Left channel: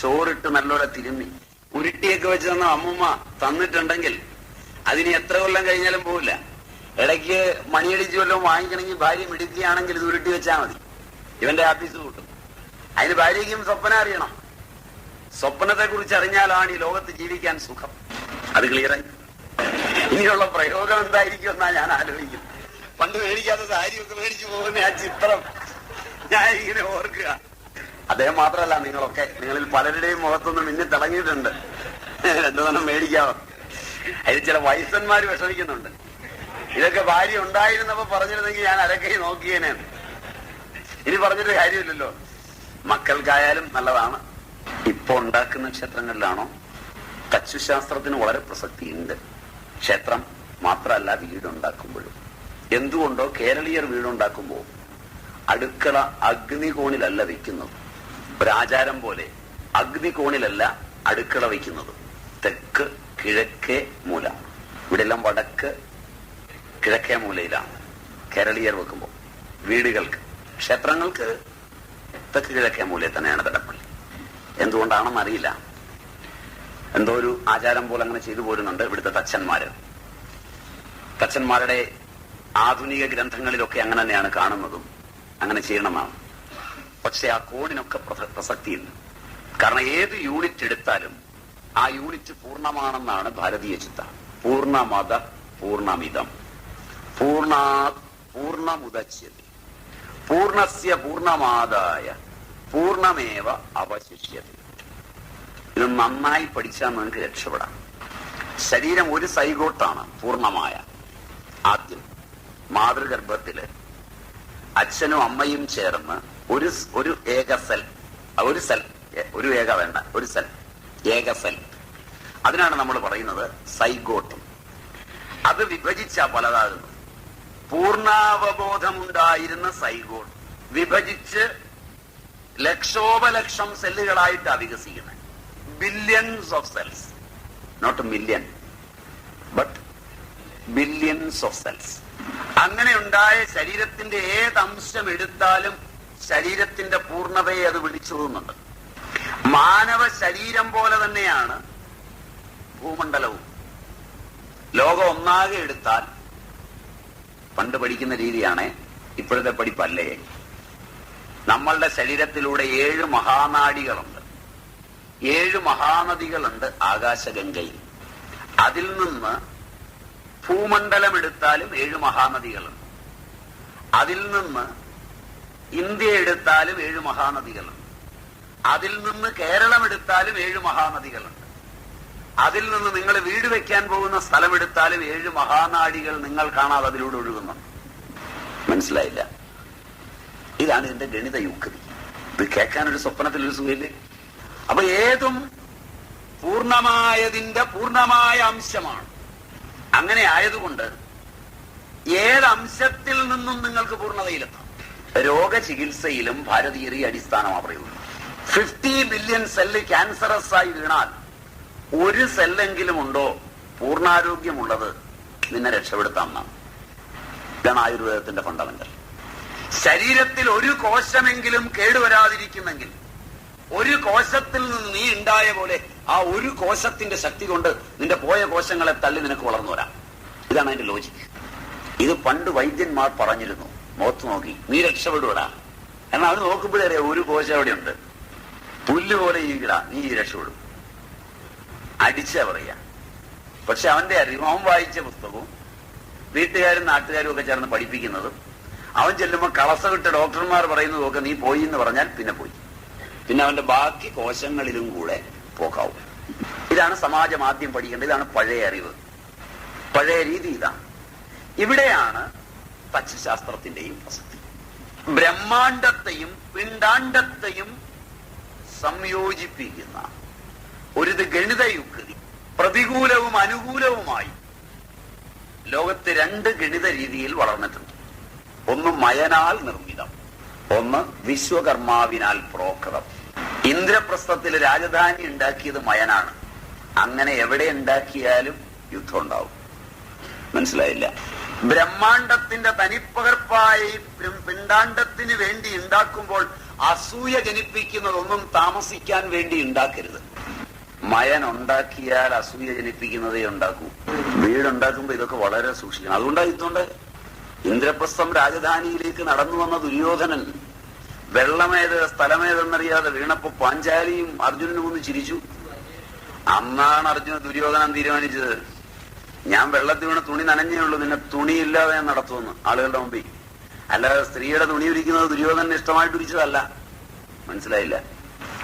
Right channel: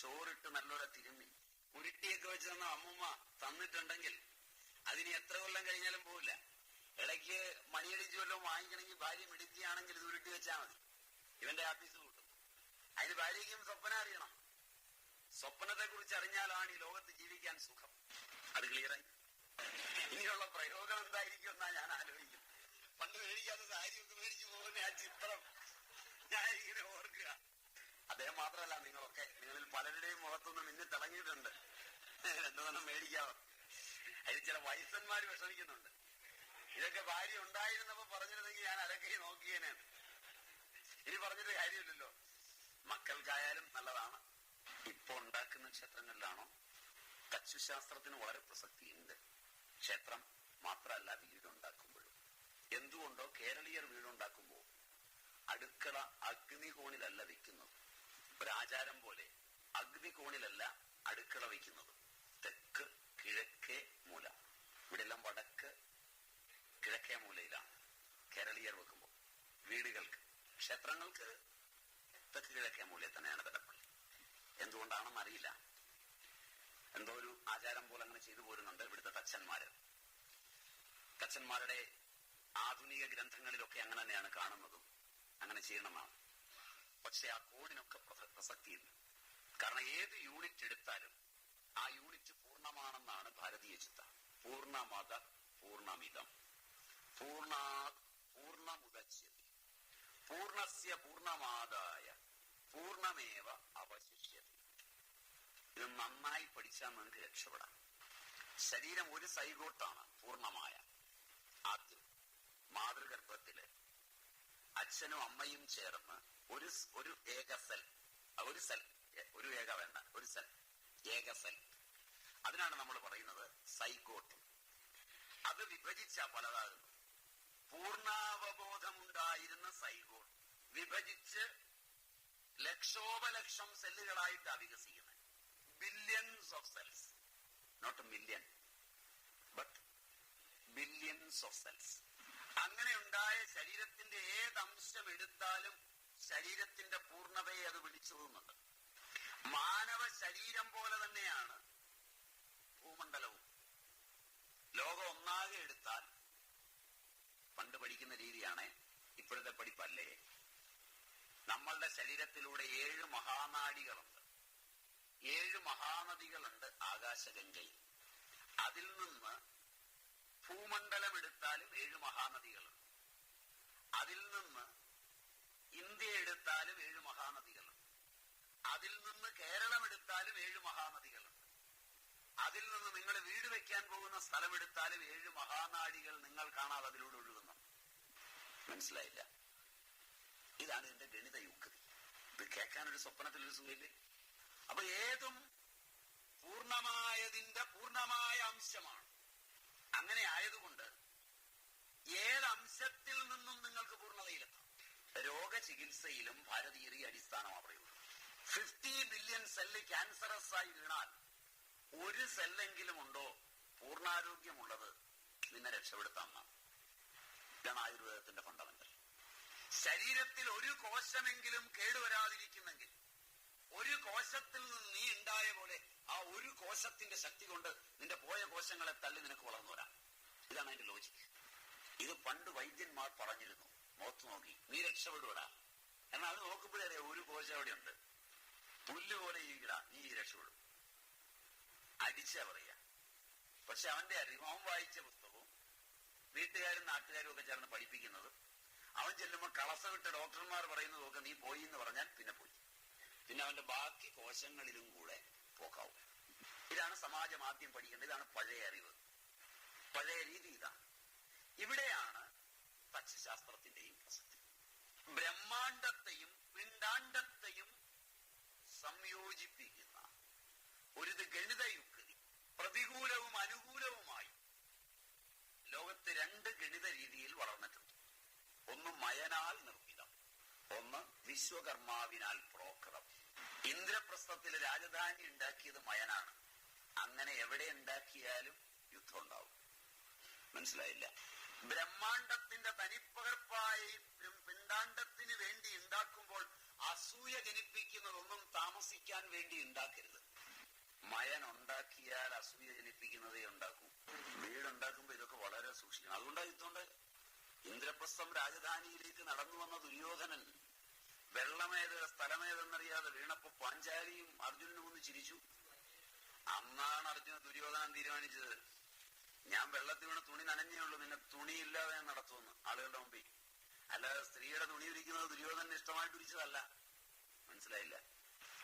ചോറിട്ട് നല്ലോലെ തിരുമ്മി ഉരുട്ടിയൊക്കെ വെച്ച് തന്ന അമ്മൂമ്മ തന്നിട്ടുണ്ടെങ്കിൽ അതിന് എത്ര കൊല്ലം കഴിഞ്ഞാലും പോവില്ല. ഇടയ്ക്ക് മണിയടിച്ച് വല്ലതും വാങ്ങിക്കണമെങ്കിൽ ഭാര്യ മിടുക്കുകയാണെങ്കിൽ ഇത് ഉരുട്ടി വെച്ചാൽ മതി, ഇവന്റെ ആഫീസ് കൂട്ടും. അതിന് ഭാര്യയ്ക്കും സ്വപ്നം അറിയണം. സ്വപ്നത്തെ കുറിച്ച് അറിഞ്ഞാലാണ് ഈ ലോകത്ത് ജീവിക്കാൻ സുഖം. അത് ക്ലിയറായി. ഇനിയുള്ള പ്രയോഗം എന്തായിരിക്കും എന്നാ ഞാൻ ആലോചിക്കും. പണ്ട് മേടിക്കാത്ത സാരിയൊക്കെ മേടിച്ചു പോകുന്ന ആ ചിത്രം ഞാൻ ഇങ്ങനെ ഓർക്കുക. അദ്ദേഹം മാത്രമല്ല, നിങ്ങളിൽ പലരുടെയും മുഖത്തൊന്നും മിന്നി തിളങ്ങിയിട്ടുണ്ട്. രണ്ടു തന്നെ മേടിക്കാമോ? അതിൽ ചില വയസ്സന്മാര് വിഷമിക്കുന്നുണ്ട്. ഇതൊക്കെ ഭാര്യ ഉണ്ടായിരുന്നപ്പോ പറഞ്ഞിരുന്നെങ്കിൽ ഞാൻ അരക്കൈ നോക്കിയേനെയാണ്. ഇനി പറഞ്ഞിട്ട് കാര്യമില്ലല്ലോ. മക്കൾക്കായാലും നല്ലതാണ്. ഇപ്പൊ ഉണ്ടാക്കുന്ന ക്ഷേത്രങ്ങളിലാണോ? തച്ചുശാസ്ത്രത്തിന് വളരെ പ്രസക്തിയുണ്ട്. ക്ഷേത്രം മാത്രമല്ല, വീടുണ്ടാക്കുമ്പോഴും. എന്തുകൊണ്ടോ കേരളീയർ വീടുണ്ടാക്കുമ്പോൾ അടുക്കള അഗ്നികോണിലല്ല വെക്കുന്നത്. ഒരാചാരം പോലെ അഗ്നികോണിലല്ല അടുക്കള വയ്ക്കുന്നത്. തെക്ക് കിഴക്കേ മൂല. ഇവിടെ എല്ലാം വടക്ക് കിഴക്കേ മൂലയിലാണ് കേരളീയർ വെക്കുമ്പോൾ. വീടുകൾക്ക്, ക്ഷേത്രങ്ങൾക്ക് തെക്ക് കിഴക്കേ മൂലയിൽ തന്നെയാണ് തടപ്പള്ളി. എന്തുകൊണ്ടാണെന്ന് അറിയില്ല. എന്തോ ഒരു ആചാരം പോലെ അങ്ങനെ ചെയ്തു പോരുന്നുണ്ട് ഇവിടുത്തെ തച്ചന്മാരുടെ ആധുനിക ഗ്രന്ഥങ്ങളിലൊക്കെ അങ്ങനെ തന്നെയാണ് കാണുന്നതും. അങ്ങനെ ചെയ്യണമെന്നാണ്. പക്ഷെ ആ കോണിനൊക്കെ പ്രസക്തിയില്ല. കാരണം ഏത് യൂണിറ്റ് എടുത്താലും ആ യൂണിറ്റ് പൂർണ്ണമാണെന്നാണ് ഭാരതീയ ചിന്ത. പൂർണ്ണമത പൂർണ്ണമിതം പൂർണ്ണമുദച്യത്തെ പൂർണ്ണസ്യ പൂർണ്ണമാദായ പൂർണ്ണമേവ അവശിഷ്യത്തെ. ഇത് നന്നായി പഠിച്ചാൽ നിങ്ങൾക്ക് രക്ഷപ്പെടാം. ശരീരം ഒരു സൈഗോട്ടാണ് പൂർണ്ണമായ. ആദ്യം മാതൃഗർഭത്തില് അച്ഛനും അമ്മയും ചേർന്ന് ഒരു ഏക സെൽ, ഒരു ഏക വേണ്ട, ഒരു സെൽ, ഏക സെൽ. അതിനാണ് നമ്മൾ പറയുന്നത് സൈഗോട്ട്. അത് വിഭജിച്ച പലതാകുന്നു. പൂർണ്ണാവബോധമുണ്ടായിരുന്ന സൈഗോട്ട് വിഭജിച്ച് ലക്ഷോപലക്ഷം സെല്ലുകളായിട്ടാണ് വികസിക്കുന്നത്. Billions of cells, not million but billions of cells. അങ്ങനെ ഉണ്ടായ ശരീരത്തിന്റെ ഏതംശം എടുത്താലും ശരീരത്തിന്റെ പൂർണ്ണതയെ അത് വിളിച്ചോതുന്നുണ്ട്. മാനവ ശരീരം പോലെ തന്നെയാണ് ഭൂമണ്ഡലവും. ലോകം ഒന്നാകെ എടുത്താൽ, പണ്ട് പഠിക്കുന്ന രീതിയാണ്, ഇപ്പോഴത്തെ പഠിപ്പല്ലേ, നമ്മളുടെ ശരീരത്തിലൂടെ 7 മഹാനാഡികളുണ്ട്, 7 മഹാനദികളുണ്ട് ആകാശഗംഗയിൽ. അതിൽ നിന്ന് ഭൂമണ്ഡലം എടുത്താലും 7 മഹാനദികളുണ്ട്. അതിൽ നിന്ന് ഇന്ത്യ എടുത്താലും 7 മഹാനദികളുണ്ട്. അതിൽ നിന്ന് കേരളം എടുത്താലും 7 മഹാനദികളുണ്ട്. അതിൽ നിന്ന് നിങ്ങൾ വീട് വെക്കാൻ പോകുന്ന സ്ഥലം എടുത്താലും 7 മഹാനാഡികൾ നിങ്ങൾ കാണാതെ അതിലൂടെ ഒഴുകുന്നുണ്ട്. മനസ്സിലായില്ല? ഇതാണ് ഇതിന്റെ ഗണിത യുക്തി. ഇത് കേൾക്കാനൊരു സ്വപ്നത്തിലൊരു സുഖമില്ലേ? അപ്പൊ ഏതും പൂർണ്ണമായതിന്റെ പൂർണ്ണമായ അംശമാണ്. അങ്ങനെ ആയതുകൊണ്ട് ഏതംശത്തിൽ നിന്നും നിങ്ങൾക്ക് പൂർണ്ണതയിലെത്താം. രോഗചികിത്സയിലും ഭാരതീയർ ഈ അടിസ്ഥാനമാണ് പറയുന്നത്. 50 ബില്യൺ സെല്ല് ക്യാൻസറസ് ആയി വീണാൽ ഒരു സെല്ലെങ്കിലും ഉണ്ടോ പൂർണ്ണാരോഗ്യമുള്ളത്, നിന്നെ രക്ഷപ്പെടുത്താം എന്നാണ്. ഇതാണ് ആയുർവേദത്തിന്റെ ഫണ്ടമെന്റൽ. ശരീരത്തിൽ ഒരു കോശമെങ്കിലും കേടുവരാതിരിക്കുന്നെങ്കിൽ, ഒരു കോശത്തിൽ നിന്ന് നീ ഉണ്ടായ പോലെ ആ ഒരു കോശത്തിന്റെ ശക്തി കൊണ്ട് നിന്റെ പോയ കോശങ്ങളെ തള്ളി നിനക്ക് വളർന്നു വരാം. ഇതാണ് അതിന്റെ ലോജിക്ക്. ഇത് പണ്ട് വൈദ്യന്മാർ പറഞ്ഞിരുന്നു. മുഖത്ത് നോക്കി നീ രക്ഷപ്പെടുവടാ. കാരണം അവന് നോക്കുമ്പോഴറിയാം ഒരു കോശം എവിടെയുണ്ട്. പുല്ല് പോലെ ഇരിക്കടാ, നീ രക്ഷപ്പെടും. അടിച്ചാ പറയാ. പക്ഷെ അവന്റെ അറിവും, അവൻ വായിച്ച പുസ്തകവും വീട്ടുകാരും നാട്ടുകാരും ഒക്കെ ചേർന്ന് പഠിപ്പിക്കുന്നതും, അവൻ ചെല്ലുമ്പോൾ കളസവിട്ട ഡോക്ടർമാർ പറയുന്നതും ഒക്കെ നീ പോയി എന്ന് പറഞ്ഞാൽ പിന്നെ പോയി. പിന്നെ അവന്റെ ബാക്കി കോശങ്ങളിലും കൂടെ പോക്കാവും. ഇതാണ് സമാജം ആദ്യം പഠിക്കേണ്ടത്. ഇതാണ് പഴയ അറിവ്, പഴയ രീതി. ഇതാണ്. ഇവിടെയാണ് തച്ചുശാസ്ത്രത്തിന്റെയും പ്രസക്തി. ബ്രഹ്മാണ്ടത്തെയും പിണ്ടാണ്ടത്തെയും സംയോജിപ്പിക്കുന്ന ഒരു ഗണിത യുക്തി, പ്രതികൂലവും അനുകൂലവുമായി ലോകത്ത് 2 ഗണിത രീതിയിൽ വളർന്നിട്ടുണ്ട്. ഒന്ന് മയനാൽ നിർമ്മിതം, ഒന്ന് വിശ്വകർമാവിനാൽ പ്രോക്തം. ഇന്ദ്രപ്രസ്ഥത്തിൽ രാജധാനി ഉണ്ടാക്കിയത് മയനാണ്. അങ്ങനെ എവിടെ ഉണ്ടാക്കിയാലും യുദ്ധം ഉണ്ടാവും. മനസ്സിലായില്ല? ബ്രഹ്മാണ്ടത്തിന്റെ തനിപ്പകർപ്പായി പിണ്ടാണ്ടത്തിന് വേണ്ടി ഉണ്ടാക്കുമ്പോൾ അസൂയ ജനിപ്പിക്കുന്നതൊന്നും താമസിക്കാൻ വേണ്ടി ഉണ്ടാക്കരുത്. മയൻ ഉണ്ടാക്കിയാൽ അസൂയ ജനിപ്പിക്കുന്നതേ ഉണ്ടാക്കൂ. വീടുണ്ടാക്കുമ്പോ ഇതൊക്കെ വളരെ സൂക്ഷിക്കണം. അതുകൊണ്ട് ഇന്ദ്രപ്രസ്ഥം രാജധാനിയിലേക്ക് നടന്നു വന്ന ദുര്യോധനൻ വെള്ളമേത് സ്ഥലമേതെന്നറിയാതെ വീണപ്പോ പാഞ്ചാലിയും അർജുനനും ഒന്ന് ചിരിച്ചു. അന്നാണ് ദുര്യോധനൻ തീരുമാനിച്ചത്, ഞാൻ വെള്ളത്തിൽ വീണ് തുണി നനഞ്ഞേ ഉള്ളൂ, നിന്നെ തുണിയില്ലാതെ ഞാൻ നടത്തുമെന്ന് ആളുകളുടെ മുമ്പിൽ. അല്ലാതെ സ്ത്രീയുടെ തുണി ഉരിക്കുന്നത് ദുര്യോധനന് ഇഷ്ടമായിട്ട് ഉരിച്ചതല്ല. മനസ്സിലായില്ല?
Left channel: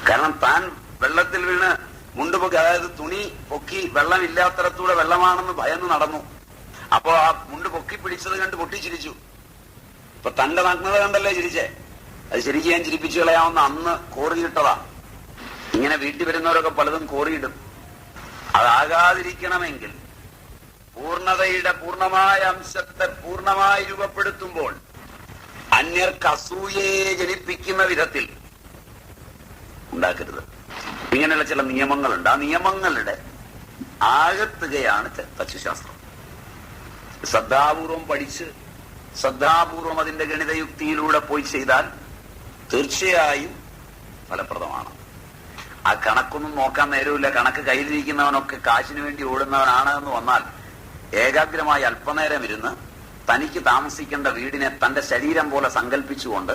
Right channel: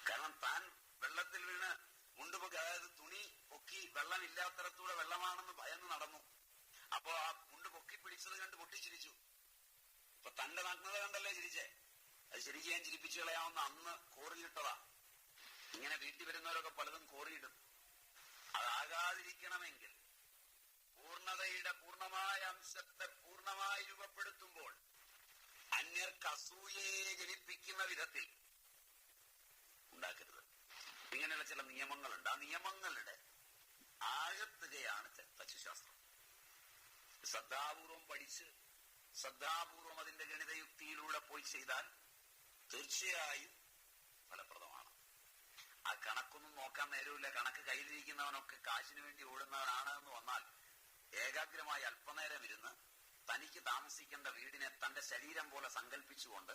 കാരണം താൻ വെള്ളത്തിൽ വീണ് മുണ്ട് പൊക്കി, അതായത് തുണി പൊക്കി വെള്ളമില്ലാത്തടത്തൂടെ വെള്ളമാണെന്ന് ഭയന്ന് നടന്നു. അപ്പോ ആ മുണ്ട് പൊക്കി പിടിച്ചത് കണ്ട് പൊട്ടിച്ചിരിച്ചു. ഇപ്പൊ തന്റെ നഗ്നത കണ്ടല്ലേ ചിരിച്ചേ? അത് ശരിക്കും ഞാൻ ചിരിപ്പിച്ചു കളയാവുന്ന അന്ന് കോറിയിട്ടതാ. ഇങ്ങനെ വീട്ടിൽ വരുന്നവരൊക്കെ പലതും കോറിയിടും. അതാകാതിരിക്കണമെങ്കിൽ പൂർണ്ണതയുടെ പൂർണ്ണമായ അംശത്തെ പൂർണ്ണമായി രൂപപ്പെടുത്തുമ്പോൾ അന്യർക്ക് അസൂയയെ ജനിപ്പിക്കുന്ന വിധത്തിൽ ഉണ്ടാക്കരുത്. ഇങ്ങനെയുള്ള ചില നിയമങ്ങളുണ്ട്. ആ നിയമങ്ങളുടെ ആകത്തുകയാണ് തച്ചുശാസ്ത്രം. ശ്രദ്ധാപൂർവം പഠിച്ച് ശ്രദ്ധാപൂർവം അതിന്റെ ഗണിതയുക്തിയിലൂടെ പോയി ചെയ്താൽ തീർച്ചയായും ഫലപ്രദമാണ്. ആ കണക്കൊന്നും നോക്കാൻ നേരമില്ല. കണക്ക് കയ്യിലിരിക്കുന്നവനൊക്കെ കാശിന് വേണ്ടി ഓടുന്നവനാണ് എന്ന് വന്നാൽ ഏകാഗ്രമായി അല്പനേരം ഇരുന്ന് തനിക്ക് താമസിക്കേണ്ട വീടിനെ തന്റെ ശരീരം പോലെ സങ്കല്പിച്ചുകൊണ്ട്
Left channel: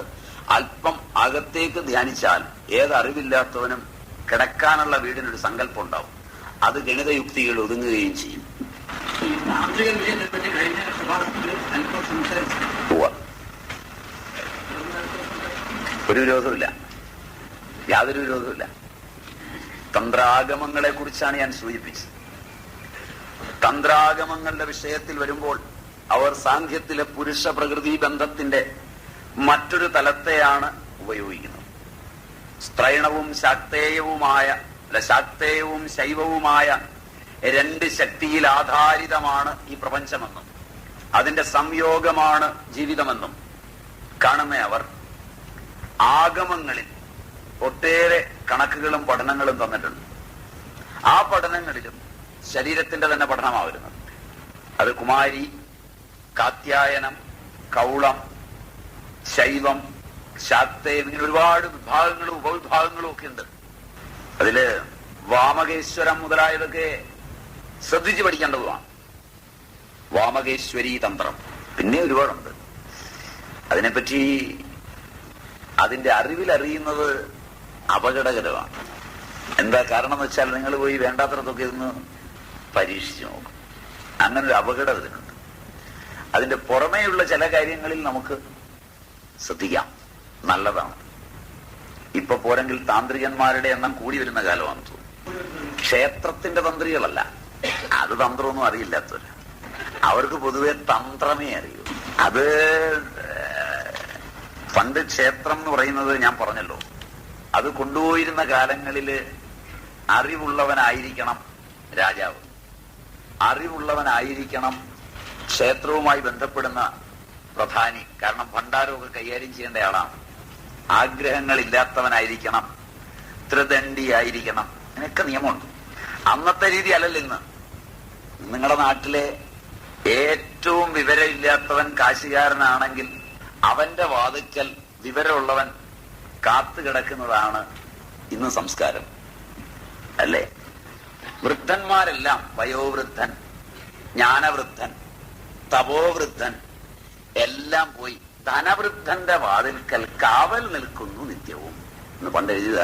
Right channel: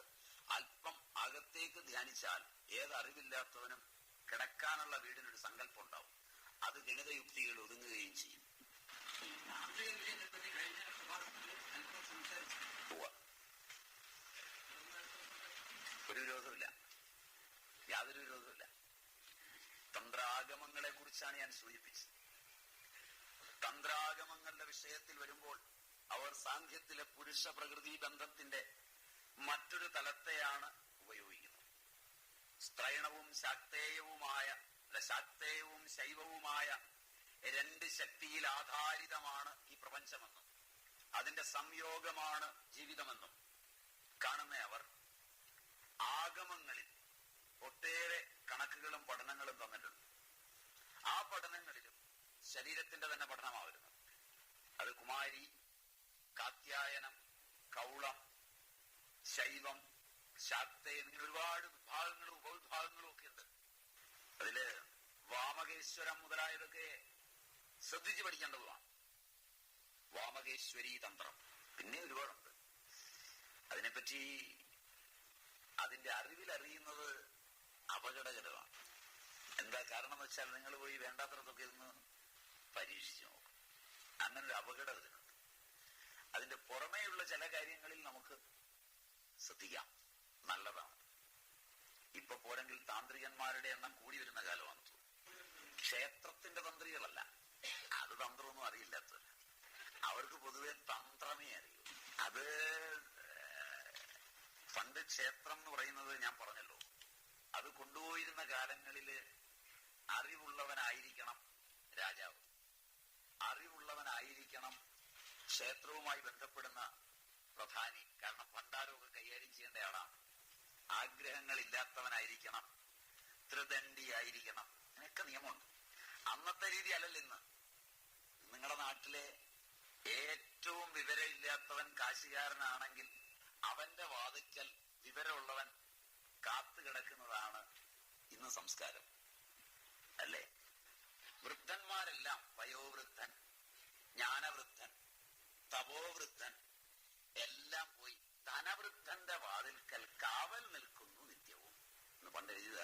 അല്പം അകത്തേക്ക് ധ്യാനിച്ചാൽ ഏതറിവില്ലാത്തവനും കിടക്കാനുള്ള വീടിനൊരു സങ്കല്പം ഉണ്ടാവും. അത് ഗണിതയുക്തികൾ ഒതുങ്ങുകയും ചെയ്യും. ഒരു വിരോധമില്ല, യാതൊരു വിരോധമില്ല. തന്ത്രാഗമങ്ങളെ കുറിച്ചാണ് ഞാൻ സൂചിപ്പിച്ചത്. തന്ത്രാഗമങ്ങളുടെ വിഷയത്തിൽ വരുമ്പോൾ അവർ സാഖ്യത്തിലെ പുരുഷ പ്രകൃതി ബന്ധത്തിന്റെ മറ്റൊരു തലത്തെയാണ് ഉപയോഗിക്കുന്നത്. സ്ത്രൈണവും ശാക്തേയവും ശൈവവുമായ രണ്ട് ശക്തിയിൽ ആധാരിതമാണ് ഈ പ്രപഞ്ചമെന്നും അതിന്റെ സംയോഗമാണ് ജീവിതമെന്നും കാണുന്ന അവർ ആഗമങ്ങളിൽ ഒട്ടേറെ കണക്കുകളും പഠനങ്ങളും തന്നിട്ടുണ്ട്. ആ പഠനങ്ങളിലും ശരീരത്തിന്റെ തന്നെ പഠനമാണ് വരുന്നത്. അത് കുമാരി, കാത്യായനം, കൗളം, ശൈവം, ശാക്തേയം, ഇങ്ങനെ ഒരുപാട് വിഭാഗങ്ങളും ഉപവിഭാഗങ്ങളും ഒക്കെ ഉണ്ട്. അതില് വാമകേശ്വരം മുതലായതൊക്കെ ശ്രദ്ധിച്ച് പഠിക്കേണ്ടതുമാണ്. വാമകേശ്വരി തന്ത്രം പിന്നെ ഒരുപാടുണ്ട്. അതിനെപ്പറ്റി അതിന്റെ അറിയുന്നത് അപകടകരമാണ്. എന്താ കാരണം എന്ന് വെച്ചാൽ നിങ്ങൾ പോയി വേണ്ടാത്തടത്തൊക്കെ ഇന്ന് പരീക്ഷിച്ചു നോക്കും. അങ്ങനൊരു അപകടം ഇതിനുണ്ട്. അതിന്റെ പുറമേയുള്ള ചില കാര്യങ്ങളിൽ നമുക്ക് ശ്രദ്ധിക്കാം, നല്ലതാണ്. ഇപ്പൊ പോരെങ്കിൽ താന്ത്രികന്മാരുടെ എണ്ണം കൂടി വരുന്ന കാലമാണെന്ന് തോന്നുന്നു. ക്ഷേത്രത്തിന്റെ തന്ത്രികളല്ല, അത് തന്ത്രമൊന്നും അറിയില്ലാത്തവര്. അവർക്ക് പൊതുവെ തന്ത്രമേ അറിയൂ. അത് പണ്ട് ക്ഷേത്രം എന്ന് പറയുന്നത് ഞാൻ പറഞ്ഞല്ലോ, അത് കൊണ്ടുപോയിരുന്ന കാലങ്ങളില് അറിവുള്ളവനായിരിക്കണം രാജാവ്, അറിവുള്ളവനായിരിക്കണം ക്ഷേത്രവുമായി ബന്ധപ്പെടുന്ന പ്രധാനി. കാരണം ഭണ്ഡാരമൊക്കെ കൈകാര്യം ചെയ്യേണ്ട ആളാണ്. ആഗ്രഹങ്ങളില്ലാത്തവനായിരിക്കണം, ത്രിദണ്ഡിയായിരിക്കണം. ഇതിനൊക്കെ നിയമമുണ്ട്. അന്നത്തെ രീതി അല്ലല്ലോ ഇന്ന്. നിങ്ങളുടെ നാട്ടിലെ ഏറ്റവും വിവരമില്ലാത്തവൻ കാശുകാരനാണെങ്കിൽ അവന്റെ വാതിക്കൽ വിവരമുള്ളവൻ കാത്തുകിടക്കുന്നതാണ് ഇന്ന് സംസ്കാരം, അല്ലേ? വൃദ്ധന്മാരെല്ലാം വയോവൃദ്ധൻ, ജ്ഞാനവൃദ്ധൻ, തപോവൃദ്ധൻ എല്ലാം പോയി ധനവൃദ്ധന്റെ വാതിൽക്കൽ കാവൽ നിൽക്കുന്നു നിത്യവും എന്ന് പണ്ട് എഴുതുക.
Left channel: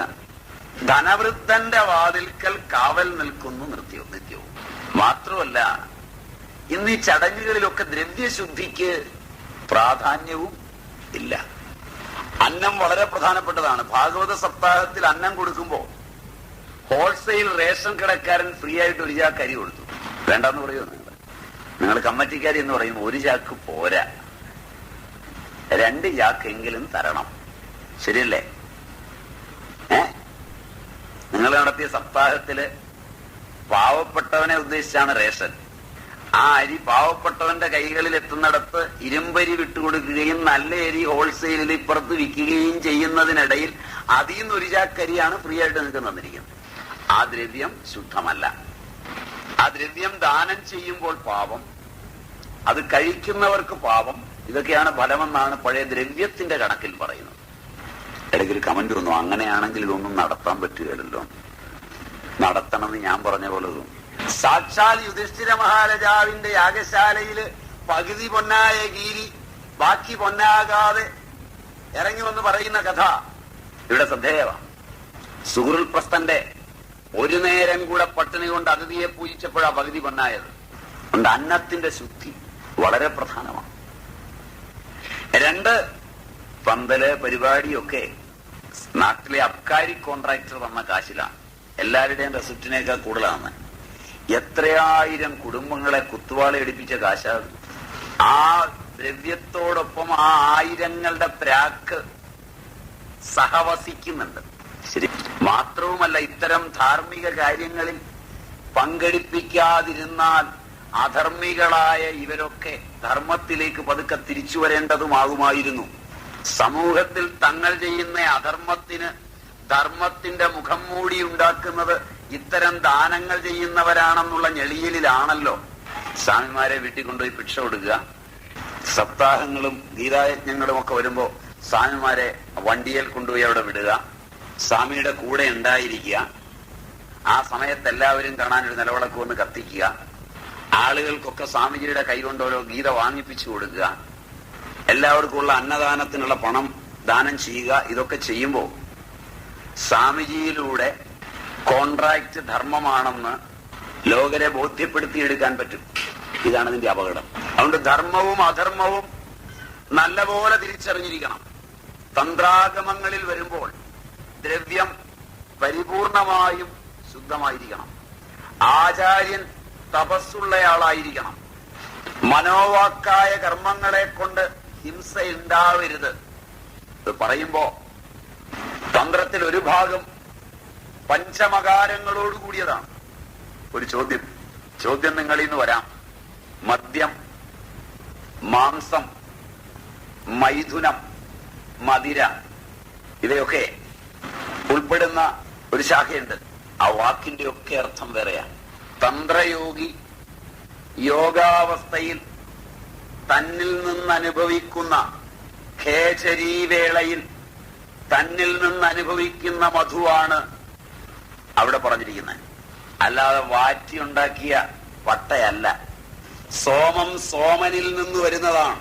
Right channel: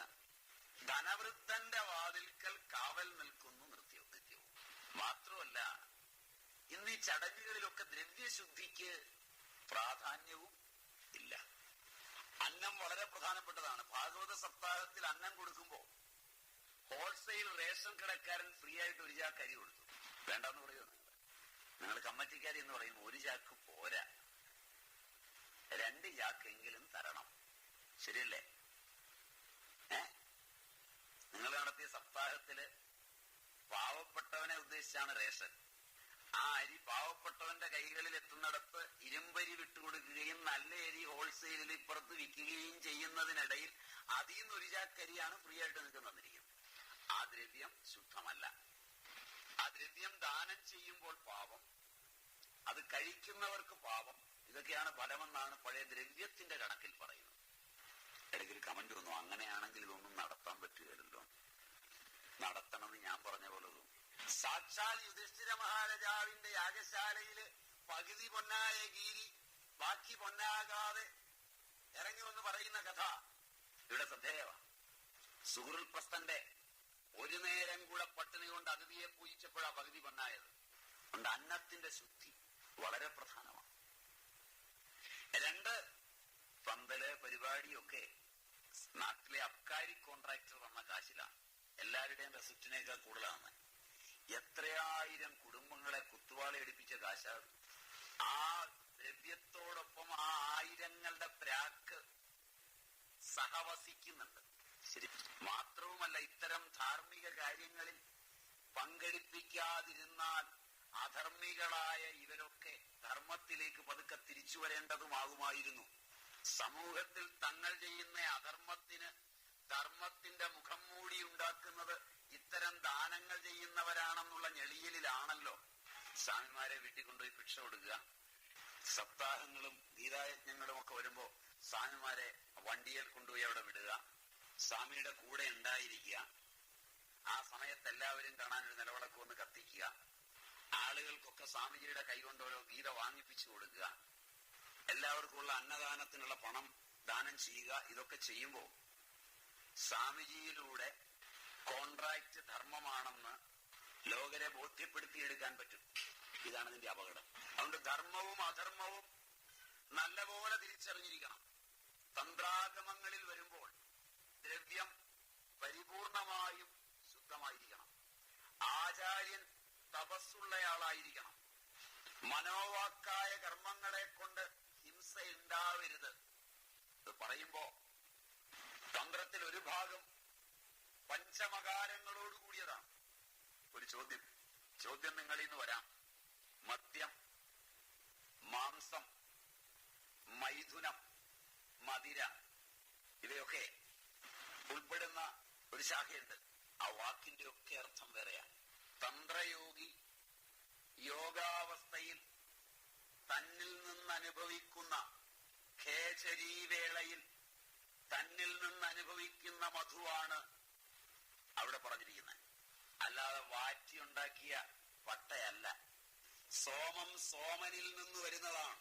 ധനവൃദ്ധന്റെ വാതിൽക്കൽ കാവൽ നിൽക്കുന്നു നിത്യവും. മാത്രമല്ല, ഇന്ന് ഈ ചടങ്ങുകളിലൊക്കെ ദ്രവ്യശുദ്ധിക്ക് പ്രാധാന്യവും ഇല്ല. അന്നം വളരെ പ്രധാനപ്പെട്ടതാണ്. ഭാഗവത സപ്താഹത്തിൽ അന്നം കൊടുക്കുമ്പോ ഹോൾസെയിൽ റേഷൻ കടക്കാരൻ ഫ്രീ ആയിട്ട് ഒരു ചാക്ക് അരി കൊടുത്തു. വേണ്ടെന്ന് പറയുമോ? നിങ്ങൾ കമ്മറ്റിക്കാരി എന്ന് പറയുമ്പോൾ ഒരു ചാക്ക് പോരാ, 2 ചാക്കെങ്കിലും തരണം. ശരിയല്ലേ? നിങ്ങൾ നടത്തിയ സപ്താഹത്തില് പാവപ്പെട്ടവനെ ഉദ്ദേശിച്ചാണ് റേഷൻ. ആ അരി പാവപ്പെട്ടവന്റെ കൈകളിൽ എത്തുന്നിടത്ത് ഇരുമ്പരി വിട്ടുകൊടുക്കുകയും നല്ല അരി ഹോൾസെയിലിൽ ഇപ്പുറത്ത് വിൽക്കുകയും ചെയ്യുന്നതിനിടയിൽ അതിൽ നിന്ന് ഒരു ചാക്കരിയാണ് ഫ്രീ ആയിട്ട് നിങ്ങൾക്ക് തന്നിരിക്കുന്നത്. ആ ദ്രവ്യം ശുദ്ധമല്ല. ആ ദ്രവ്യം ദാനം ചെയ്യുമ്പോൾ പാപം, അത് കഴിക്കുന്നവർക്ക് പാപം. ഇതൊക്കെയാണ് ഫലമെന്നാണ് പഴയ ദ്രവ്യത്തിന്റെ കണക്കിൽ പറയുന്നത്. ഇടയ്ക്ക് ഒരു കമന്റ് വന്നു, അങ്ങനെയാണെങ്കിൽ ഇതൊന്നും നടത്താൻ പറ്റുകയല്ലോ. നടത്തണമെന്ന് ഞാൻ പറഞ്ഞ പോലെ തോന്നും. സാക്ഷാൽ യുധിഷ്ഠിര മഹാരാജാവിന്റെ യാഗശാലയില് പകുതി പൊന്നായ ഗീരി ബാക്കി പൊന്നാകാതെ ഇറങ്ങി വന്ന് പറയുന്ന കഥ ഇവിടെ ശ്രദ്ധേയമാണ്. സുഹൃൽപ്രസ്ഥന്റെ ഒരു നേരം കൂടെ പട്ടിണി കൊണ്ട് അതിഥിയെ പൂജിച്ചപ്പോഴാ പകുതി പൊന്നായത്. അതുകൊണ്ട് അന്നത്തിന്റെ ശുദ്ധി വളരെ പ്രധാനമാണ്. 2, പന്തല് പരിപാടിയൊക്കെ നാട്ടിലെ അബ്കാരി കോൺട്രാക്ടർ തന്ന കാശിലാണ്. എല്ലാവരുടെയും റെസിപ്റ്റിനേക്കാൾ കൂടുതലാണ്. എത്രയായിരം കുടുംബങ്ങളെ കുത്തുവാള എടുപ്പിച്ച കാശാണ്. ആ ദ്രവ്യത്തോടൊപ്പം ആ ആയിരങ്ങളുടെ പ്രാക്ക് സഹവസിക്കുന്നുണ്ട്. ശരി, മാത്രവുമല്ല ഇത്തരം ധാർമ്മിക കാര്യങ്ങളിൽ പങ്കെടുപ്പിക്കാതിരുന്നാൽ അധർമ്മികളായ ഇവരൊക്കെ ധർമ്മത്തിലേക്ക് പതുക്കെ തിരിച്ചു വരേണ്ടതുമാകുമായിരുന്നു. സമൂഹത്തിൽ തങ്ങൾ ചെയ്യുന്ന അധർമ്മത്തിന് ധർമ്മത്തിന്റെ മുഖം മൂടി ഉണ്ടാക്കുന്നത് ഇത്തരം ദാനങ്ങൾ ചെയ്യുന്നവരാണെന്നുള്ള ഞെളിയലിലാണല്ലോ. സ്വാമിമാരെ വീട്ടിൽ കൊണ്ടുപോയി ഭിക്ഷ കൊടുക്കുക, സപ്താഹങ്ങളും ഗീതായജ്ഞങ്ങളും ഒക്കെ വരുമ്പോ സ്വാമിമാരെ വണ്ടിയിൽ കൊണ്ടുപോയി അവിടെ വിടുക, സ്വാമിയുടെ കൂടെ ഉണ്ടായിരിക്കുക, ആ സമയത്ത് എല്ലാവരും കാണാൻ ഒരു നിലവിളക്ക് വന്ന് കത്തിക്കുക, ആളുകൾക്കൊക്കെ സ്വാമിജിയുടെ കൈകൊണ്ട് ഓരോ ഗീത വാങ്ങിപ്പിച്ചു കൊടുക്കുക, എല്ലാവർക്കുമുള്ള അന്നദാനത്തിനുള്ള പണം ദാനം ചെയ്യുക. ഇതൊക്കെ ചെയ്യുമ്പോ സ്വാമിജിയിലൂടെ കോൺട്രാക്ട് ധർമ്മമാണെന്ന് ലോകരെ ബോധ്യപ്പെടുത്തിയെടുക്കാൻ പറ്റും. ഇതാണ് ഇതിന്റെ അപകടം. അതുകൊണ്ട് ധർമ്മവും അധർമ്മവും നല്ലപോലെ തിരിച്ചറിഞ്ഞിരിക്കണം. തന്ത്രാഗമങ്ങളിൽ വരുമ്പോൾ ദ്രവ്യം പരിപൂർണമായും ശുദ്ധമായിരിക്കണം. ആചാര്യൻ തപസ്സുള്ളയാളായിരിക്കണം. മനോവാക്കായ കർമ്മങ്ങളെ കൊണ്ട് ഹിംസ ഉണ്ടാവരുത്. ഇത് പറയുമ്പോ തന്ത്രത്തിൽ ഒരു ഭാഗം പഞ്ചമകാരങ്ങളോട് കൂടിയതാണ്. ഒരു ചോദ്യം നിങ്ങളിൽ നിന്ന് വരാം. മദ്യം, മാംസം, മൈഥുനം, മദിര ഇവയൊക്കെ ഉൾപ്പെടുന്ന ഒരു ശാഖയുണ്ട്. ആ വാക്കിന്റെ ഒക്കെ അർത്ഥം വേറെയാണ്. തന്ത്രയോഗി യോഗാവസ്ഥയിൽ തന്നിൽ നിന്ന് അനുഭവിക്കുന്ന ഖേചരീവേളയിൽ തന്നിൽ നിന്ന് അനുഭവിക്കുന്ന മധുവാണ് അവിടെ പറഞ്ഞിരിക്കുന്നത്. അല്ലാതെ വാറ്റിയുണ്ടാക്കിയ പട്ടയല്ല. സോമം സോമനിൽ നിന്ന് വരുന്നതാണ്.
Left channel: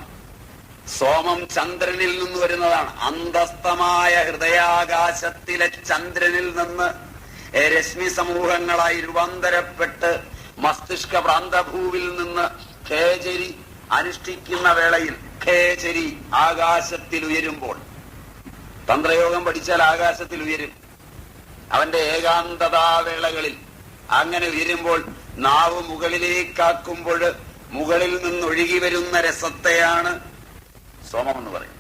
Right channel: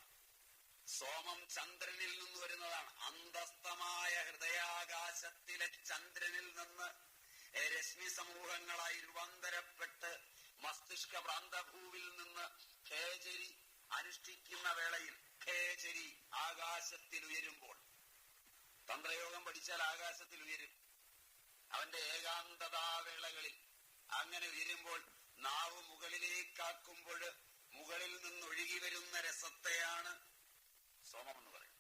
സോമം ചന്ദ്രനിൽ നിന്ന് വരുന്നതാണ്. അന്തസ്തമായ ഹൃദയാകാശത്തിലെ ചന്ദ്രനിൽ നിന്ന് രശ്മി സമൂഹങ്ങളായി രൂപാന്തരപ്പെട്ട് മസ്തിഷ്ക പ്രാന്തഭൂവിൽ നിന്ന് ഖേചരി അനുഷ്ഠിക്കുന്ന വേളയിൽ ഖേചരി ആകാശത്തിൽ ഉയരുമ്പോൾ, തന്ത്രയോഗം പഠിച്ചാൽ ആകാശത്തിൽ ഉയരും. അവന്റെ ഏകാന്തതാവേളകളിൽ അങ്ങനെ ഉയരുമ്പോൾ നാവ് മുകളിലേക്കാക്കുമ്പോൾ മുകളിൽ നിന്നൊഴുകി വരുന്ന രസത്തെയാണ് സോമം എന്ന് പറയും.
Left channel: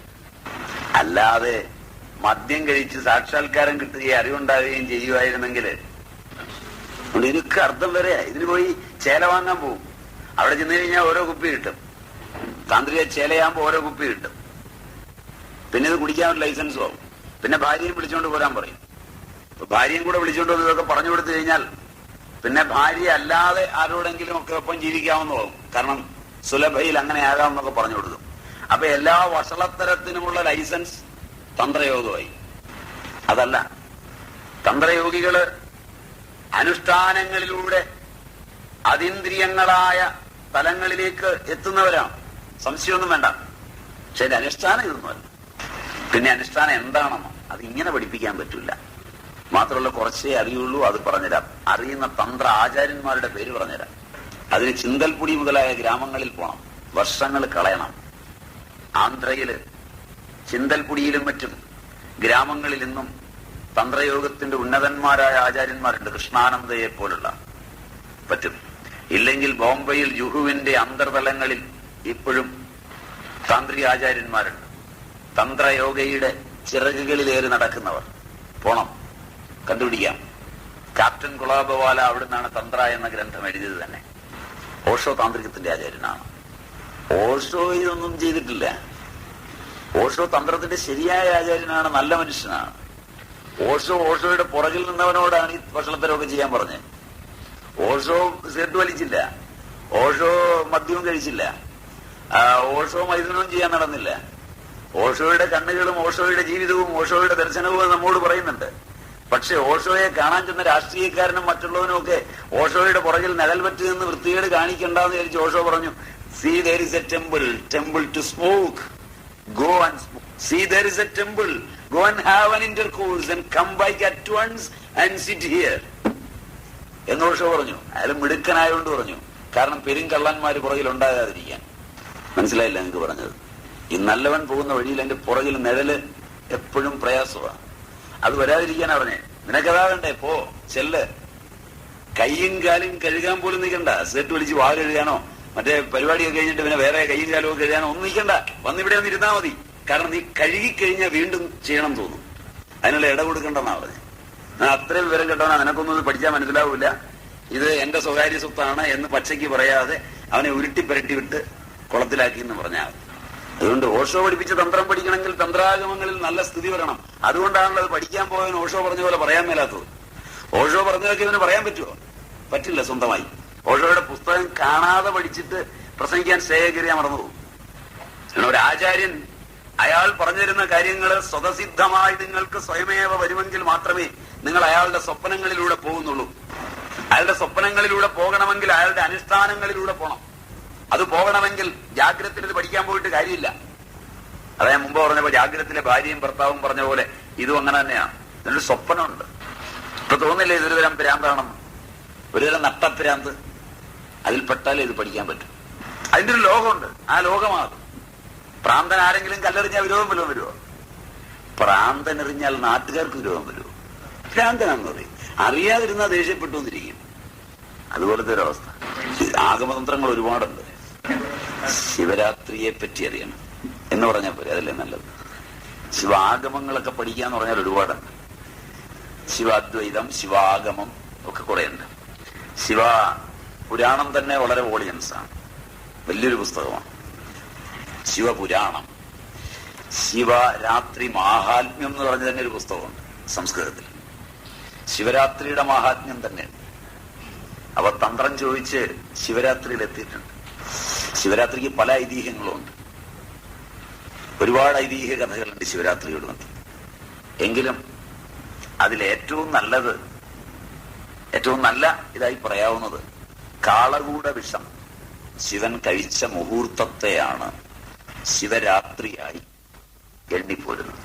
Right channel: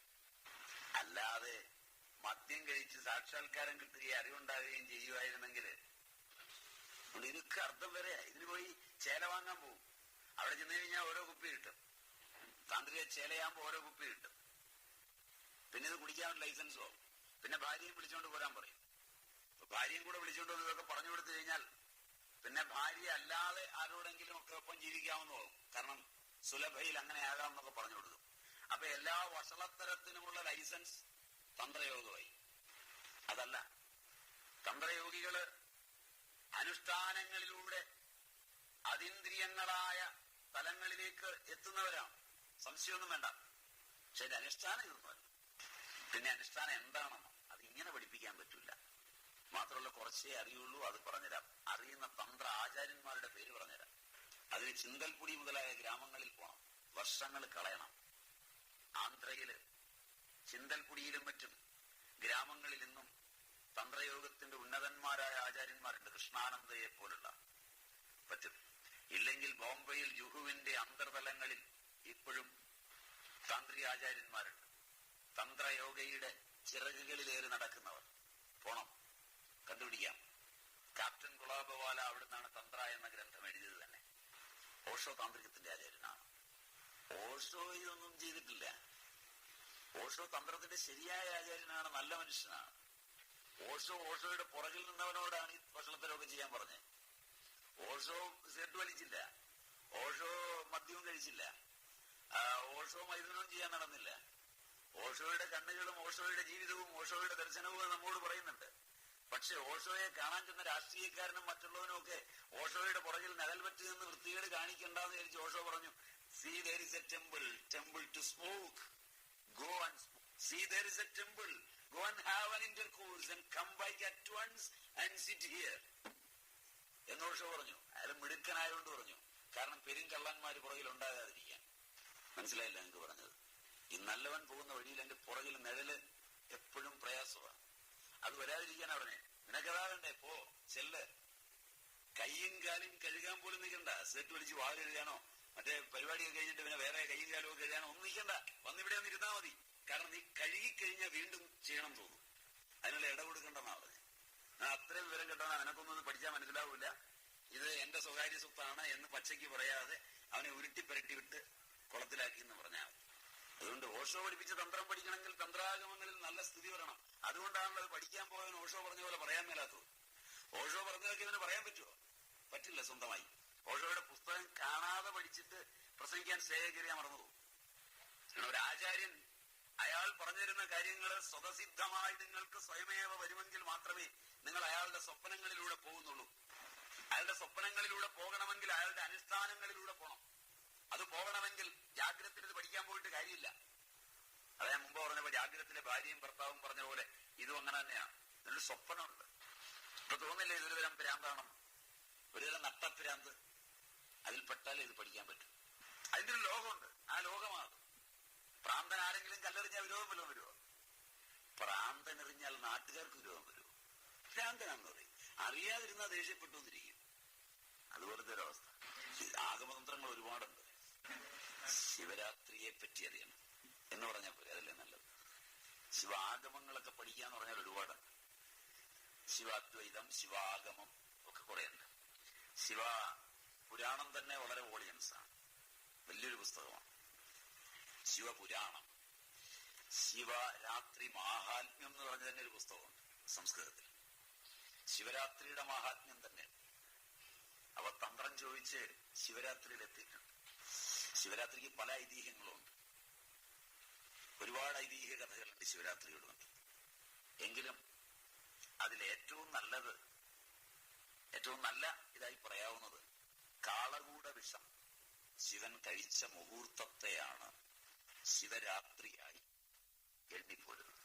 അല്ലാതെ മദ്യം കഴിച്ച് സാക്ഷാത്കാരം കിട്ടുകയും അറിവുണ്ടാവുകയും ചെയ്യുമായിരുന്നെങ്കിൽ ഇതിനൊക്കെ അർത്ഥം വരെയാ. ഇതിന് പോയി ചേല വാങ്ങാൻ പോകും. അവിടെ ചെന്ന് കഴിഞ്ഞാൽ ഓരോ കുപ്പി കിട്ടും. താന്ത്രിക ചേലയാകുമ്പോ ഓരോ കുപ്പി കിട്ടും. പിന്നെ ഇത് കുടിക്കാൻ ഒരു ലൈസൻസും ആവും. പിന്നെ ഭാര്യയും വിളിച്ചുകൊണ്ട് പോരാൻ പറയും. ഭാര്യയും കൂടെ വിളിച്ചുകൊണ്ട് വന്ന് ഇതൊക്കെ പറഞ്ഞു കൊടുത്തു കഴിഞ്ഞാൽ പിന്നെ ഭാര്യ അല്ലാതെ ആരോടെങ്കിലും ഒക്കെ ഒപ്പം ജീവിക്കാമെന്ന് കാരണം സുലഭയിൽ അങ്ങനെ ആകാമെന്നൊക്കെ പറഞ്ഞു കൊടുക്കും. അപ്പൊ എല്ലാ വഷളത്തരത്തിനുമുള്ള ലൈസൻസ് തന്ത്രയോഗമായി. അതല്ല, തന്ത്രയോഗികള് അനുഷ്ഠാനങ്ങളിലൂടെ അതീന്ദ്രിയങ്ങളായ തലങ്ങളിലേക്ക് എത്തുന്നവരാണ്. സംശയമൊന്നും വേണ്ട. പക്ഷെ അതിന്റെ അനുഷ്ഠാനം ഇതൊന്നുമല്ല. പിന്നെ അനുഷ്ഠാനം എന്താണെന്നോ അത് ഇങ്ങനെ പഠിപ്പിക്കാൻ പറ്റില്ല. മാത്രമല്ല, കുറച്ചേ അറിയുള്ളൂ. അത് പറഞ്ഞുതരാം. അറിയുന്ന തന്ത്ര ആചാര്യന്മാരുടെ പേര് പറഞ്ഞുതരാം. അതിന് ചിന്തൽപുടി മുതലായ ഗ്രാമങ്ങളിൽ പോകണം, വർഷങ്ങൾ കളയണം. ആന്ധ്രയില് ചിന്തൽപുടിയിലും മറ്റും ഗ്രാമങ്ങളിൽ നിന്നും തന്ത്രയോഗത്തിന്റെ ഉന്നതന്മാരായ ആചാര്യന്മാരുണ്ട്. കൃഷ്ണാനന്ദയെ പോലുള്ള പറ്റും. ഇല്ലെങ്കിൽ ബോംബെയിൽ ജുഹുവിന്റെ അന്തർതലങ്ങളിൽ ഇപ്പോഴും താന്ത്രിക ആചാര്യന്മാരുണ്ട്. തന്ത്രയോഗയുടെ ചിറകുകളിലേറി നടക്കുന്നവർ. പോണം, കണ്ടുപിടിക്കാം. ക്യാപ്റ്റൻ കുളാബവാല അവിടുന്നാണ് തന്ത്ര എന്ന ഗ്രന്ഥം എഴുതിയത് തന്നെ. ഓഷോ താന്ത്രികത്തിന്റെ ആചാര്യനാണ്. ഓഷോ ഇതൊന്നും ചെയ്തിട്ടില്ല. ഓഷോ തന്ത്രത്തിന്റെ ശരിയായ ആചാര്യനാണ്, നല്ല മനുഷ്യനാണ്. ഓഷോയുടെ പുറകിൽ നിന്നവനോടാണ് ഈ ഭക്ഷണത്തരമൊക്കെ ചെയ്യാൻ പറഞ്ഞത്. ഓഷോ സിഗരറ്റ് വലിച്ചില്ല, ഓഷോ മദ്യവും കഴിച്ചില്ല, ഓഷോ മൈഥുനവും ചെയ്യാൻ നടന്നില്ല. ഓഷോയുടെ കണ്ണുകളും ഓഷോയുടെ ജീവിതവും ഓഷോയുടെ ദർശനവും നമ്മോട് പറയുന്നുണ്ട്. പക്ഷെ ഓഷോയെ കാണാൻ ചെന്ന രാഷ്ട്രീയക്കാരനും മറ്റുള്ളവനും ഒക്കെ ഓഷോയുടെ പുറകിൽ നിഴൽ പറ്റി നിന്ന് വൃത്തികേട് കാണിക്കണ്ടെന്ന് വിചാരിച്ച് ഓഷോ പറഞ്ഞു, See, there is a temple to smoke. Go and smoke. See, there is a temple. Go and have an intercourse and come back at once and sit here. എന്ന് ഓഷോ പറഞ്ഞു. അയാൾ മിടുക്കനായോണ്ട് പറഞ്ഞു, കാരണം പെരുങ്കള്ളന്മാര് പുറകിൽ ഉണ്ടാകാതിരിക്കാൻ. മനസ്സിലായില്ല എനിക്ക് പറഞ്ഞത്? ഈ നല്ലവൻ പോകുന്ന വഴിയിൽ എന്റെ പുറകിൽ നിഴല് എപ്പോഴും പ്രയാസമാണ്. അത് വരാതിരിക്കാനാ പറഞ്ഞേ. നിനക്കതാ വേണ്ടേ, പോ ചെല്ല്. കയ്യും കാലും കഴുകാൻ പോലും നിൽക്കണ്ട. സെറ്റ് വിളിച്ച് വാ കഴുകാനോ മറ്റേ പരിപാടിയൊക്കെ കഴിഞ്ഞിട്ട് പിന്നെ വേറെ കയ്യും കാലും ഒക്കെ കഴുകാനോ ഒന്നും നിൽക്കണ്ട. വന്നിവിടെ ഒന്ന് ഇരുന്നാ മതി. കാരണം നീ കഴുകിക്കഴിഞ്ഞാൽ വീണ്ടും ചെയ്യണം തോന്നും. അതിനുള്ള ഇട കൊടുക്കണ്ടെന്നാ പറഞ്ഞത്. ഞാൻ അത്രയും വിവരം കേട്ടവനാ, നിനക്കൊന്നും ഇത് പഠിച്ചാൽ മനസ്സിലാവില്ല, ഇത് എന്റെ സ്വകാര്യ സ്വത്താണ് എന്ന് പച്ചയ്ക്ക് പറയാതെ അവനെ ഉരുട്ടിപ്പരട്ടി വിട്ട് കുളത്തിലാക്കി എന്ന് പറഞ്ഞാൽ മതി. അതുകൊണ്ട് ഓഷോ പഠിപ്പിച്ച തന്ത്രം പഠിക്കണമെങ്കിൽ തന്ത്രാഗമങ്ങളിൽ നല്ല സ്ഥിതി വരണം. അതുകൊണ്ടാണല്ലോ അത് പഠിക്കാൻ പോയവൻ ഓഷോ പറഞ്ഞ പോലെ പറയാൻ മേലാത്തത്. ഓഷോ പറഞ്ഞതൊക്കെ ഇവന് പറയാൻ പറ്റുമോ? പറ്റില്ല സ്വന്തമായി. ഓഷോയുടെ പുസ്തകം കാണാതെ പഠിച്ചിട്ട് പ്രസംഗിക്കാൻ സ്റ്റേജ് കയറിയാൻ മറന്നുപോകും. ഒരു ആചാര്യൻ അയാൾ പറഞ്ഞു തരുന്ന കാര്യങ്ങൾ സ്വതസിദ്ധമായി നിങ്ങൾക്ക് സ്വയമേവ വരുമെങ്കിൽ മാത്രമേ നിങ്ങൾ അയാളുടെ സ്വപ്നങ്ങളിലൂടെ പോകുന്നുള്ളൂ. അയാളുടെ സ്വപ്നങ്ങളിലൂടെ പോകണമെങ്കിൽ അയാളുടെ അനുഷ്ഠാനങ്ങളിലൂടെ പോകണം. അത് പോകണമെങ്കിൽ ജാഗ്രതയിൽ ഇത് പഠിക്കാൻ പോയിട്ട് കാര്യമില്ല. അതാ ഞാൻ മുമ്പ് പറഞ്ഞപ്പോ ജാഗ്രതത്തിലെ ഭാര്യയും ഭർത്താവും പറഞ്ഞ പോലെ ഇതും അങ്ങനെ തന്നെയാണ്. ഇതിനൊരു സ്വപ്നമുണ്ട്. ഇപ്പൊ തോന്നില്ലേ ഇതൊരു തരം ഭ്രാന്താണെന്ന്? ഒരുതരം നട്ടഭ്രാന്ത്. അതിൽപ്പെട്ടാലേ ഇത് പഠിക്കാൻ പറ്റും. അതിന്റെ ഒരു ലോകമുണ്ട്. ആ ലോകമാകും. പ്രാന്തൻ ആരെങ്കിലും കല്ലെറിഞ്ഞാൽ വിരോധം വല്ലതും വരുമോ? പ്രാന്തനെറിഞ്ഞാൽ നാട്ടുകാർക്ക് വിരോധം വരുമോ? ഭ്രാന്തനാന്ന് പറയും. അറിയാതിരുന്നാൽ ദേഷ്യപ്പെട്ടു വന്നിരിക്കും. അതുപോലത്തെ ഒരവസ്ഥ. ആഗമതന്ത്രങ്ങൾ ഒരുപാടുണ്ട്. ശിവരാത്രിയെ പറ്റി അറിയണം എന്ന് പറഞ്ഞാൽ പോരെ, അതല്ലേ നല്ലത്. ശിവാഗമങ്ങളൊക്കെ പഠിക്കാന്ന് പറഞ്ഞാൽ ഒരുപാടുണ്ട്. ശിവാദ്വൈതം, ശിവാഗമം ഒക്കെ കുറെ ഉണ്ട്. ശിവ പുരാണം തന്നെ വളരെ ഓഡിയൻസാണ്. വലിയൊരു പുസ്തകമാണ് ശിവപുരാണം. ശിവരാത്രി മാഹാത്മ്യം എന്ന് പറഞ്ഞ തന്നെ ഒരു പുസ്തകമുണ്ട് സംസ്കൃതത്തിൽ. ശിവരാത്രിയുടെ മാഹാത്മ്യം തന്നെയാണ്. അവ തന്ത്രം ചോദിച്ച് ശിവരാത്രിയിൽ എത്തിയിട്ടുണ്ട്. ശിവരാത്രിക്ക് പല ഐതിഹ്യങ്ങളുമുണ്ട്. ഒരുപാട് ഐതിഹ്യ കഥകളുണ്ട് ശിവരാത്രിയോട് ബന്ധം. എങ്കിലും അതിലേറ്റവും നല്ലത്, ഏറ്റവും നല്ല ഇതായി പറയാവുന്നത് കാളകൂട വിഷം ശിവൻ കഴിച്ച മുഹൂർത്തത്തെയാണ് ശിവരാത്രിയായി എണ്ണിപ്പോരുന്നത്.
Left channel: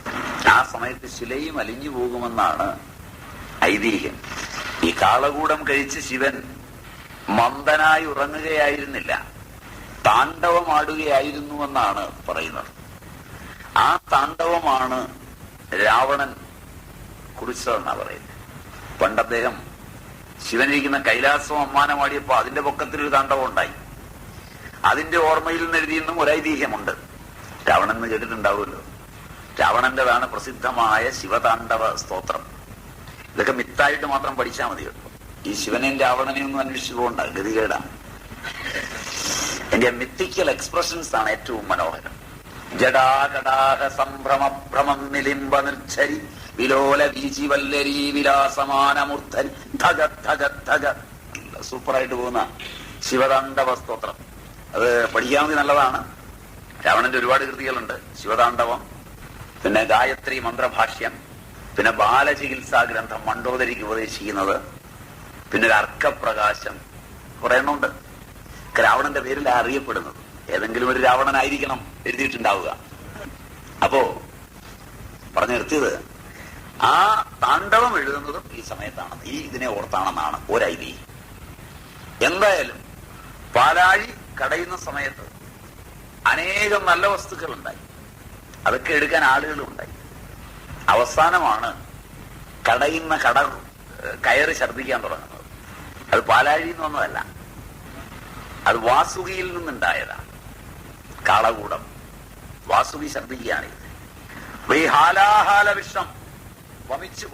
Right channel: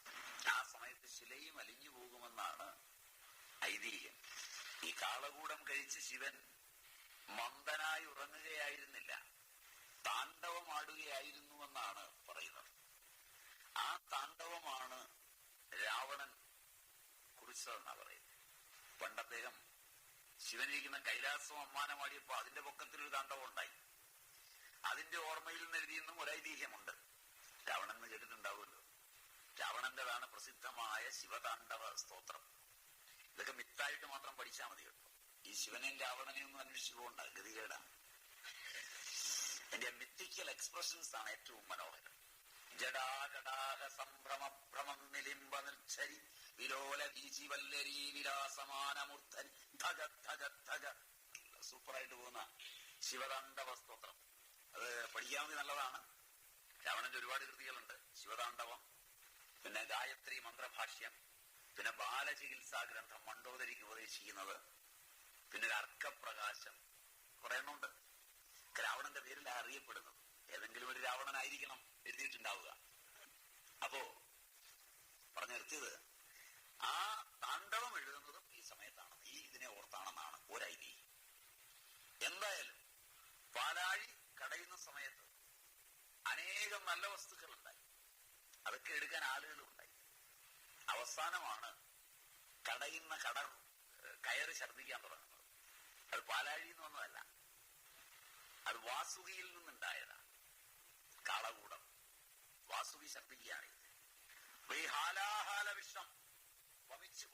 ആ സമയത്ത് ശിലയും അലിഞ്ഞു പോകുമെന്നാണ് ഐതിഹ്യം. ഈ കാളകൂടം കഴിച്ച് ശിവൻ മന്ദനായി ഉറങ്ങുകയായിരുന്നില്ല, താണ്ഡവമാടുകയായിരുന്നുവെന്നാണ് പറയുന്നത്. ആ താണ്ഡവമാണ് രാവണൻ കുറിച്ചതെന്നാ പറയുന്നത്. പണ്ട് അദ്ദേഹം ശിവനിരിക്കുന്ന കൈലാസം അമ്മാനമാടിയപ്പോ അതിന്റെ പൊക്കത്തിലൊരു താണ്ഡവം ഉണ്ടായി. അതിന്റെ ഓർമ്മയിൽ നിന്ന് എഴുതിയെന്നും ഒരു ഐതിഹ്യമുണ്ട്. രാവണൻ എന്ന് കേട്ടിട്ടുണ്ടാവുമല്ലോ. രാവണന്റേതാണ് പ്രസിദ്ധമായ ശിവതാണ്ഡവ സ്തോത്രം. ഇതൊക്കെ മിത്തായിട്ട് മാത്രം പഠിച്ചാൽ മതി കേട്ടോ. ഈ ശിവനെയും രാവണനെയും ഒന്നും അന്വേഷിച്ചു പോകണ്ട, ഗതികേടാണ്. എന്റെ മിത്തിക്കൽ എക്സ്പ്രഷൻസ് ആണ് ഏറ്റവും മനോഹരം. ജടാകടാഹ സംഭ്രമ ഭ്രമം നിലിംബ നിർച്ഛരി വിലോല വീചി വല്ലരി വിലാസമാനമൂർധൻ ധഗ ധഗ ധഗ. സൂപ്പറായിട്ട് പോകുന്ന ശിവതാണ്ഡവ സ്തോത്രം. അത് പഠിക്കാമെങ്കിൽ നല്ലതാണ്. രാവണന്റെ ഒരുപാട് കൃതികളുണ്ട്. ശിവതാണ്ഡവം, പിന്നെ ഗായത്രി മന്ത്രഭാഷ്യം, പിന്നെ ബാലചികിത്സാ ഗ്രന്ഥം മണ്ഡോദരിക്ക് ഉപദേശിക്കുന്നത്, പിന്നെ ഒരു അർക്കപ്രകാശം, കുറെ എണ്ണമുണ്ട്. രാവണന്റെ പേരിൽ അറിയപ്പെടുന്നത്. ഏതെങ്കിലും ഒരു രാവണനായിരിക്കണം എഴുതിയിട്ടുണ്ടാവുക. അപ്പോ പറഞ്ഞു നിർത്തിയത്, ആ താണ്ഡവം എഴുതുന്നതും ഈ സമയത്താണ്, ഈ ഇതിനെ ഓർത്താണെന്നാണ് ഒരൈതിഹ്യം. എന്തായാലും പാലാഴി കടയുന്ന സമയത്ത് അനേകം നല്ല വസ്തുക്കൾ ഉണ്ടായി. അതൊക്കെ എടുക്കാൻ ആളുകളും ഉണ്ടായി. അവസാനമാണ് കടയുന്ന കയറി ഛർദ്ദിക്കാൻ തുടങ്ങുന്നത്. അത് പാലാഴിയിൽ നിന്ന് വന്നതല്ല, അത് വാസുകിയിൽ നിന്നുണ്ടായതാണ്. കാളകൂടം വാസുകി ഛർദ്ദിക്കുകയാണിത്. ഈ ഹാലാഹാല വിഷം വമിച്ച്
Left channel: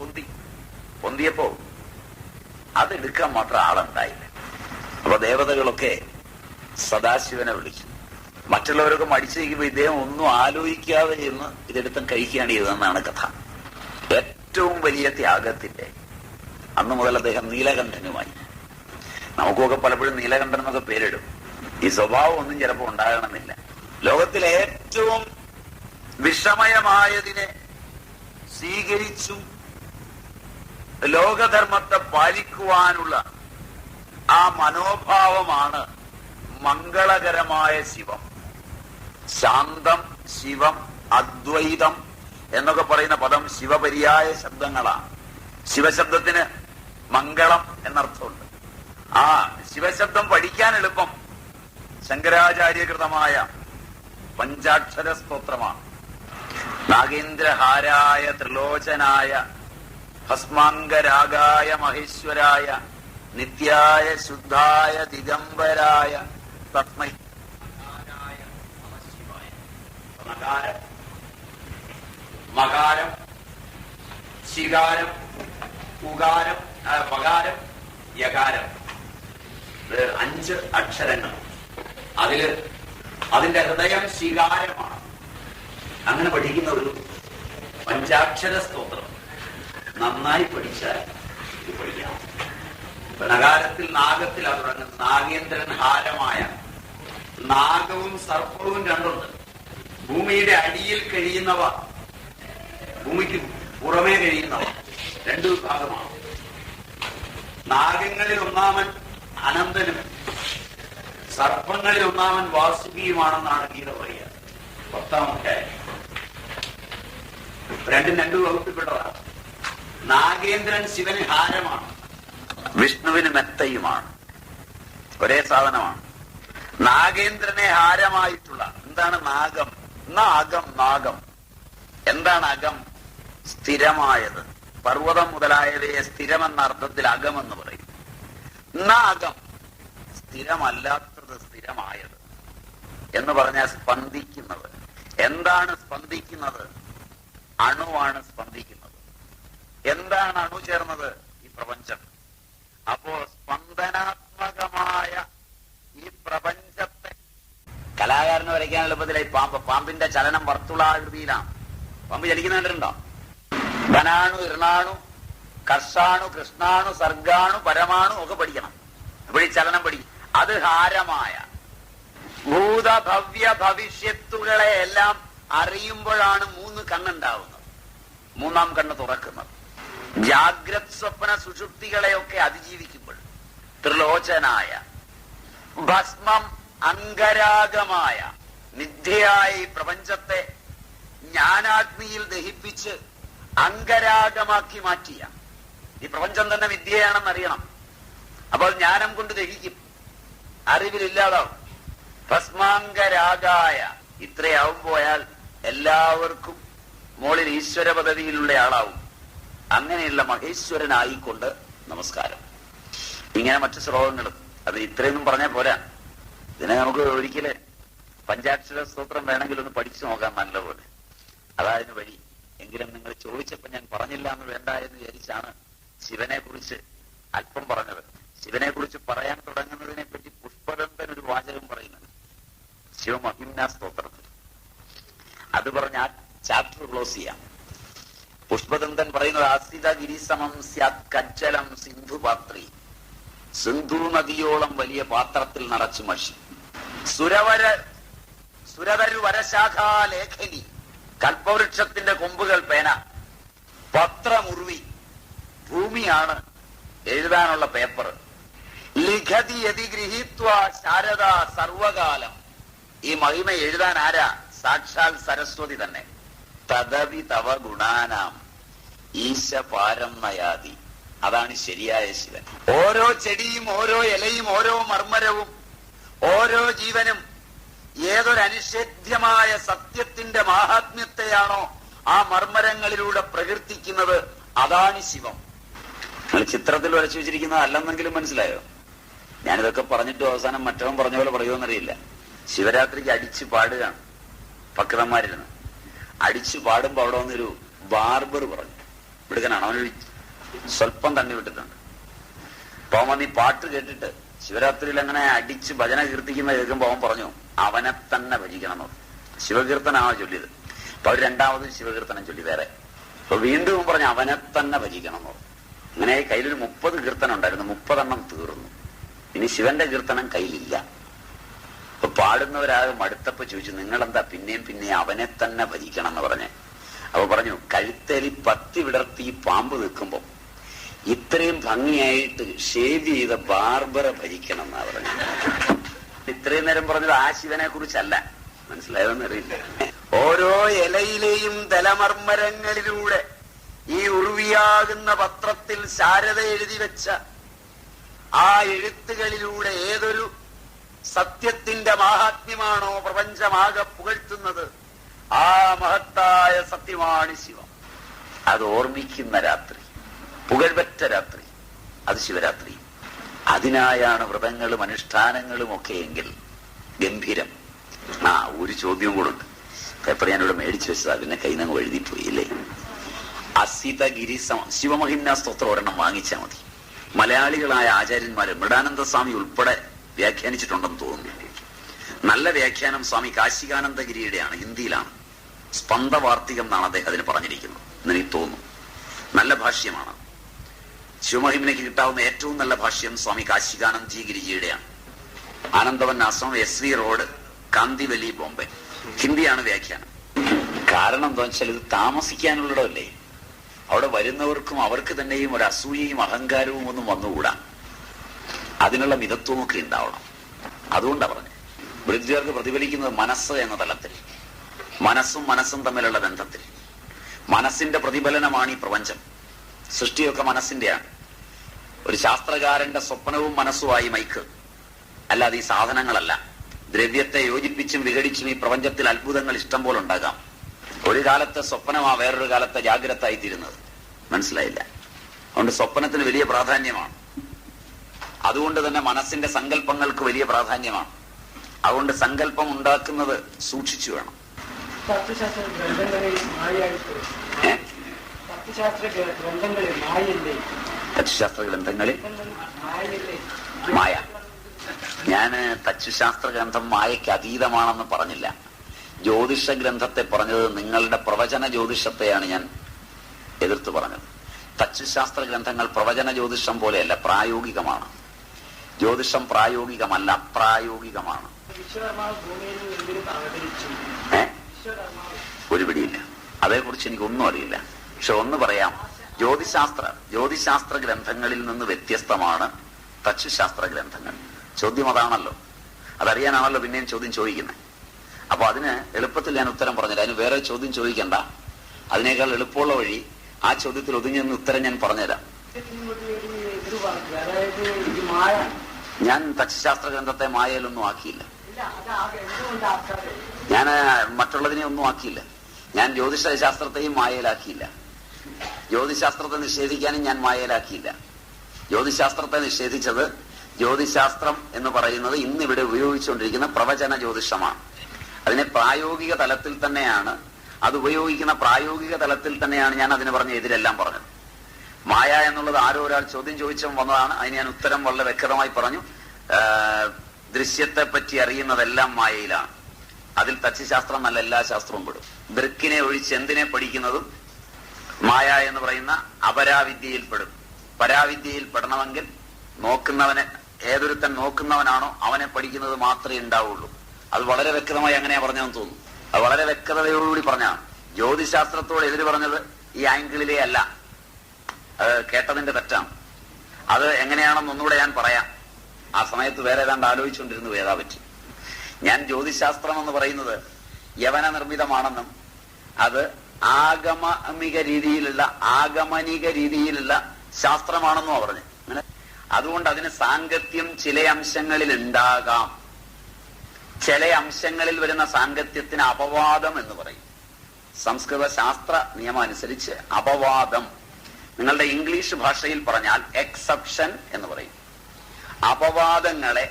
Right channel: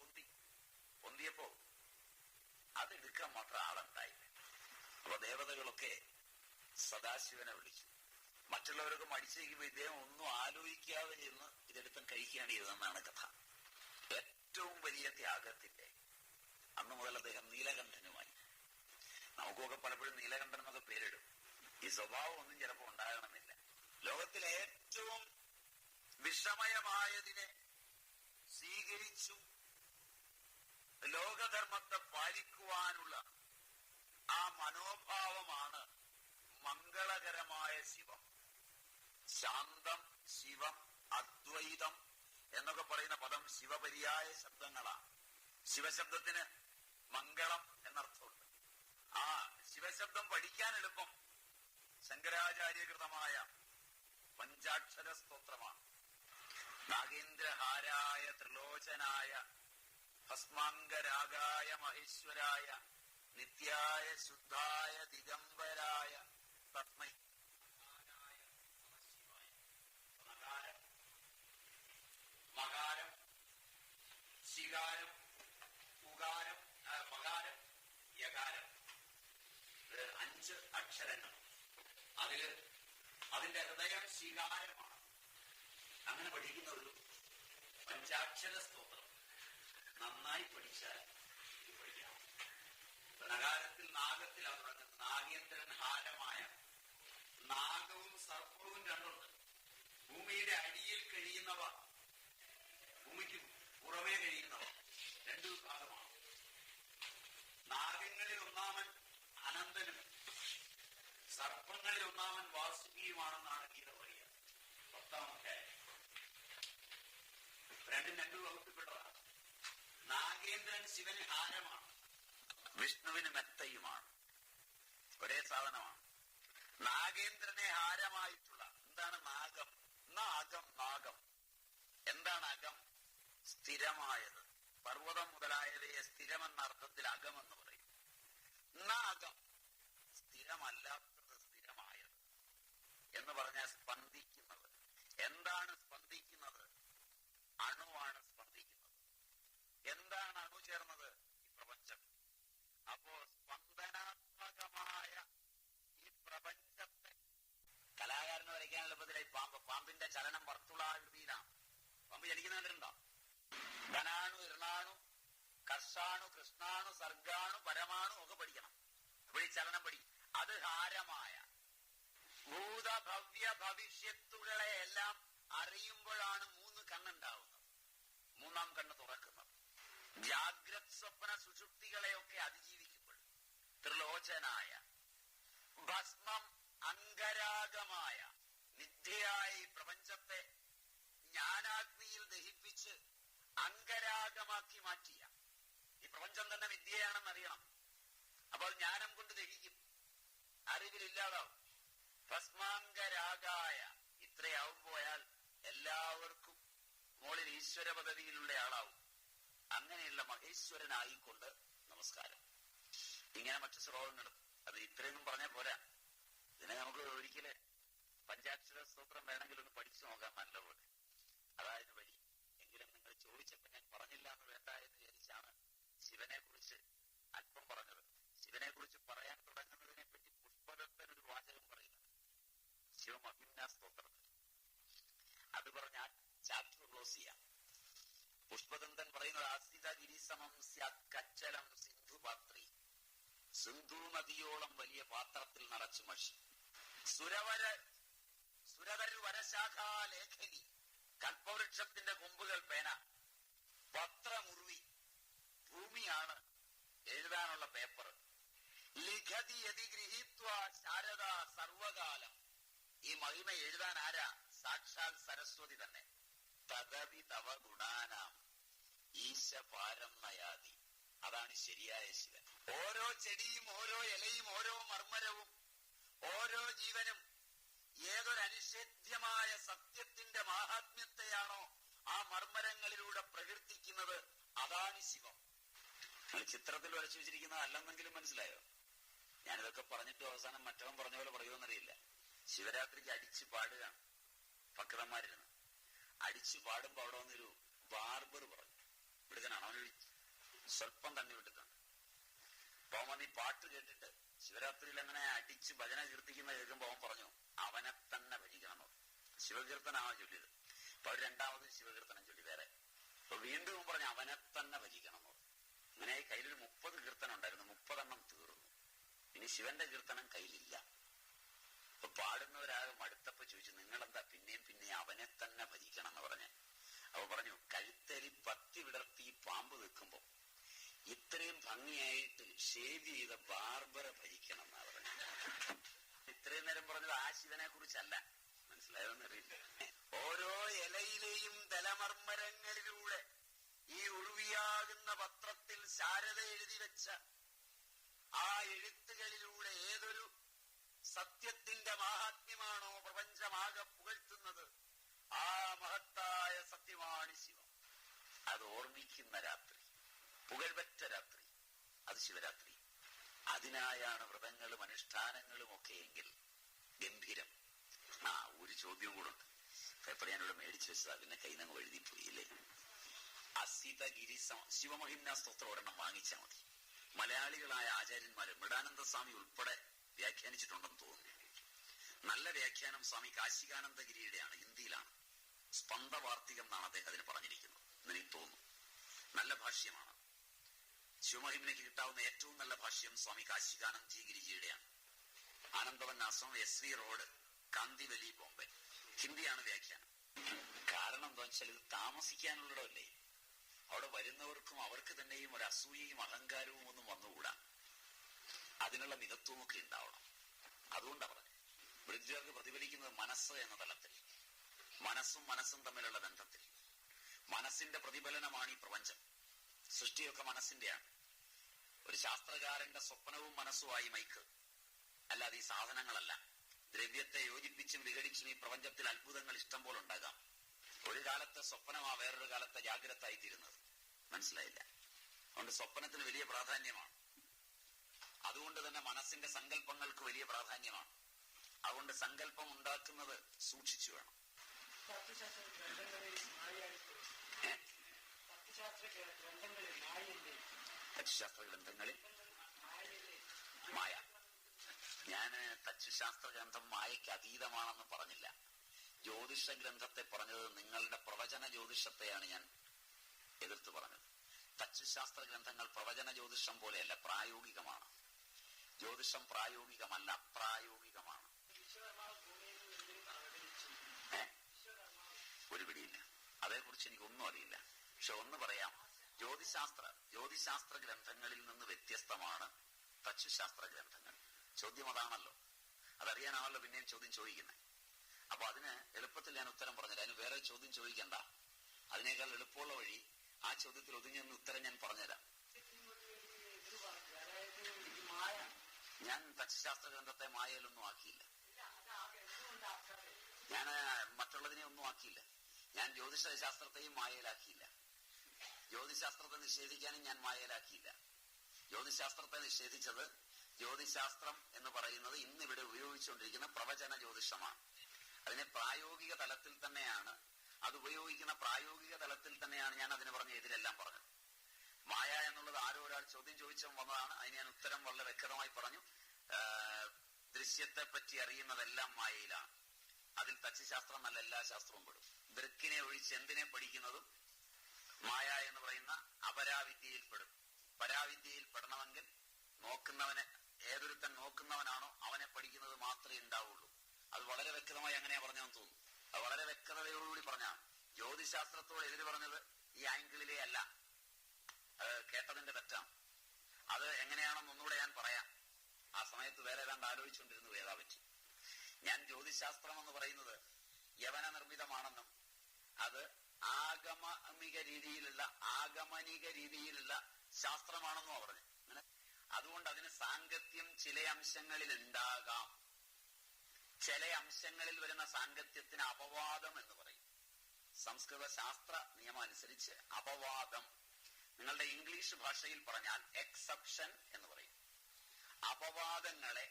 പൊന്തിയപ്പോ അതെടുക്കാൻ മാത്രം ആളുണ്ടായില്ല. അപ്പൊ ദേവതകളൊക്കെ സദാശിവനെ വിളിച്ചു. മറ്റുള്ളവരൊക്കെ മടിച്ചു നിൽക്കുമ്പോ ഇദ്ദേഹം ഒന്നും ആലോചിക്കാതെ എന്ന് ഇതെടുത്തും കഴിക്കുകയാണ് ചെയ്തതെന്നാണ് കഥ. ഏറ്റവും വലിയ ത്യാഗത്തിന്റെ അന്ന് മുതൽ അദ്ദേഹം നീലകണ്ഠനുമായി. നമുക്കൊക്കെ പലപ്പോഴും നീലകണ്ഠൻ എന്നൊക്കെ പേരിടും. ഈ സ്വഭാവം ഒന്നും ചിലപ്പോൾ ഉണ്ടാകണമെന്നില്ല. ലോകത്തിലെ ഏറ്റവും വിഷമയമായതിനെ സ്വീകരിച്ചും ലോകധർമ്മത്തെ പാലിക്കുവാനുള്ള ആ മനോഭാവമാണ് മംഗളകരമായ ശിവം. ശാന്തം, ശിവം, അദ്വൈതം എന്നൊക്കെ പറയുന്ന പദം ശിവപര്യായ ശബ്ദങ്ങളാണ്. ശിവശബ്ദത്തിന് മംഗളം എന്നർത്ഥമുണ്ട്. ആ ശിവശബ്ദം പഠിക്കാൻ എളുപ്പം ശങ്കരാചാര്യകൃതമായ പഞ്ചാക്ഷര സ്തോത്രമാണ്. നാഗേന്ദ്രഹാരായ ത്രിലോചനായ ഭസ്മാംഗരാഗായ മഹേശ്വരായ നിത്യായ ശുദ്ധായ ദിഗംബരായ തസ്മൈ മകാരം, മകാരം, ശികാരം, ഉകാരം, പകാരം, യകാരം, 5 അക്ഷരങ്ങൾ. അതിന്റെ ഹൃദയം ശികാരമാണ്. അങ്ങനെ പഠിക്കുന്ന ഒരു പഞ്ചാക്ഷര സ്തോത്രം നന്നായി പഠിച്ചാൽ പഠിക്കാം. നഗാരത്തിൽ നാഗത്തിൽ അത് തുടങ്ങുന്നത്. നാഗേന്ദ്രൻ ഹാരമായ. നാഗവും സർപ്പവും രണ്ടുണ്ട്. ഭൂമിയുടെ അടിയിൽ കഴിയുന്നവ, ഭൂമിക്ക് പുറമേ കഴിയുന്നവ, 2 വിഭാഗമാണ്. നാഗങ്ങളിൽ ഒന്നാമൻ അനന്തനും സർപ്പങ്ങളിൽ ഒന്നാമൻ വാസുകിയുമാണെന്നാണ് ഗീത പറയുക. 10-ാം അധ്യായം. രണ്ടും 2 വകുപ്പിൽപ്പെട്ടതാണ്. നാഗേന്ദ്രൻ ശിവന് ഹാരമാണ്, വിഷ്ണുവിന് മെത്തയുമാണ്. ഒരേ സാധനമാണ്. നാഗേന്ദ്രനെ ഹാരമായിട്ടുള്ള എന്താണ് നാഗം? നാഗം. എന്താണ് അകം? സ്ഥിരമായത്. പർവ്വതം മുതലായവയെ സ്ഥിരമെന്ന അർത്ഥത്തിൽ അകമെന്ന് പറയും. അകം സ്ഥിരമല്ലാത്തത് സ്ഥിരമായത് എന്ന് പറഞ്ഞാൽ സ്പന്ദിക്കുന്നത്. എന്താണ് സ്പന്ദിക്കുന്നത്? അണുവാണ് സ്പന്ദിക്കുന്നത്. എന്താണ് അണു ചേർന്നത്? ഈ പ്രപഞ്ചം. അപ്പോ സ്പന്ദനാത്മകമായ ഈ പ്രപഞ്ചത്തെ കലാകാരന് വരയ്ക്കാൻ എളുപ്പത്തിലായി പാമ്പിന്റെ ചലനം വർത്തുളാകൃതിയിലാണ്. പാമ്പ് ചലിക്കുന്ന കണ്ടിട്ടുണ്ടോ? ധനാണു, ഇർണാണു, കർഷാണു, കൃഷ്ണാണു, സർഗാണു, പരമാണു ഒക്കെ പഠിക്കണം. അപ്പോൾ ഈ ചലനം പഠിക്കും. അത് ഹാരമായ ഭൂതഭവ്യ ഭവിഷ്യത്തുകളെ എല്ലാം അറിയുമ്പോഴാണ് 3 കണ്ണുണ്ടാവുന്നത്. 3-ാം കണ്ണ് തുറക്കുന്നത്. ജാഗ്രത് സ്വപ്ന സുഷുപ്തികളെയൊക്കെ അതിജീവിക്കുമ്പോൾ ത്രിലോചനായ ഭസ്മം അംഗരാഗമായ മിഥ്യയായ ഈ പ്രപഞ്ചത്തെ ജ്ഞാനാഗ്നിയിൽ ദഹിപ്പിച്ച് അംഗരാഗമാക്കി മാറ്റിയ ഈ പ്രപഞ്ചം തന്നെ വിദ്യയാണെന്നറിയണം. അപ്പോൾ ജ്ഞാനം കൊണ്ട് ദഹിക്കും, അറിവിലില്ലാതാവും. ഭസ്മാംഗരാഗായ ഇത്രയാവും പോയാൽ എല്ലാവർക്കും മോളിൽ ഈശ്വര പദവിയിലുള്ള ആളാവും. അങ്ങനെയുള്ള മഹേശ്വരനായിക്കൊണ്ട് നമസ്കാരം. ഇങ്ങനെ മറ്റു ശ്ലോകങ്ങളും. അത് ഇത്രയൊന്നും പറഞ്ഞാൽ പോരാ. ഇതിനെ നമുക്ക് ഒരിക്കല് പഞ്ചാക്ഷര സ്തോത്രം വേണമെങ്കിൽ ഒന്ന് പഠിച്ചു നോക്കാം നല്ലപോലെ. അതായത് വഴി. എങ്കിലും നിങ്ങൾ ചോദിച്ചപ്പോ ഞാൻ പറഞ്ഞില്ല എന്ന് വേണ്ട എന്ന് വിചാരിച്ചാണ് ശിവനെ കുറിച്ച് അല്പം പറഞ്ഞത്. ശിവനെ കുറിച്ച് പറയാൻ തുടങ്ങുന്നതിനെ പറ്റി പുഷ്പദന്തൻ ഒരു വാചകം പറയുന്നുണ്ട് ശിവമഹിംന സ്തോത്രത്തിൽ. അത് പറഞ്ഞ ആ ചാപ്റ്റർ ക്ലോസ് ചെയ്യാം. പുഷ്പദന്തൻ പറയുന്നത് ആസ്ഥിത ഗിരിസമം സ്യാത് കജ്ജലം സിന്ധു പാത്രി. സിന്ധു നദിയോളം വലിയ പാത്രത്തിൽ നിറച്ചു മഷി. സുരതരു വരശാഖാ ലേഖനി. കൽപ്പവൃക്ഷത്തിന്റെ കൊമ്പുകൾ പേന. പത്രമുർവി. ഭൂമിയാണ് എഴുതാനുള്ള പേപ്പർ. ലിഖതി യതി ഗൃഹീത്വ ശാരദ സർവകാലം. ഈ മഹിമ എഴുതാൻ ആരാ? സാക്ഷാൽ സരസ്വതി തന്നെ. തദവി തവ ഗുണാനാം ഈശ പാരം നയാതി. അതാണ് ശരിയായ ശിവൻ. ഓരോ ചെടിയും ഓരോ ഇലയും ഓരോ മർമ്മരവും ഓരോ ജീവനും ഏതൊരനിഷേധ്യമായ സത്യത്തിന്റെ മാഹാത്മ്യത്തെയാണോ ആ മർമ്മരങ്ങളിലൂടെ പ്രകീർത്തിക്കുന്നത്, അതാണ് ശിവം. നിങ്ങൾ ചിത്രത്തിൽ വരച്ചു വെച്ചിരിക്കുന്നത് അല്ലെന്നെങ്കിലും മനസ്സിലായോ? ഞാനിതൊക്കെ പറഞ്ഞിട്ട് അവസാനം മറ്റവൻ പറഞ്ഞ പോലെ പറയുമെന്നറിയില്ല. ശിവരാത്രിക്ക് അടിച്ചു പാടുകയാണ് ഭക്തന്മാരിരുന്ന്. അടിച്ചു പാടുമ്പോ അവിടെ വന്നൊരു ബാർബർ പറഞ്ഞു, വിടുക്കനാണ്, അവനൊരു സ്വല്പം തന്നെ വിട്ടിട്ടുണ്ട്. അപ്പൊ അവൻ ഈ പാട്ട് കേട്ടിട്ട് ശിവരാത്രിയിൽ അങ്ങനെ അടിച്ച് ഭജന കീർത്തിക്കുന്ന കേൾക്കുമ്പോ അവൻ പറഞ്ഞു അവനെ തന്നെ ഭജിക്കണം എന്ന്. ശിവകീർത്തനാണ് ചൊല്ലിയത്. അപ്പൊ അവർ രണ്ടാമതും ശിവകീർത്തനം ചൊല്ലി വേറെ. അപ്പൊ വീണ്ടും പറഞ്ഞു അവനെ തന്നെ ഭജിക്കണം എന്ന്. അങ്ങനെ കയ്യിലൊരു 30 കീർത്തനം ഉണ്ടായിരുന്നു. 30 എണ്ണം തീർന്നു. ഇനി ശിവന്റെ കീർത്തനം കയ്യിലില്ല. അപ്പൊ പാടുന്നവരാകെ മടുത്തപ്പോ ചോദിച്ചു, നിങ്ങളെന്താ പിന്നെയും പിന്നെ അവനെ തന്നെ ഭരിക്കണം എന്ന് പറഞ്ഞ്. അപ്പൊ പറഞ്ഞു, കഴുത്തേലി പത്തി വിടർത്തി പാമ്പ് നിൽക്കുമ്പോ ഇത്രയും ഭംഗിയായിട്ട് ഷേവ് ചെയ്ത ബാർബറെ ഭരിക്കണം എന്നാ പറഞ്ഞു. ഇത്രയും നേരം പറഞ്ഞത് ആ ശിവനെ കുറിച്ചല്ല. മനസ്സിലായോന്നറിയില്ല. ഓരോ ഇലയിലെയും തലമർമ്മരങ്ങളിലൂടെ ഈ ഉറുവിയാകുന്ന പത്രത്തിൽ ശാരദ എഴുതി വെച്ച ആ എഴുത്തുകളിലൂടെ ഏതൊരു സത്യത്തിന്റെ മാഹാത്മ്യമാണോ പ്രപഞ്ചമാകെ പുകഴ്ത്തുന്നത്, ആ മഹത്തായ സത്യമാണ് ശിവം. അത് ഓർമ്മിക്കുന്ന രാത്രി, പുകഴ്പറ്റ രാത്രി, അത് ശിവരാത്രി. അതിനായാണ് വ്രതങ്ങളും അനുഷ്ഠാനങ്ങളും ഒക്കെ എങ്കിൽ ഗംഭീരം. ഒരു ചോദ്യം കൂടെ ഉണ്ട്. പേപ്പർ ഞാനിവിടെ മേടിച്ചു വെച്ചതാ, പിന്നെ കൈനങ്ങ് എഴുതിപ്പോയി അല്ലേ. അസിതഗിരി ശിവമഹിമ്ന സ്തോത്രം ഒരെണ്ണം വാങ്ങിച്ചാൽ മതി. മലയാളികളായ ആചാര്യന്മാര് മൃഡാനന്ദ സ്വാമി ഉൾപ്പെടെ വ്യാഖ്യാനിച്ചിട്ടുണ്ടെന്ന് തോന്നുന്നു. നല്ല വ്യാഖ്യാനം സ്വാമി കാശികാനന്ദഗിരിയുടെയാണ്, ഹിന്ദിയിലാണ്. സ്പന്ദവാർത്തികം എന്നാണ് അദ്ദേഹത്തിന് പറഞ്ഞിരിക്കുന്നത് എന്നെനിക്ക് തോന്നുന്നു. നല്ല ഭാഷ്യമാണ്. ശിവമഹിമയ്ക്ക് കിട്ടാവുന്ന ഏറ്റവും നല്ല ഭാഷ്യം സ്വാമി കാശികാനന്ദ്ജി ഗിരിജിയുടെയാണ്. ആനന്ദവൻ ആശ്രമം, SV റോഡ്, കാന്തിവലി, ബോംബെ. ഹിന്ദിയാണ് വ്യാഖ്യാനം. കാരണം എന്താണെന്ന് വെച്ചാൽ ഇത് താമസിക്കാനുള്ളതല്ലേ. അവിടെ വരുന്നവർക്കും അവർക്ക് തന്നെയും ഒരു അസൂയയും അഹങ്കാരവും ഒന്നും വന്നുകൂടാ. അതിനുള്ള മിതത്വമൊക്കെ ഉണ്ടാവണം. അതുകൊണ്ടാണ് പറഞ്ഞത്. വൃദ്ധർക്ക് പ്രതിഫലിക്കുന്നത് മനസ്സ് എന്ന തലത്തിൽ, മനസ്സും തമ്മിലുള്ള ബന്ധത്തിൽ. മനസ്സിന്റെ പ്രതിഫലനമാണ് ഈ പ്രപഞ്ചം. സൃഷ്ടിയൊക്കെ മനസ്സിന്റെയാണ്. ഒരു ശാസ്ത്രകാരന്റെ സ്വപ്നവും മനസ്സുമായി മൈക്ക്, അല്ലാതെ ഈ സാധനങ്ങളല്ല. ദ്രവ്യത്തെ യോജിപ്പിച്ചും വിഘടിച്ചും ഈ പ്രപഞ്ചത്തിൽ അത്ഭുതങ്ങൾ ഇഷ്ടം പോലെ ഉണ്ടാകാം. ഒരു കാലത്തെ സ്വപ്നമാ വേറൊരു കാലത്തെ ജാഗ്രതായി തീരുന്നത്. മനസ്സിലായില്ല. അതുകൊണ്ട് സ്വപ്നത്തിന് വലിയ പ്രാധാന്യമാണ്. അതുകൊണ്ട് തന്നെ മനസ്സിന്റെ സങ്കല്പങ്ങൾക്ക് വലിയ പ്രാധാന്യമാണ്. അതുകൊണ്ട് സങ്കല്പം ഉണ്ടാക്കുന്നത് സൂക്ഷിച്ചു വേണം. തത്വശാസ്ത്ര ഗ്രന്ഥങ്ങളിൽ മായ. ഞാന് തച്ചുശാസ്ത്ര ഗ്രന്ഥം മായയ്ക്ക് അതീതമാണെന്ന് പറഞ്ഞില്ല. ജ്യോതിഷ ഗ്രന്ഥത്തെ പറഞ്ഞത് നിങ്ങളുടെ പ്രവചന ജ്യോതിഷത്തെയാണ് ഞാൻ എതിർത്ത് പറഞ്ഞത്. തച്ചുശാസ്ത്ര ഗ്രന്ഥങ്ങൾ പ്രവചന ജ്യോതിഷം പോലെയല്ല, പ്രായോഗികമാണ്. ജ്യോതിഷം പ്രായോഗികമല്ല, അപ്രായോഗികമാണ്. ഒരു പിടിയില്ല, അതേക്കുറിച്ച് എനിക്കൊന്നും അറിയില്ല. പക്ഷെ ഒന്ന് പറയാം, ജ്യോതിശാസ്ത്ര ഗ്രന്ഥങ്ങളിൽ നിന്ന് വ്യത്യസ്തമാണ് തച്ചുശാസ്ത്ര ഗ്രന്ഥങ്ങൾ. ചോദ്യം അതാണല്ലോ, അതറിയാനാണല്ലോ പിന്നെയും ചോദ്യം ചോദിക്കുന്നത്. അപ്പൊ അതിന് എളുപ്പത്തിൽ ഞാൻ ഉത്തരം പറഞ്ഞില്ല. അതിന് വേറെ ചോദ്യം ചോദിക്കണ്ട. അതിനേക്കാൾ എളുപ്പമുള്ള വഴി ആ ചോദ്യത്തിൽ ഒതുങ്ങി നിന്ന് ഉത്തരം ഞാൻ പറഞ്ഞുതരാം. ഞാൻ തച്ചുശാസ്ത്ര ഗ്രന്ഥത്തെ മായയിലൊന്നും ആക്കിയില്ല. ഞാൻ മറ്റുള്ളതിനെ ഒന്നും ആക്കിയില്ല. ഞാൻ ജ്യോതിഷ ശാസ്ത്രത്തെയും മായയിലാക്കിയില്ല. ജ്യോതിശാസ്ത്രത്തെ നിഷേധിക്കാനും ഞാൻ മായയിലാക്കിയില്ല. ജ്യോതിശാസ്ത്രത്തെ നിഷേധിച്ചത്, ജ്യോതിശാസ്ത്രം എന്ന് പറയുന്നത് ഇന്നിവിടെ ഉപയോഗിച്ചുകൊണ്ടിരിക്കുന്ന പ്രവചന ജ്യോതിഷമാണ്. അതിനെ പ്രായോഗിക തലത്തിൽ തന്നെയാണ്, അത് ഉപയോഗിക്കുന്ന പ്രായോഗിക തലത്തിൽ തന്നെയാണ് ഞാൻ അതിന് പറഞ്ഞ എതിരെല്ലാം പറഞ്ഞത്. മായ എന്നുള്ളത് ആരോ ഒരാൾ ചോദ്യം ചോദിച്ചും വന്നതാണ്. അതിന് ഞാൻ ഉത്തരം വളരെ വ്യക്തമായി പറഞ്ഞു. ദൃശ്യത്തെ പറ്റി അറിയുന്നതെല്ലാം മായയിലാണ്. അതിൽ തച്ചുശാസ്ത്രം നല്ല എല്ലാ ശാസ്ത്രവും പെടും. ദൃക്കിനെ ഒഴിച്ച് എന്തിനെ പഠിക്കുന്നതും മായ എന്ന് പറയുന്ന അപരാവിദ്യയിൽ പെടും. പരാവിദ്യയിൽ പെടണമെങ്കിൽ നോക്കുന്നവനെ, ഏതൊരുത്തൻ നോക്കുന്നവനാണോ അവനെ പഠിക്കുന്നത് മാത്രമേ ഉണ്ടാവുള്ളൂ. അത് വളരെ വ്യക്തമായി അങ്ങനെയാ പറഞ്ഞതെന്ന് തോന്നുന്നു. അത് വളരെ വ്യക്തതയോടുകൂടി പറഞ്ഞാണ്. ജ്യോതിശാസ്ത്രത്തോട് എതിര് പറഞ്ഞത് ഈ ആംഗിളിലേ അല്ല. അത് കേട്ടതിന്റെ തെറ്റാണ്. അത് എങ്ങനെയാണെന്ന് ഒന്നുകൂടെ ഞാൻ പറയാം. ആ സമയത്ത് വേറെ ഏതാണ്ട് ആലോചിച്ചുകൊണ്ടിരുന്നു ഏതാ പറ്റി. ഞാൻ ജ്യോതിശാസ്ത്രം എന്ന് പറയുന്നത് യവന നിർമ്മിതമാണെന്നും അത് ആഗമനിക രീതിയിലുള്ള ശാസ്ത്രമാണെന്നും പറഞ്ഞു. അതുകൊണ്ട് അതിന് സാങ്കത്യം ചില അംശങ്ങളിൽ ഉണ്ടാകാം. ചില അംശങ്ങളിൽ വരുന്ന സാങ്കത്യത്തിന് അപവാദം എന്ന് പറയും. സംസ്കൃത ശാസ്ത്ര നിയമം അനുസരിച്ച് അപവാദം, നിങ്ങളുടെ ഇംഗ്ലീഷ് ഭാഷയിൽ പറഞ്ഞാൽ എക്സെപ്ഷൻ എന്ന് പറയും. അപവാദങ്ങളെ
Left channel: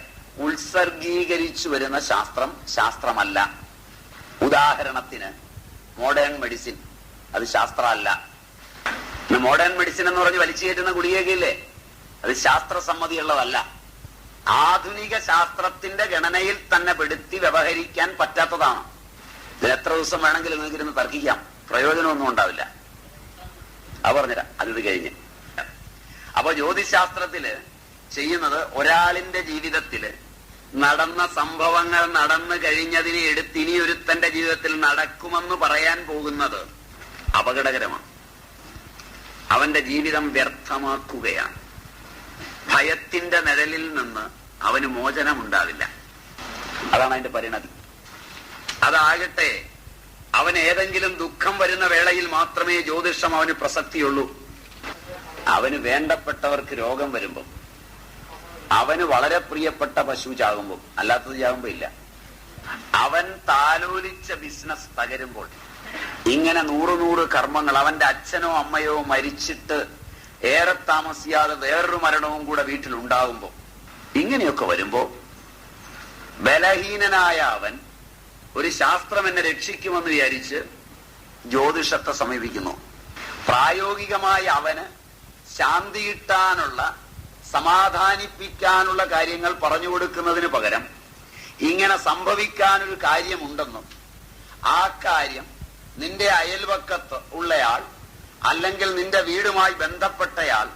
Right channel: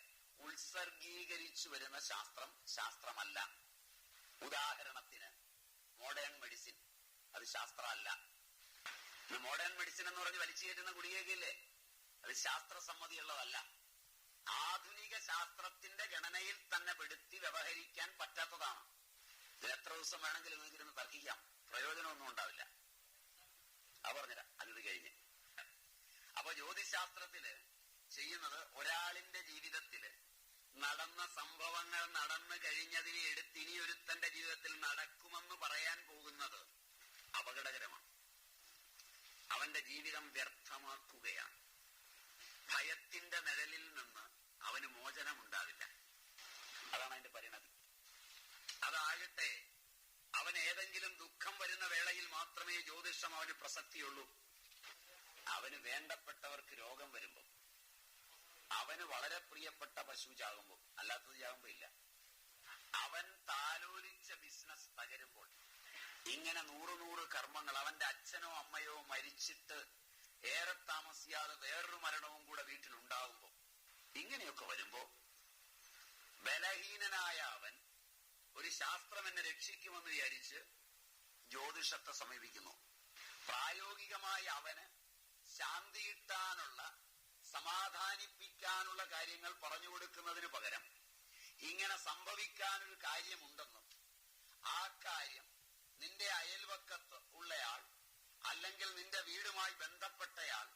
ഉത്സർഗീകരിച്ചു വരുന്ന ശാസ്ത്രം ശാസ്ത്രമല്ല. ഉദാഹരണത്തിന് മോഡേൺ മെഡിസിൻ, അത് ശാസ്ത്രമല്ല. മോഡേൺ മെഡിസിൻ എന്ന് പറഞ്ഞ് വലിച്ചു കയറ്റുന്ന ഗുളികയില്ലേ, അത് ശാസ്ത്രസമ്മതിയുള്ളതല്ല. ആധുനിക ശാസ്ത്രത്തിന്റെ ഗണനയിൽ തന്നെ പെടുത്തി വ്യവഹരിക്കാൻ പറ്റാത്തതാണ്. ഇതിൽ എത്ര ദിവസം വേണമെങ്കിലും നിങ്ങൾക്കിരുന്ന് തർക്കിക്കാം, പ്രയോജനമൊന്നും ഉണ്ടാവില്ല. അത് പറഞ്ഞുതരാം, അത് കഴിഞ്ഞ്. അപ്പൊ ജ്യോതിശാസ്ത്രത്തില് ചെയ്യുന്നത് ഒരാളിന്റെ ജീവിതത്തില് നടന്ന സംഭവങ്ങൾ നടന്നു കഴിഞ്ഞതിനെ എടുത്ത് ഇനി ഒരുത്തന്റെ ജീവിതത്തിൽ നടക്കുമെന്ന് പറയാൻ പോകുന്നത് അപകടകരമാണ്. അവന്റെ ജീവിതം വ്യർത്ഥമാക്കുകയാണ്. ഭയത്തിന്റെ നിഴലിൽ നിന്ന് അവന് മോചനമുണ്ടാവില്ല. അതാണ് അതിന്റെ പരിണതി. അതാകട്ടെ അവന് ഏതെങ്കിലും ദുഃഖം വരുന്ന വേളയിൽ മാത്രമേ ജ്യോതിഷം അവന് പ്രസക്തിയുള്ളൂ. അവന് വേണ്ടപ്പെട്ടവർക്ക് രോഗം വരുമ്പോ, അവന് വളരെ പ്രിയപ്പെട്ട പശു ചാകുമ്പോൾ, അല്ലാത്തത് ചാകുമ്പോ ഇല്ല. അവൻ താലോലിച്ച ബിസിനസ് തകരുമ്പോൾ, ഇങ്ങനെ 100 കർമ്മങ്ങൾ, അവന്റെ അച്ഛനോ അമ്മയോ മരിച്ചിട്ട് ഏറെ താമസിയാതെ വേറൊരു മരണവും കൂടെ വീട്ടിലുണ്ടാകുമ്പോ, ഇങ്ങനെയൊക്കെ വരുമ്പോ ബലഹീനനായ അവൻ ഒരു ശാസ്ത്രം എന്നെ രക്ഷിക്കുമെന്ന് വിചാരിച്ച് ജ്യോതിഷത്തെ സമീപിക്കുന്നു. പ്രായോഗികമായി അവന് ശാന്തി കിട്ടാനുള്ള, സമാധാനിപ്പിക്കാനുള്ള കാര്യങ്ങൾ പറഞ്ഞു കൊടുക്കുന്നതിന് പകരം ഇങ്ങനെ സംഭവിക്കാനൊരു കാര്യമുണ്ടെന്നും ആ കാര്യം നിന്റെ അയൽവക്കത്ത് ഉള്ളയാൾ, അല്ലെങ്കിൽ നിന്റെ വീടുമായി ബന്ധപ്പെട്ടയാൾ,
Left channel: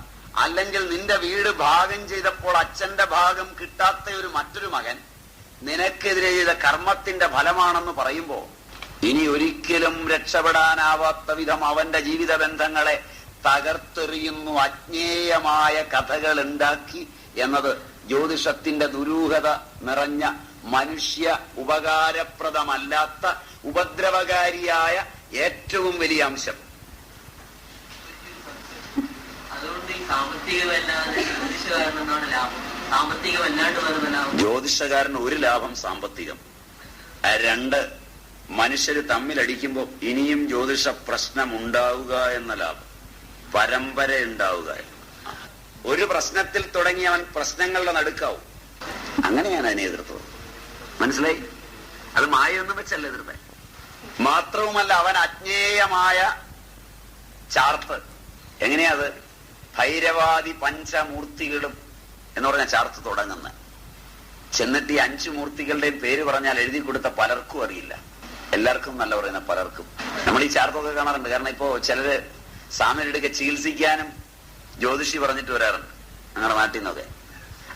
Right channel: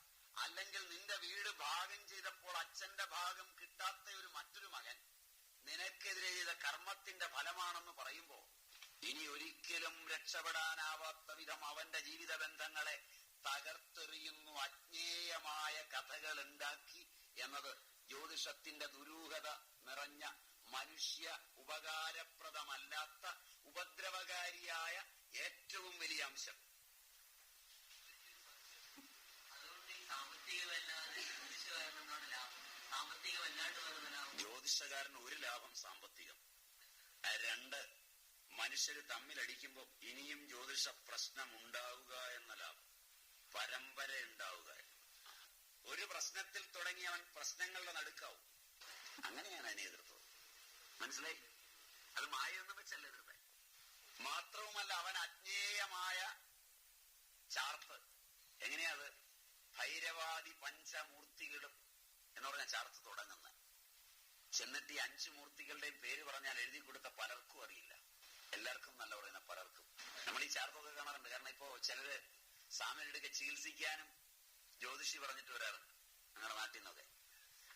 അല്ലെങ്കിൽ നിന്റെ വീട് ഭാഗം ചെയ്തപ്പോൾ അച്ഛന്റെ ഭാഗം കിട്ടാത്ത മറ്റൊരു മകൻ നിനക്കെതിരെ ചെയ്ത കർമ്മത്തിന്റെ ഫലമാണെന്ന് പറയുമ്പോ ഇനി ഒരിക്കലും രക്ഷപ്പെടാനാവാത്ത വിധം അവന്റെ ജീവിത ബന്ധങ്ങളെ തകർത്തെറിയുന്നു, അജ്ഞേയമായ കഥകൾ ഉണ്ടാക്കി എന്നത് ജ്യോതിഷത്തിന്റെ ദുരൂഹത നിറഞ്ഞ, മനുഷ്യ ഉപകാരപ്രദമല്ലാത്ത, ഉപദ്രവകാരിയായ ഏറ്റവും വലിയ അംശം. അതുകൊണ്ട് ഈ സാമ്പത്തികമല്ലാതെ ജ്യോതിഷകാരനാണ് ലാഭം. സാമ്പത്തികമല്ലാണ്ട് വരുന്ന ലാഭം. ജ്യോതിഷകാരന് ഒരു ലാഭം സാമ്പത്തികം. 2, മനുഷ്യര് തമ്മിലടിക്കുമ്പോൾ ഇനിയും ജ്യോതിഷ പ്രശ്നം ഉണ്ടാവുക എന്ന ലാഭം, പരമ്പര ഉണ്ടാവുക. ഒരു പ്രശ്നത്തിൽ തുടങ്ങി അവൻ പ്രശ്നങ്ങളുടെ നടുക്കാവും. അങ്ങനെയാണ് അതിനെ എതിർത്തത്. മനസ്സിലായി? അത് മായൊന്നും വെച്ചല്ല എതിർത്തെ. മാത്രവുമല്ല, അവൻ അജ്ഞേയമായ ചാർത്ത്. എങ്ങനെയാ അത്? ഭൈരവാദി പഞ്ചമൂർത്തികളും എന്ന് പറഞ്ഞ ചാർത്ത് തുടങ്ങുന്നത്. ചെന്നിട്ട് ഈ 5 മൂർത്തികളുടെയും പേര് പറഞ്ഞാൽ എഴുതി കൊടുത്ത പലർക്കും അറിയില്ല. എല്ലാവർക്കും നല്ല പറയുന്ന പലർക്കും. നമ്മൾ ഈ ചാർത്തൊക്കെ കാണാറുണ്ട്. കാരണം ഇപ്പോ ചിലര് സാമനെടുക്കെ ചികിത്സിക്കാനും ജ്യോതിഷി പറഞ്ഞിട്ട് വരാറുണ്ട് ഞങ്ങളുടെ നാട്ടിൽ നിന്നൊക്കെ.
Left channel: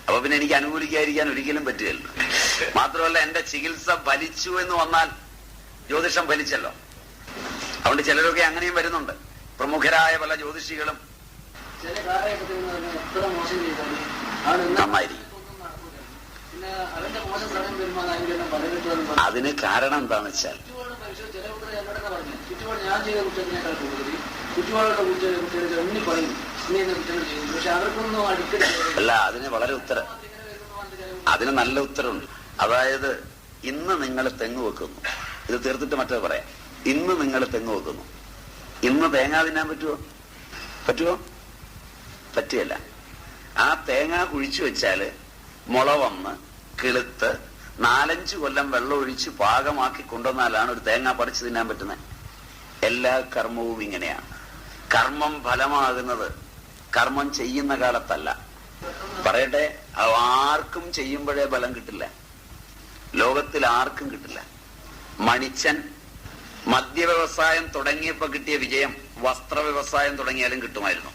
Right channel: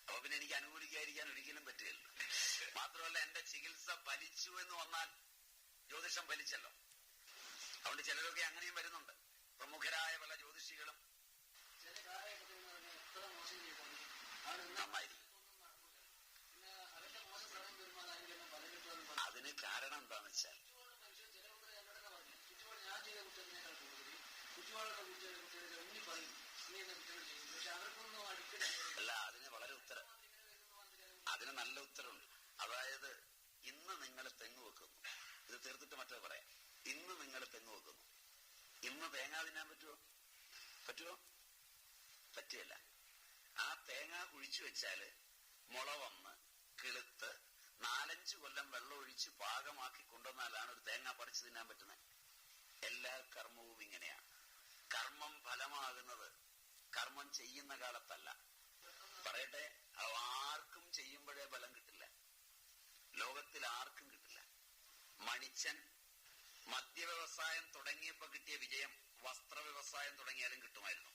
അപ്പൊ പിന്നെ എനിക്ക് അനുകൂലിക്കാതിരിക്കാൻ ഒരിക്കലും പറ്റുകയല്ലോ. മാത്രമല്ല, എന്റെ ചികിത്സ ഫലിച്ചു എന്ന് വന്നാൽ ജ്യോതിഷം ഫലിച്ചല്ലോ. അതുകൊണ്ട് ചിലരൊക്കെ അങ്ങനെയും വരുന്നുണ്ട്. പ്രമുഖരായ പല ജ്യോതിഷികളും നന്നായിരിക്കും. അതിന് കാരണം എന്താന്ന് വെച്ചാൽ, അല്ല, അതിന് വളരെ ഉത്തരം, അതിന് നല്ല ഉത്തരവുണ്ട്. അതായത്, ഇന്ന് നിങ്ങൾ തെങ്ങ് വെക്കുന്നു, ഇത് തീർത്തിട്ട് മറ്റേ പറയാം. ഇന്ന് നിങ്ങൾ തെങ്ങ് വെക്കുന്നു, ഇന്ന് തേങ്ങ തിന്നാൻ പറ്റുമോ? പറ്റിയല്ല. ആ തേങ്ങ കുഴിച്ചു വെച്ചാല് മുള വന്ന് കിളുത്ത് 4-5 കൊല്ലം വെള്ളം ഒഴിച്ച് പാകമാക്കി കൊണ്ടുവന്നാലാണ് ഒരു തേങ്ങ പറിച്ചു തിന്നാൻ പറ്റുന്നത്. എല്ലാ കർമ്മവും ഇങ്ങനെയാണ്. കർമ്മം ഫലമാകുന്നത് കർമ്മം ചെയ്യുന്ന കാലത്തല്ല. പറയട്ടെ, ആർക്കും ചെയ്യുമ്പോഴേ ഫലം കിട്ടില്ല. ലോകത്തിൽ ആർക്കും കിട്ടില്ല. മണിച്ചൻ മദ്യവ്യവസായം തുടങ്ങിയപ്പോ കിട്ടിയ വിജയം വസ്ത്ര വ്യവസായം തുടങ്ങിയാലും കിട്ടുമായിരുന്നു.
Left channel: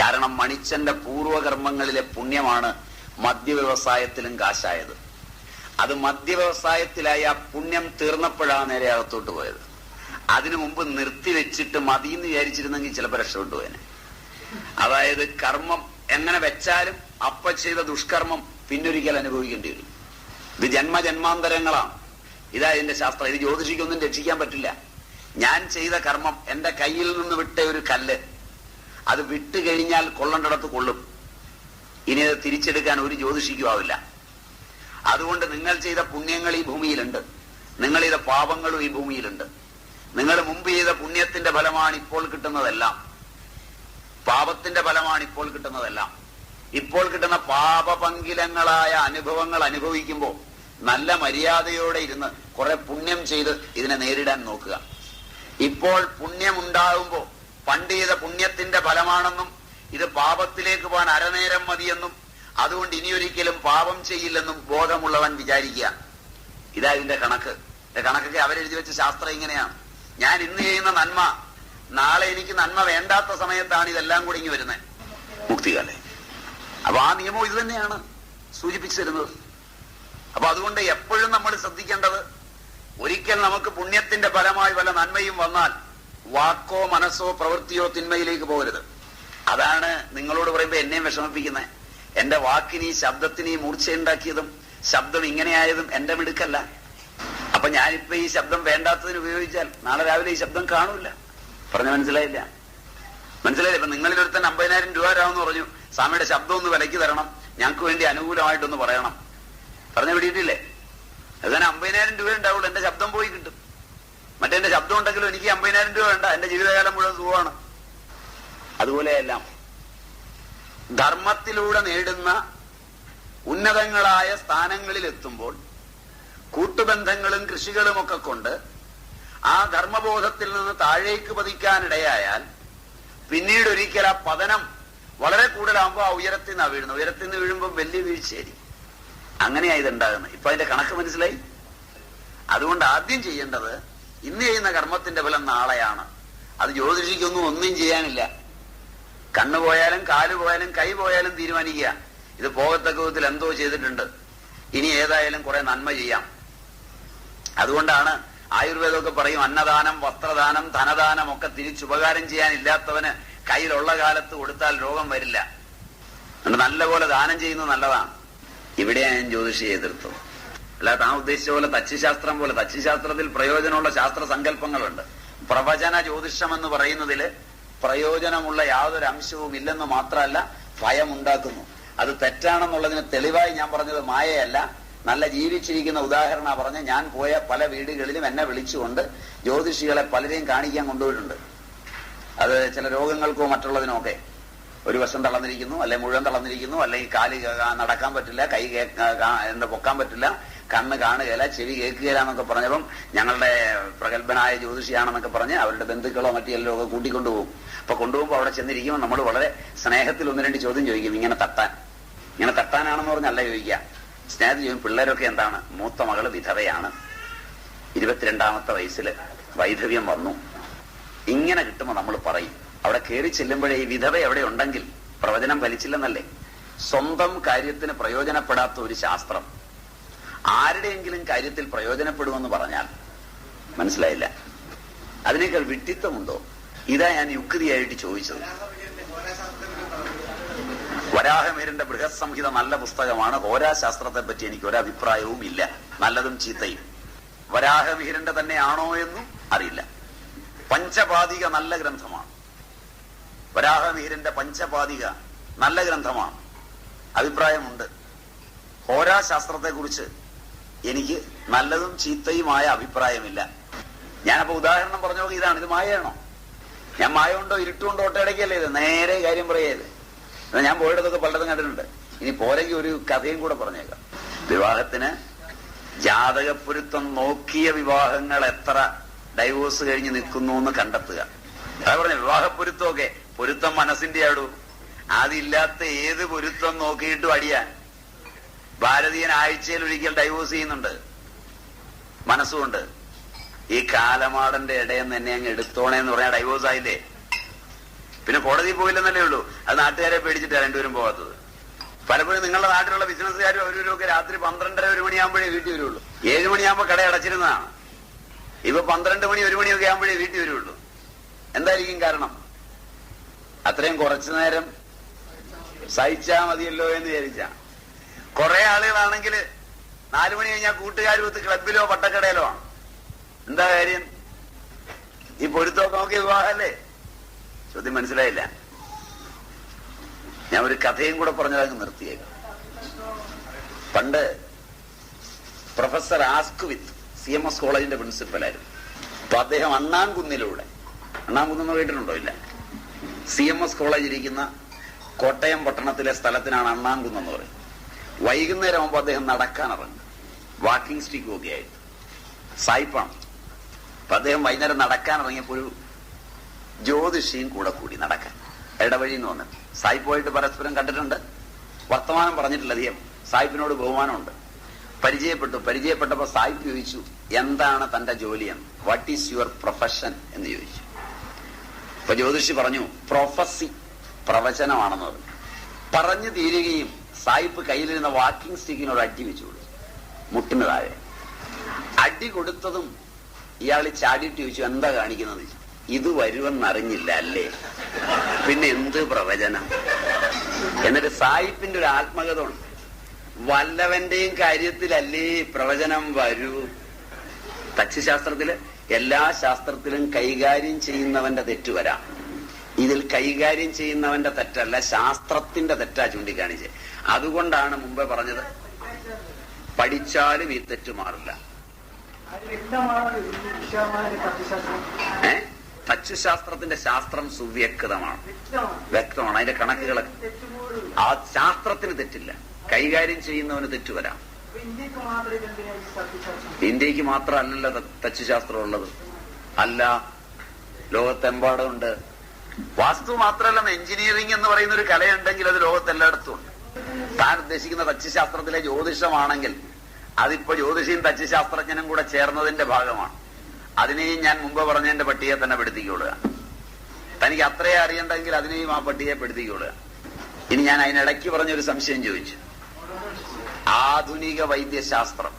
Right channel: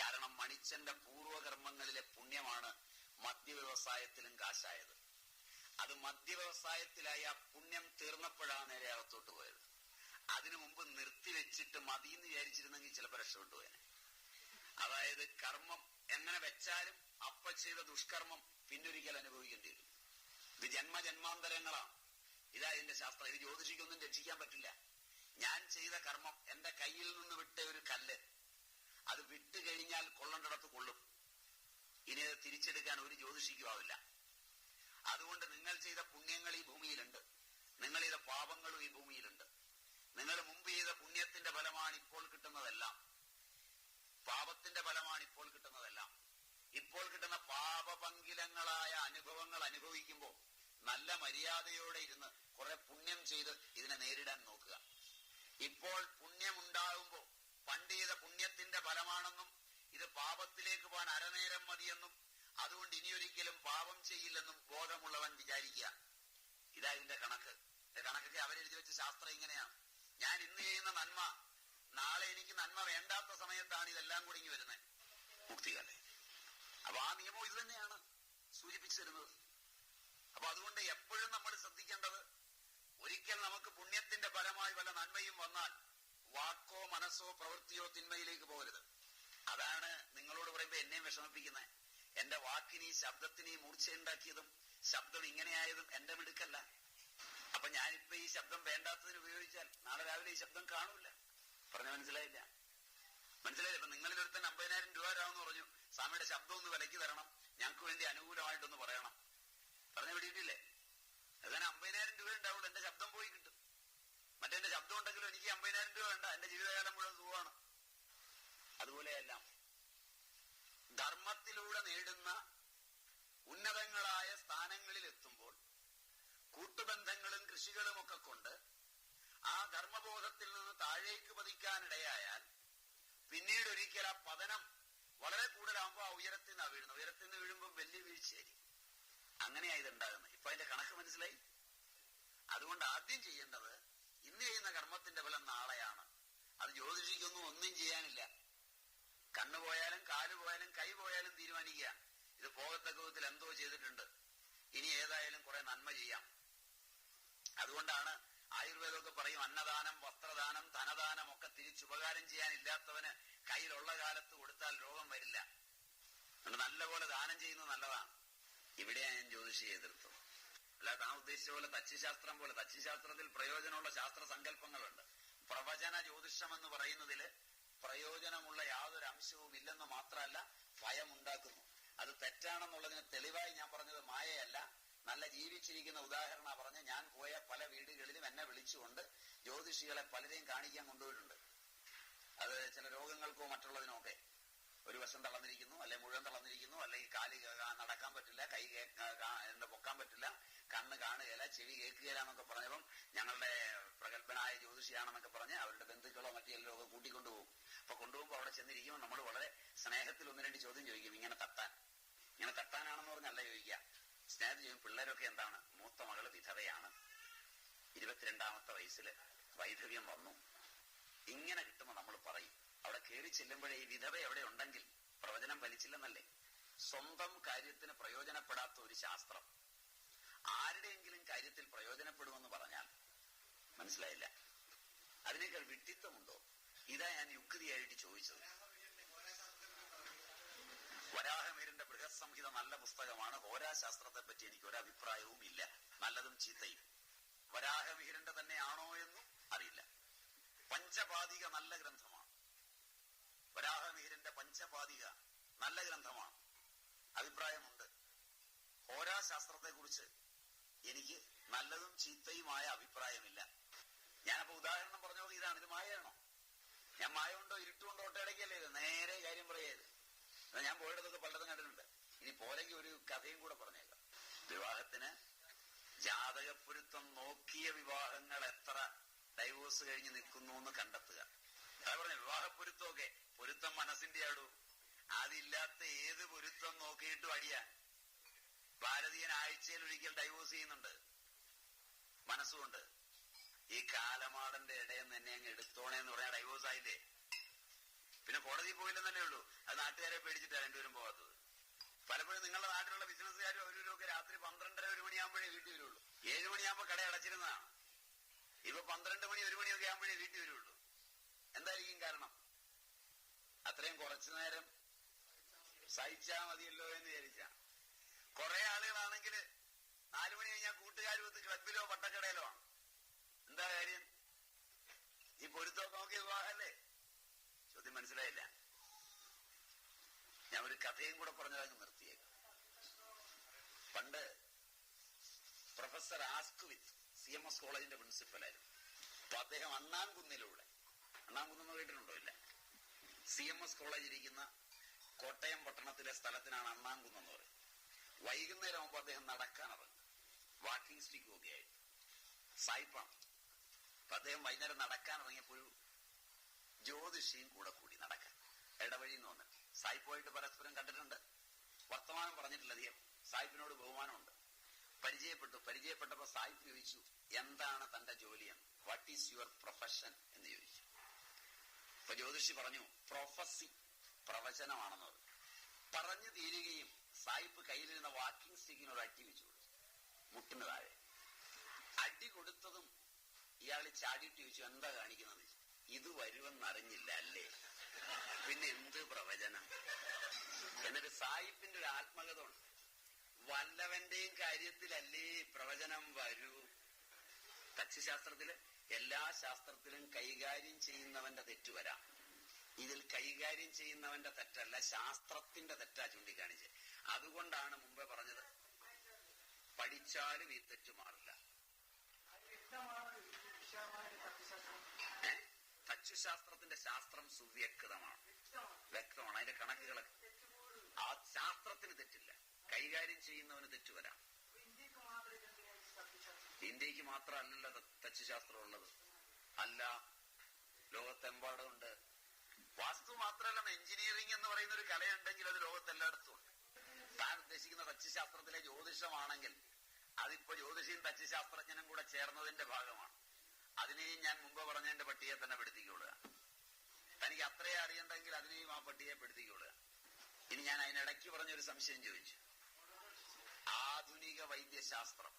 കാരണം മണിച്ചന്റെ പൂർവകർമ്മങ്ങളിലെ പുണ്യമാണ് മദ്യവ്യവസായത്തിലും കാശായത്. അത് മദ്യവ്യവസായത്തിലായി ആ പുണ്യം തീർന്നപ്പോഴാണ് നേരെ അകത്തോട്ട് പോയത്. അതിനു മുമ്പ് നിർത്തിവെച്ചിട്ട് മതിയെന്ന് വിചാരിച്ചിരുന്നെങ്കിൽ ചിലപ്പോൾ രക്ഷപ്പെട്ടുപോയനെ. അതായത് കർമ്മം എങ്ങനെ വെച്ചാലും അപ്പ ചെയ്ത ദുഷ്കർമ്മം പിന്നൊരിക്കൽ അനുഭവിക്കേണ്ടി വരും. ഇത് ജന്മജന്മാന്തരങ്ങളാണ്. ഇതാ ഇതിന്റെ ശാസ്ത്രം. ഇത് ജ്യോതിഷിക്കൊന്നും രക്ഷിക്കാൻ പറ്റില്ല. ഞാൻ ചെയ്ത കർമ്മം, എന്റെ കയ്യിൽ നിന്ന് വിട്ട ഒരു കല്ല്, അത് വിട്ടു കഴിഞ്ഞാൽ കൊള്ളേണ്ടിടത്ത് കൊള്ളും. ഇനി അത് തിരിച്ചെടുക്കാൻ ഒരു ജ്യോതിഷിക്കും ആവില്ല. അതുകൊണ്ട് നിങ്ങൾ ചെയ്ത പുണ്യങ്ങൾ ഈ ഭൂമിയിലുണ്ട്, നിങ്ങൾ ചെയ്ത പാപങ്ങളും ഈ ഭൂമിയിലുണ്ട്. നിങ്ങൾ മുമ്പ് ചെയ്ത പുണ്യത്തിന്റെ ഫലമാണ് ഇപ്പോൾ കിട്ടുന്നതെല്ലാം, പാപത്തിന്റെ ഫലമാണ് ഇപ്പോൾ കിട്ടുന്നതെല്ലാം. ഇപ്പോൾ കിട്ടുന്ന പാപപങ്കിലങ്ങളായ അനുഭവങ്ങൾ അനുഭവിക്കുമ്പോൾ നല്ല മര്യാദയോടെ ഇരുന്ന് കുറെ പുണ്യം ചെയ്ത് ഇതിനെ നേരിടാൻ നോക്കുക. ഇപ്പോൾ പുണ്യമുണ്ടാകുമ്പോൾ പണ്ട് ചെയ്ത പുണ്യത്തിന്റെ ഫലമാണെന്നും ഇത് പാപത്തിലേക്ക് പോകാൻ അരനേരം മതിയെന്നും അതുകൊണ്ട് ഇനിയൊരിക്കലും പാപം ചെയ്യില്ലെന്നും ബോധമുള്ളവൻ വിചാരിക്കുക. ഇതാ ഇതിന്റെ കണക്ക്. കണക്കൊക്കെ അവരെഴുതി വെച്ച ശാസ്ത്രം ഇങ്ങനെയാണ്. ഞാൻ ഇന്ന് ചെയ്യുന്ന നന്മ നാളെ എനിക്ക് നന്മ വേണ്ടാത്ത സമയത്താണ് ഇതെല്ലാം കൂടി ഇങ്ങ് വരുന്നത്, മുക്തികാലേ. അപ്പൊ ആ നിയമം ഇത് തന്നെയാണ് സൂചിപ്പിച്ചു തരുന്നത്. അപ്പൊ അതുകൊണ്ട് എപ്പോഴും നമ്മൾ ശ്രദ്ധിക്കേണ്ടത്, ഒരിക്കൽ നമുക്ക് പുണ്യത്തിന്റെ ഫലമായി വല്ല നന്മയും വന്നാൽ വാക്കോ മനസ്സോ പ്രവൃത്തിയോ തിന്മയിലേക്ക് പോകരുത്. അതാണ് നിങ്ങളോട് പറയുമ്പോ എന്നെയും വിഷമിപ്പിക്കുന്നത്. എന്റെ വാക്കിന് ഈ ശബ്ദത്തിന് ഈ മൂർച്ചയുണ്ടാക്കിയതും ശബ്ദം ഇങ്ങനെയായതും എന്റെ മിടുക്കല്ല. അപ്പൊ ഞാനിപ്പോ ഈ ശബ്ദം വേണ്ടാത്തതിന് ഉപയോഗിച്ചാൽ നാളെ രാവിലെ ഈ ശബ്ദം കാണൂല. പറഞ്ഞ മനസ്സിലായില്ല? മനസ്സിലായില്ല? ഇപ്പൊ നിങ്ങളിൽ ഒരുത്തൻ 50,000 രൂപ തരാമെന്ന് പറഞ്ഞു. സ്വാമിയുടെ ശബ്ദം ഒന്ന് വിലയ്ക്ക് തരണം, ഞങ്ങൾക്ക് വേണ്ടി അനുകൂലമായിട്ടൊന്ന് പറയണം. പറഞ്ഞു പിടിയിട്ടില്ലേ? അതുതന്നെ 50,000 രൂപ ഉണ്ടാവുള്ളൂ, എന്റെ ശബ്ദം പോയി കിട്ടും. മറ്റെന്റെ ശബ്ദം ഉണ്ടെങ്കിലും എനിക്ക് 50,000 രൂപ വേണ്ട, എന്റെ ജീവിതകാലം മുഴുവൻ സുഖമാണ്. അതുപോലെയെല്ലാം ധർമ്മത്തിലൂടെ നേടുന്ന ഉന്നതങ്ങളായ സ്ഥാനങ്ങളിൽ എത്തുമ്പോൾ കൂട്ടുബന്ധങ്ങളും കൃഷികളും ഒക്കെ കൊണ്ട് ആ ധർമ്മബോധത്തിൽ നിന്ന് താഴേക്ക് പതിക്കാനിടയായാൽ പിന്നീട് ഒരിക്കൽ ആ പതനം വളരെ കൂടുതലാകുമ്പോൾ ആ ഉയരത്തിൽ നിന്നാണ് വീഴുന്നത്. ഉയരത്തിൽ നിന്ന് വീഴുമ്പോൾ വലിയ വീഴ്ചയായിരിക്കും. അങ്ങനെയാ ഇതുണ്ടാകുന്നത്. ഇപ്പൊ അതിന്റെ കണക്ക് മനസ്സിലായി? അതുകൊണ്ട് ആദ്യം ചെയ്യേണ്ടത്, ഇന്ന് ചെയ്യുന്ന കർമ്മത്തിന്റെ ഫലം നാളെയാണ്. അത് ഒന്നും ചെയ്യാനില്ല. കണ്ണു പോയാലും കാല് പോയാലും കൈ പോയാലും തീരുമാനിക്കുക, ഇത് പോകത്തക്ക വിധത്തിൽ എന്തോ ചെയ്തിട്ടുണ്ട്, ഇനി ഏതായാലും കുറെ നന്മ ചെയ്യാം. അതുകൊണ്ടാണ് ആയുർവേദമൊക്കെ പറയും, അന്നദാനം വസ്ത്രദാനം ധനദാനം ഒക്കെ തിരിച്ചുപകാരം ചെയ്യാനില്ലാത്തവന് കയ്യിലുള്ള കാലത്ത് കൊടുത്താൽ രോഗം വരില്ല. അതുകൊണ്ട് നല്ലപോലെ ദാനം ചെയ്യുന്നത് നല്ലതാണ്. ഇവിടെയാണ് ഞാൻ ജ്യോതിഷിയെ എതിർത്തത്. അല്ല, താൻ ഉദ്ദേശിച്ച പോലെ തച്ചുശാസ്ത്രം പോലെ, തച്ചുശാസ്ത്രത്തിൽ പ്രയോജനമുള്ള ശാസ്ത്ര സങ്കല്പങ്ങളുണ്ട്. പ്രവചന ജ്യോതിഷം എന്ന് പറയുന്നതില് പ്രയോജനമുള്ള യാതൊരു അംശവും ഇല്ലെന്ന് മാത്രമല്ല, ഭയമുണ്ടാക്കുന്നു. അത് തെറ്റാണെന്നുള്ളതിന് തെളിവായി ഞാൻ പറഞ്ഞത് മായയല്ല, നല്ല ജീവിച്ചിരിക്കുന്ന ഉദാഹരണ പറഞ്ഞ് ഞാൻ പോയ പല വീടുകളിലും എന്നെ വിളിച്ചുകൊണ്ട് ജ്യോതിഷികളെ പലരെയും കാണിക്കാൻ കൊണ്ടുപോയിട്ടുണ്ട്. അത് ചില രോഗങ്ങൾക്കോ മറ്റുള്ളതിനോ ഒക്കെ. ഒരു വശം തളർന്നിരിക്കുന്നു, അല്ലെ മുഴുവൻ തളർന്നിരിക്കുന്നു, അല്ലെങ്കിൽ കാല് നടക്കാൻ പറ്റില്ല, കൈ എന്താ പൊക്കാൻ പറ്റില്ല, കണ്ണ് കാണുകയില്ല, ചെവി കേൾക്കുകയില്ല എന്നൊക്കെ പറഞ്ഞപ്പം ഞങ്ങളുടെ പ്രഗത്ഭനായ ജ്യോതിഷിയാണെന്നൊക്കെ പറഞ്ഞ് അവരുടെ ബന്ധുക്കളോ മറ്റെല്ലോ ഒക്കെ കൂട്ടിക്കൊണ്ടുപോകും. അപ്പൊ കൊണ്ടുപോകുമ്പോൾ അവിടെ ചെന്നിരിക്കുമ്പോൾ നമ്മൾ വളരെ സ്നേഹത്തിൽ 1-2 ചോദ്യം ചോദിക്കും. ഇങ്ങനെ തട്ടാനാണെന്ന് പറഞ്ഞല്ല ചോദിക്കുക, സ്നേഹത്തിൽ ചോദിക്കും. പിള്ളേരൊക്കെ എന്താണ്? മൂത്ത മകള് വിധവയാണ്, 22ാമത്തെ വയസ്സിൽ വൈധവ്യം വന്നു. ഇങ്ങനെ കിട്ടുമ്പോൾ നമ്മൾ പറയും. അവിടെ കയറി ചെല്ലുമ്പോഴേ ഈ വിധവ എവിടെ ഉണ്ടെങ്കിൽ പ്രവചനം ഫലിച്ചില്ലെന്നല്ലേ. സ്വന്തം കാര്യത്തിന് പ്രയോജനപ്പെടാത്ത ഒരു ശാസ്ത്രം ആരുടെയെങ്കിലും കാര്യത്തിൽ പ്രയോജനപ്പെടുമെന്ന് പറഞ്ഞാൽ മനസ്സിലായില്ല. അതിനേക്കാൾ വിഡ്ഢിത്തമുണ്ടോ? ഇതാ ഞാൻ യുക്തിയായിട്ട് ചോദിച്ചത്. വരാഹമിഹിരന്റെ ബൃഹത് സംഹിത നല്ല പുസ്തകമാണ്. ഹോരാശാസ്ത്രത്തെ പറ്റി എനിക്ക് ഒരഭിപ്രായവും ഇല്ല, നല്ലതും ചീത്തയും. വരാഹമിഹിരന്റെ തന്നെയാണോ എന്നും അറിയില്ല. പഞ്ചപാദിക നല്ല ഗ്രന്ഥമാണ്. വരാഹമിഹിരന്റെ പഞ്ചപാദിക നല്ല ഗ്രന്ഥമാണ്, അഭിപ്രായമുണ്ട്. ഹോരാശാസ്ത്രത്തെ കുറിച്ച് എനിക്ക് നല്ലതും ചീത്തയുമായ അഭിപ്രായമില്ല. ഞാനപ്പോ ഉദാഹരണം പറഞ്ഞു നോക്കി, ഇതാണ്. ഇത് മായയാണോ? ഞാൻ മായ കൊണ്ടോ ഇരുട്ടുകൊണ്ടോ ഒട്ടയടക്കല്ലേ ഇത്? നേരെ കാര്യം പറയരുത്. ഞാൻ പോയിടത്തൊക്കെ പലതും കണ്ടിട്ടുണ്ട്. ഇനി പോരെങ്കിൽ ഒരു കഥയും കൂടെ പറഞ്ഞേക്കാം. വിവാഹത്തിന് ജാതകപ്പൊരുത്തം നോക്കിയ വിവാഹങ്ങൾ എത്ര ഡൈവോഴ്സ് കഴിഞ്ഞ് നിൽക്കുന്നു എന്ന് കണ്ടെത്തുക. അതാ പറഞ്ഞ വിവാഹപ്പൊരുത്തമൊക്കെ പൊരുത്തം മനസ്സിന്റെ ആടൂ. അതില്ലാത്ത ഏത് പൊരുത്തം നോക്കിയിട്ടും അടിയാൻ. ഭാരതീയൻ ആഴ്ചയിൽ ഒരിക്കൽ ഡൈവോഴ്സ് ചെയ്യുന്നുണ്ട് മനസ്സുകൊണ്ട്. ഈ കാലമാടന്റെ ഇടയെന്ന് തന്നെ അങ്ങ് എടുത്തോണേ എന്ന് പറഞ്ഞാൽ ഡൈവോഴ്സ് ആയില്ലേ? പിന്നെ കോടതിയിൽ പോയില്ലെന്നല്ലേ ഉള്ളൂ. അത് നാട്ടുകാരെ പേടിച്ചിട്ടാണ് രണ്ടുപേരും പോകാത്തത്. പലപ്പോഴും നിങ്ങളുടെ നാട്ടിലുള്ള ബിസിനസ്സുകാരും അവരും ഒക്കെ രാത്രി 12:30 1 മണിയാകുമ്പോഴേ വീട്ടിൽ വരുള്ളൂ. 7 മണിയാകുമ്പോൾ കട അടച്ചിരുന്നതാണ്. ഇപ്പൊ 12 മണി 1 മണിയൊക്കെ ആകുമ്പോഴേ വീട്ടിൽ വരുള്ളൂ. എന്തായിരിക്കും കാരണം? അത്രയും കുറച്ചു നേരം സഹിച്ചാ മതിയല്ലോ എന്ന് വിചാരിച്ചാ. കുറെ ആളുകളാണെങ്കിൽ 4 മണി കഴിഞ്ഞാൽ കൂട്ടുകാരുമൊത്ത് ക്ലബിലോ പട്ടക്കടയിലോ ആണ്. എന്താ കാര്യം? ഈ പൊരുത്തമൊക്കെ നോക്കിയ വിവാഹമല്ലേ? ചോദ്യം മനസ്സിലായില്ല. ഞാൻ ഒരു കഥയും കൂടെ പറഞ്ഞതങ്ങ് നിർത്തിയേക്കാം. പണ്ട് പ്രൊഫസർ ആസ്ക്വിത്ത് CMS കോളേജിന്റെ പ്രിൻസിപ്പലായിരുന്നു. അപ്പൊ അദ്ദേഹം അണ്ണാംകുന്നിലൂടെ, അണ്ണാംകുന്ന് കേട്ടിട്ടുണ്ടോ? ഇല്ല. CMS കോളേജ് ഇരിക്കുന്ന കോട്ടയം പട്ടണത്തിലെ സ്ഥലത്തിനാണ് അണ്ണാംകുന്ന് പറയും. വൈകുന്നേരം ആകുമ്പോൾ അദ്ദേഹം നടക്കാനിറങ്ങും, വാക്കിംഗ് സ്റ്റിക്ക് ഒക്കെ ആയിട്ട്. സായിപ്പാണ്. അപ്പൊ അദ്ദേഹം വൈകുന്നേരം നടക്കാനിറങ്ങിയപ്പോ ഒരു ജ്യോതിഷിയും കൂടെ കൂടി നടക്കാൻ ഇടവഴി എന്ന് വന്നിട്ട്. സായിപ്പുമായിട്ട് പരസ്പരം കണ്ടിട്ടുണ്ട്, വർത്തമാനം പറഞ്ഞിട്ടില്ല അധികം. സായിപ്പിനോട് ബഹുമാനമുണ്ട്. പരിചയപ്പെട്ടപ്പോ സായിപ്പ് ചോദിച്ചു, എന്താണ് തന്റെ ജോലി എന്ന്? വാട്ട് ഈസ് യുവർ പ്രൊഫഷൻ എന്ന് ചോദിച്ചു. അപ്പൊ ജ്യോതിഷി പറഞ്ഞു, പ്രൊഫസി, പ്രവചനമാണെന്ന് പറഞ്ഞു. പറഞ്ഞു തീരുകയും സായിപ്പ് കയ്യിലിരുന്ന വാക്കിംഗ് സ്റ്റിക്കിനോട് അടി വെച്ചു കൊടുത്തു. മുട്ടിന് താഴെ. അടി കൊടുത്തതും ഇയാൾ ചാടിയിട്ട് ചോദിച്ചു, എന്താ കാണിക്കുന്നത്? ഇത് വരുമെന്നറിഞ്ഞില്ല അല്ലേ, പിന്നെ എന്ത് പ്രവചനം? എന്നിട്ട് സായിപ്പിന്റെ ഒരു ആത്മകഥ ഉണ്ട്, വല്ലവന്റെയും കാര്യത്തിലല്ലേ പ്രവചനം വരൂ. തച്ചുശാസ്ത്രത്തില് എല്ലാ ശാസ്ത്രത്തിലും കൈകാര്യം ചെയ്യുന്നവന്റെ തെറ്റ് വരാം, ഇതിൽ കൈകാര്യം ചെയ്യുന്നവന്റെ തെറ്റല്ല, ശാസ്ത്രത്തിന്റെ തെറ്റാ ചൂണ്ടിക്കാണിച്ച്. അതുകൊണ്ടാണ് മുമ്പേ പറഞ്ഞത്, പഠിച്ചാലും ഈ തെറ്റ് മാറില്ല. തച്ചുശാസ്ത്രത്തിന്റെ ശാസ്ത്രം സുവ്യക്തമാണ്, വ്യക്തമാണ്, അതിന്റെ കണക്കുകളൊക്കെ. ആ ശാസ്ത്രത്തിന് തെറ്റില്ല, കൈകാര്യം ചെയ്യുന്നവന് തെറ്റ് വരാം. ഇന്ത്യക്ക് മാത്രമല്ലല്ലോ തച്ചുശാസ്ത്രം ഉള്ളത്, അല്ല, ലോകത്തെമ്പാടുണ്ട്. വാസ്തു മാത്രമല്ല, എഞ്ചിനീയറിംഗ് എന്ന് പറയുന്ന ഒരു കലയുണ്ടെങ്കിൽ അത് ലോകത്തെല്ലായിടത്തും ഉണ്ട്. താൻ ഉദ്ദേശിക്കുന്ന തച്ചുശാസ്ത്രത്തിലെ ജ്യോതിഷമാണെങ്കിൽ അതിപ്പോ ജ്യോതിഷിയും തച്ചുശാസ്ത്രജ്ഞനും കൂടെ ചേർന്നതിന്റെ ഭാഗമാണ്. അതിനെയും ഞാൻ മുമ്പ് പറഞ്ഞതിന്റെ പട്ടികയെ തന്നെ പെടുത്തിക്കൊള്ളുക. തനിക്ക് അത്രയും അറിയണ്ടെങ്കിൽ അതിനെയും ആ പട്ടികയെ പെടുത്തിക്കൊള്ളുക. ഇനി ഞാൻ അതിനിടയ്ക്ക് പറഞ്ഞൊരു സംശയം ചോദിച്ചു. ആധുനിക വൈദ്യശാസ്ത്രം,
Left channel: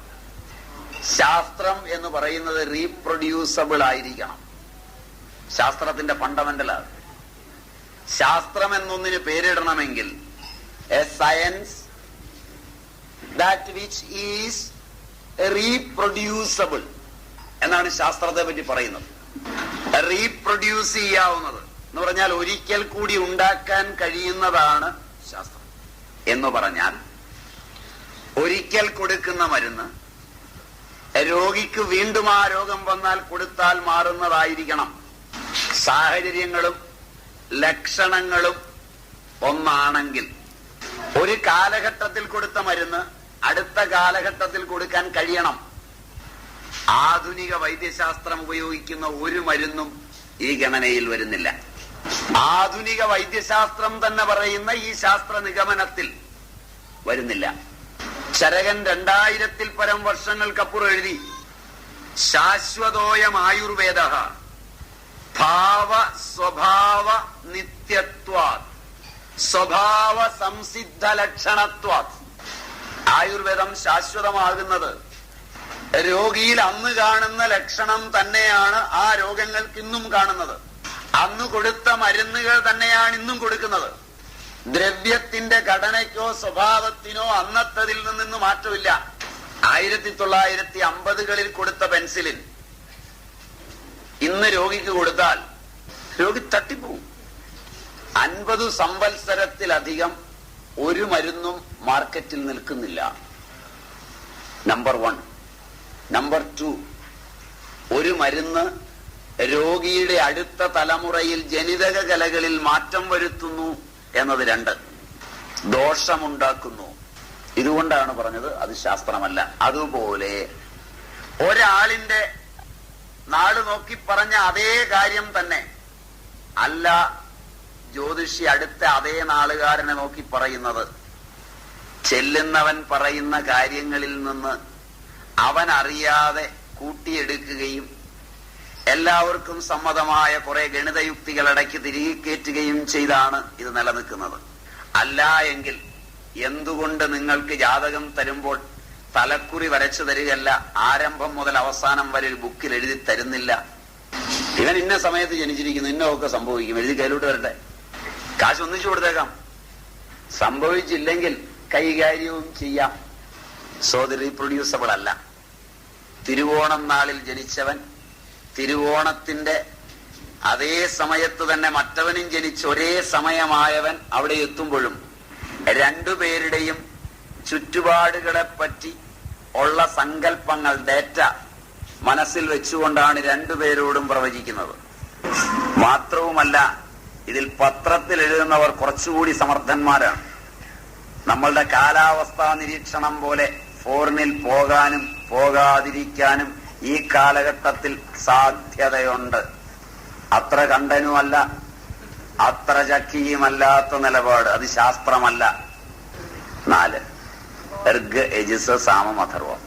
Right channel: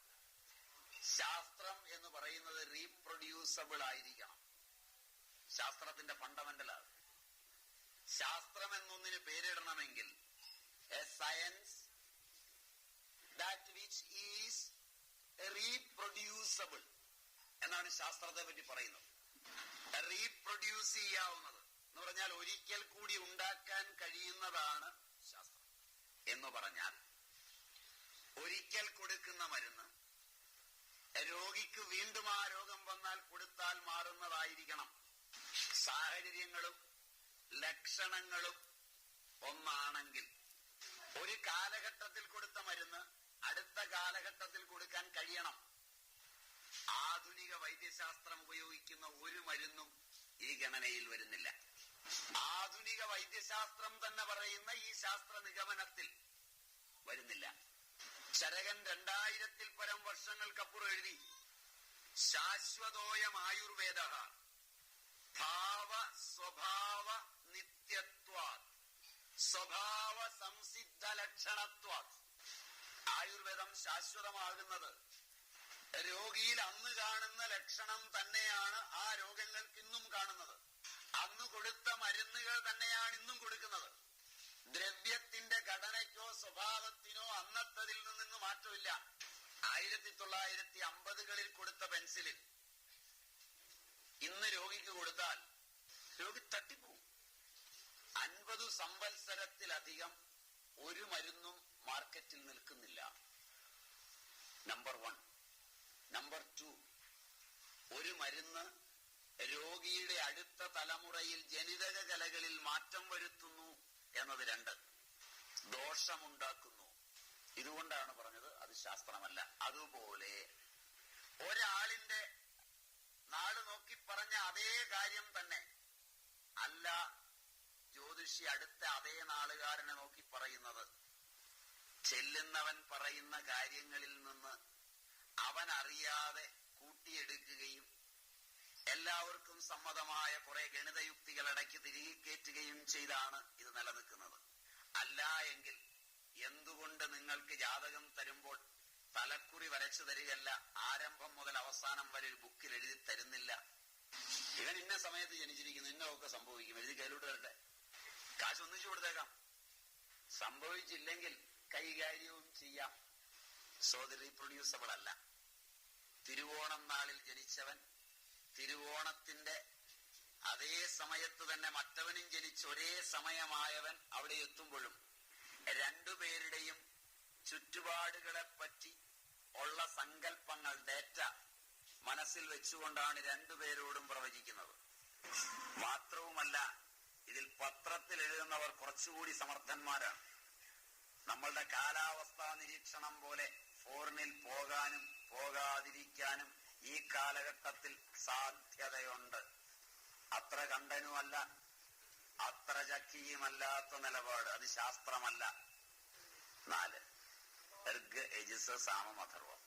ശാസ്ത്രം എന്ന് പറയുന്നത് റീപ്രൊഡ്യൂസബിൾ ആയിരിക്കണം. ശാസ്ത്രത്തിന്റെ ഫണ്ടമെന്റലാണ്. ശാസ്ത്രം എന്നൊന്നിന് പേരിടണമെങ്കിൽ a science that which is reproducible എന്നാണ് ശാസ്ത്രത്തെ പറ്റി പറയുന്നത്. റീപ്രൊഡ്യൂസ് ചെയ്യാവുന്നത് എന്ന് പറഞ്ഞാൽ ഒരിക്കൽ കൂടി ഉണ്ടാക്കാൻ കഴിയുന്നതാണ് ശാസ്ത്രം. എന്ന് പറഞ്ഞാൽ ഒരിക്കൽ കൊടുക്കുന്ന മരുന്ന് രോഗിക്ക് വീണ്ടും ആ രോഗം വന്നാൽ കൊടുത്താൽ മാറുന്നതായിരിക്കണം. സാഹചര്യങ്ങളും ലക്ഷണങ്ങളും ഒന്നാണെങ്കിൽ ഒരു കാലഘട്ടത്തിൽ കൊടുത്ത മരുന്ന് അടുത്ത കാലഘട്ടത്തിൽ കൊടുക്കാൻ കഴിയണം. ആധുനിക വൈദ്യശാസ്ത്രം ഉപയോഗിക്കുന്ന ഒരു മരുന്നും ഈ ഗണനയിൽ വരുന്നില്ല. ആധുനിക വൈദ്യശാസ്ത്രം തന്നെ പറയുന്ന ഈ ശാസ്ത്ര നിഗമനത്തിൽ വരുന്നില്ല. ചരകൻ 2000-ൽ പരം വർഷങ്ങൾക്കപ്പുറം എഴുതി, ശാശ്വതോയം ആയുർവേദ ഭാവ സ്വഭാവ നിത്യത്വാത് സ്വഭാവ സംസിദ്ധ ലക്ഷണത്വാത്. ആയുർവേദം ശാശ്വതമാകുന്നത് രോഗിയിൽ അന്ന് കാണുന്ന ലക്ഷണം തന്നെയാണ് ആ രോഗങ്ങൾക്ക് ഇന്നും കാണുന്നത്. അന്ന് കൊടുത്ത മരുന്നുകൾ തന്നെയാണ് ഇന്നും കൊടുക്കുന്നത്. ദ്രവ്യത്തിന്റെ ഘടനയ്ക്കോ സ്വഭാവത്തിനോ അന്നത്തതിൽ നിന്ന് മാറ്റമില്ല. 1950-കളിൽ കൊടുത്ത പെൻസിലിൻ ഇന്ന് രോഗിക്ക് കൊടുത്താൽ രോഗി തട്ടിപ്പോവും. 50 സംവത്സരത്തിലധികം ഒരു മരുന്നും മാർക്കറ്റിൽ നിൽക്കുന്നില്ല. നമ്പർ 1. നമ്പർ 2, ഒരു മരുന്ന് രോഗിയുടെ അടുത്ത തലമുറയിൽ ജനിതക കലകളിൽ മാറ്റം വരുത്തുന്നു എന്നത് 2, ദോഷമുണ്ടാക്കുന്നു. ഇതുകൊണ്ടാണ് പറഞ്ഞത് അത് ശാസ്ത്രമല്ല. അതുപോലെ ഒരാളിന്റെ നാള് നോക്കി പറഞ്ഞ അതേ കാര്യം തന്നെ അല്ല ജ്യോതിഷി അടുത്ത അതേ നാളുകാരനെ നോക്കി പറയുന്നത്. ചെല്ലുന്നവൻ പറയുന്ന കാര്യങ്ങളിൽ നിന്ന് അവൻ അറിയാതെ കൂട്ടിയെടുക്കുകയും എല്ലാവർക്കും സമ്മതമായ കുറെ ഗണിതയുക്തികൾ ഇടയ്ക്ക് തിരികെ കയറ്റുകയും ചെയ്താണ് ഇത് നിലനിൽക്കുന്നത്. അല്ല എങ്കിൽ എന്തുകൊണ്ട് നിങ്ങൾക്ക് ജാതകം തരുമ്പോൾ തലക്കുറി വരച്ചു തരികയല്ല, ആരംഭം മുതൽ അവസാനം വരെ ഒരു ബുക്കിൽ എഴുതി തരുന്നില്ല? ഇവൻ ഇന്ന സമയത്ത് ജനിച്ചിരിക്കുന്നു, ഇന്നൊക്കെ സംഭവിക്കും, എഴുതി കയ്യിലോട്ട് വരട്ടെ, കാശ് ഒന്നിച്ചു കൊടുത്തേക്കാം. സംഭവിച്ചില്ലെങ്കിൽ കൈകാര്യവും ചെയ്യാം. സോ ദി റീപ്രൊഡ്യൂസബിൾ അല്ല. തിരുവോണം നാളിൽ ജനിച്ചവൻ തിരുവോണത്തിന്റെ അതേ സമയത്ത് തന്നെ മറ്റവനും ജനിച്ച് ഒരേ സമയമായവൻ അവിടെ എത്തുമ്പോഴും രണ്ടുപേരുടെയും ചുറ്റുപാടുകളെ പറ്റി ഉള്ള സങ്കല്പങ്ങൾ, ഡേറ്റ മനസ്സിൽ വെച്ചുകൊണ്ടാണ് രണ്ടുപേരോടും പ്രവചിക്കുന്നത്. മാത്രവുമല്ല, ഇതിൽ പത്രത്തിൽ എഴുതുന്നവർ കുറച്ചുകൂടി സമർത്ഥന്മാരാണ്. നമ്മളുടെ കാലാവസ്ഥാ നിരീക്ഷണം പോലെ ഫോറിനിൽ പോകാനും പോകാതിരിക്കാനും ഈ കാലഘട്ടത്തിൽ സാധ്യതയുണ്ട്. അത്ര കണ്ടനുമല്ല, അത്ര ചക്കിയുമല്ലാത്ത നിലപാട്. അത് ശാസ്ത്രമല്ല. 4, ഋഗ്, യജുസ്, സാമം, അഥർവം.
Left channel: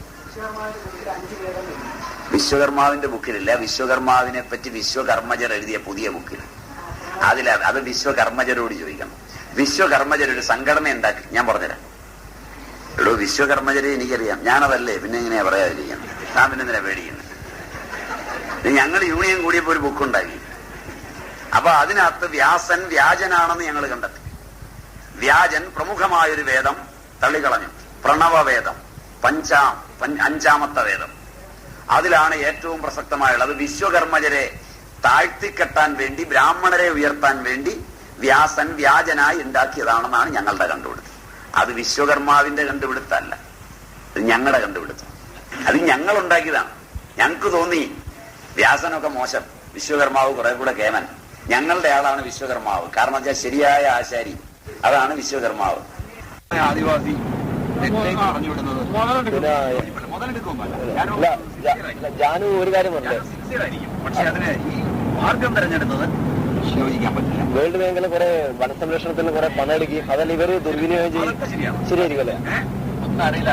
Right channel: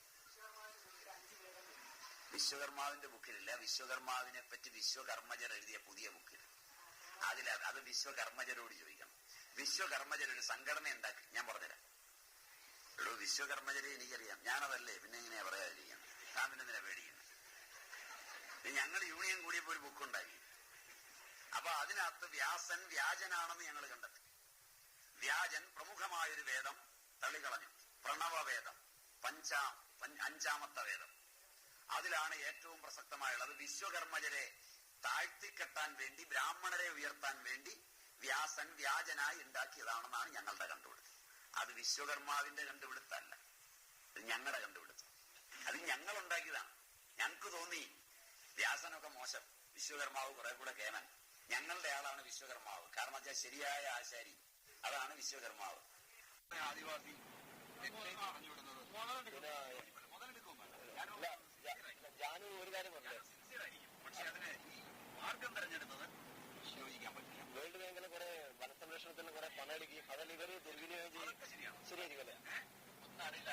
വിശ്വകർമാവിന്റെ ബുക്കിലില്ല. വിശ്വകർമാവിനെ പറ്റി വിശ്വകർമ്മജർ എഴുതിയ പുതിയ ബുക്കിൽ അത് വിശ്വകർമ്മജരോട് ചോദിക്കണം. വിശ്വകർമ്മജർ ഒരു സംഘടന ഉണ്ടാക്കി. ഞാൻ പറഞ്ഞുതരാം. വിശ്വകർമ്മജരെ എനിക്കറിയാം, ഞാനതല്ലേ, പിന്നെ എങ്ങനെയാ പറയാതിരിക്കുന്നത്? താൻ പിന്നെ എന്തിനാ പേടിക്കുന്നത്? ഞങ്ങൾ യൂണിയൻ കൂടിയപ്പോ ഒരു ബുക്കുണ്ടാക്കി. അപ്പൊ അതിനകത്ത് വ്യാസൻ വ്യാജനാണെന്ന് ഞങ്ങൾ കണ്ടെത്തി. വ്യാജൻ പ്രമുഖമായൊരു വേദം തള്ളിക്കളഞ്ഞു, പ്രണവവേദം, അഞ്ചാമത്തെ വേദം. അതിലാണ് ഏറ്റവും പ്രസക്തമായുള്ളത്. വിശ്വകർമ്മജരെ താഴ്ത്തിക്കെട്ടാൻ വേണ്ടി, ബ്രാഹ്മണരെ ഉയർത്താൻ വേണ്ടി വ്യാസൻ വ്യാജനായി ഉണ്ടാക്കിയതാണെന്നാണ് ഞങ്ങളുടെ കണ്ടുപിടുത്തം. അത് വിശ്വകർമാവിന്റെ കണ്ടുപിടുത്തല്ല, അത് ഞങ്ങളുടെ കണ്ടുപിടുത്തം. അത് ഞങ്ങൾ ഉണ്ടാക്കിയതാണ്. ഞങ്ങൾക്ക് തോന്നി വ്യാസനൊക്കെ മോശം, വിശ്വകർമാവ് കുറെ കൂടെ കേമൻ. ഞങ്ങളുടെ ആളാണ് വിശ്വകർമാവ്. കാരണം വെച്ചാൽ ശരിയായ ആശാരി, അതാണ് വിശ്വകർമാവ്. ആദിവാസി പറഞ്ഞുവിടുന്നത് ജാനു ഒരു കാര്യം പറഞ്ഞു, പക്ഷെ അതിന് ഈ മാർഗം തെരഞ്ഞെടുത്തത് യോജിക്കാൻ പറ്റില്ല. വേൾഡ് ബാങ്കിലെ കുറെ വനസംരക്ഷണത്തിന് കുറെ പണം എടുക്കുകയും അതല്ല ഇവര് ദുർവിനിയോഗം ചെയ്യും. ശരിയായിരിക്കും അല്ലേ? ഒന്നും അറിയില്ല.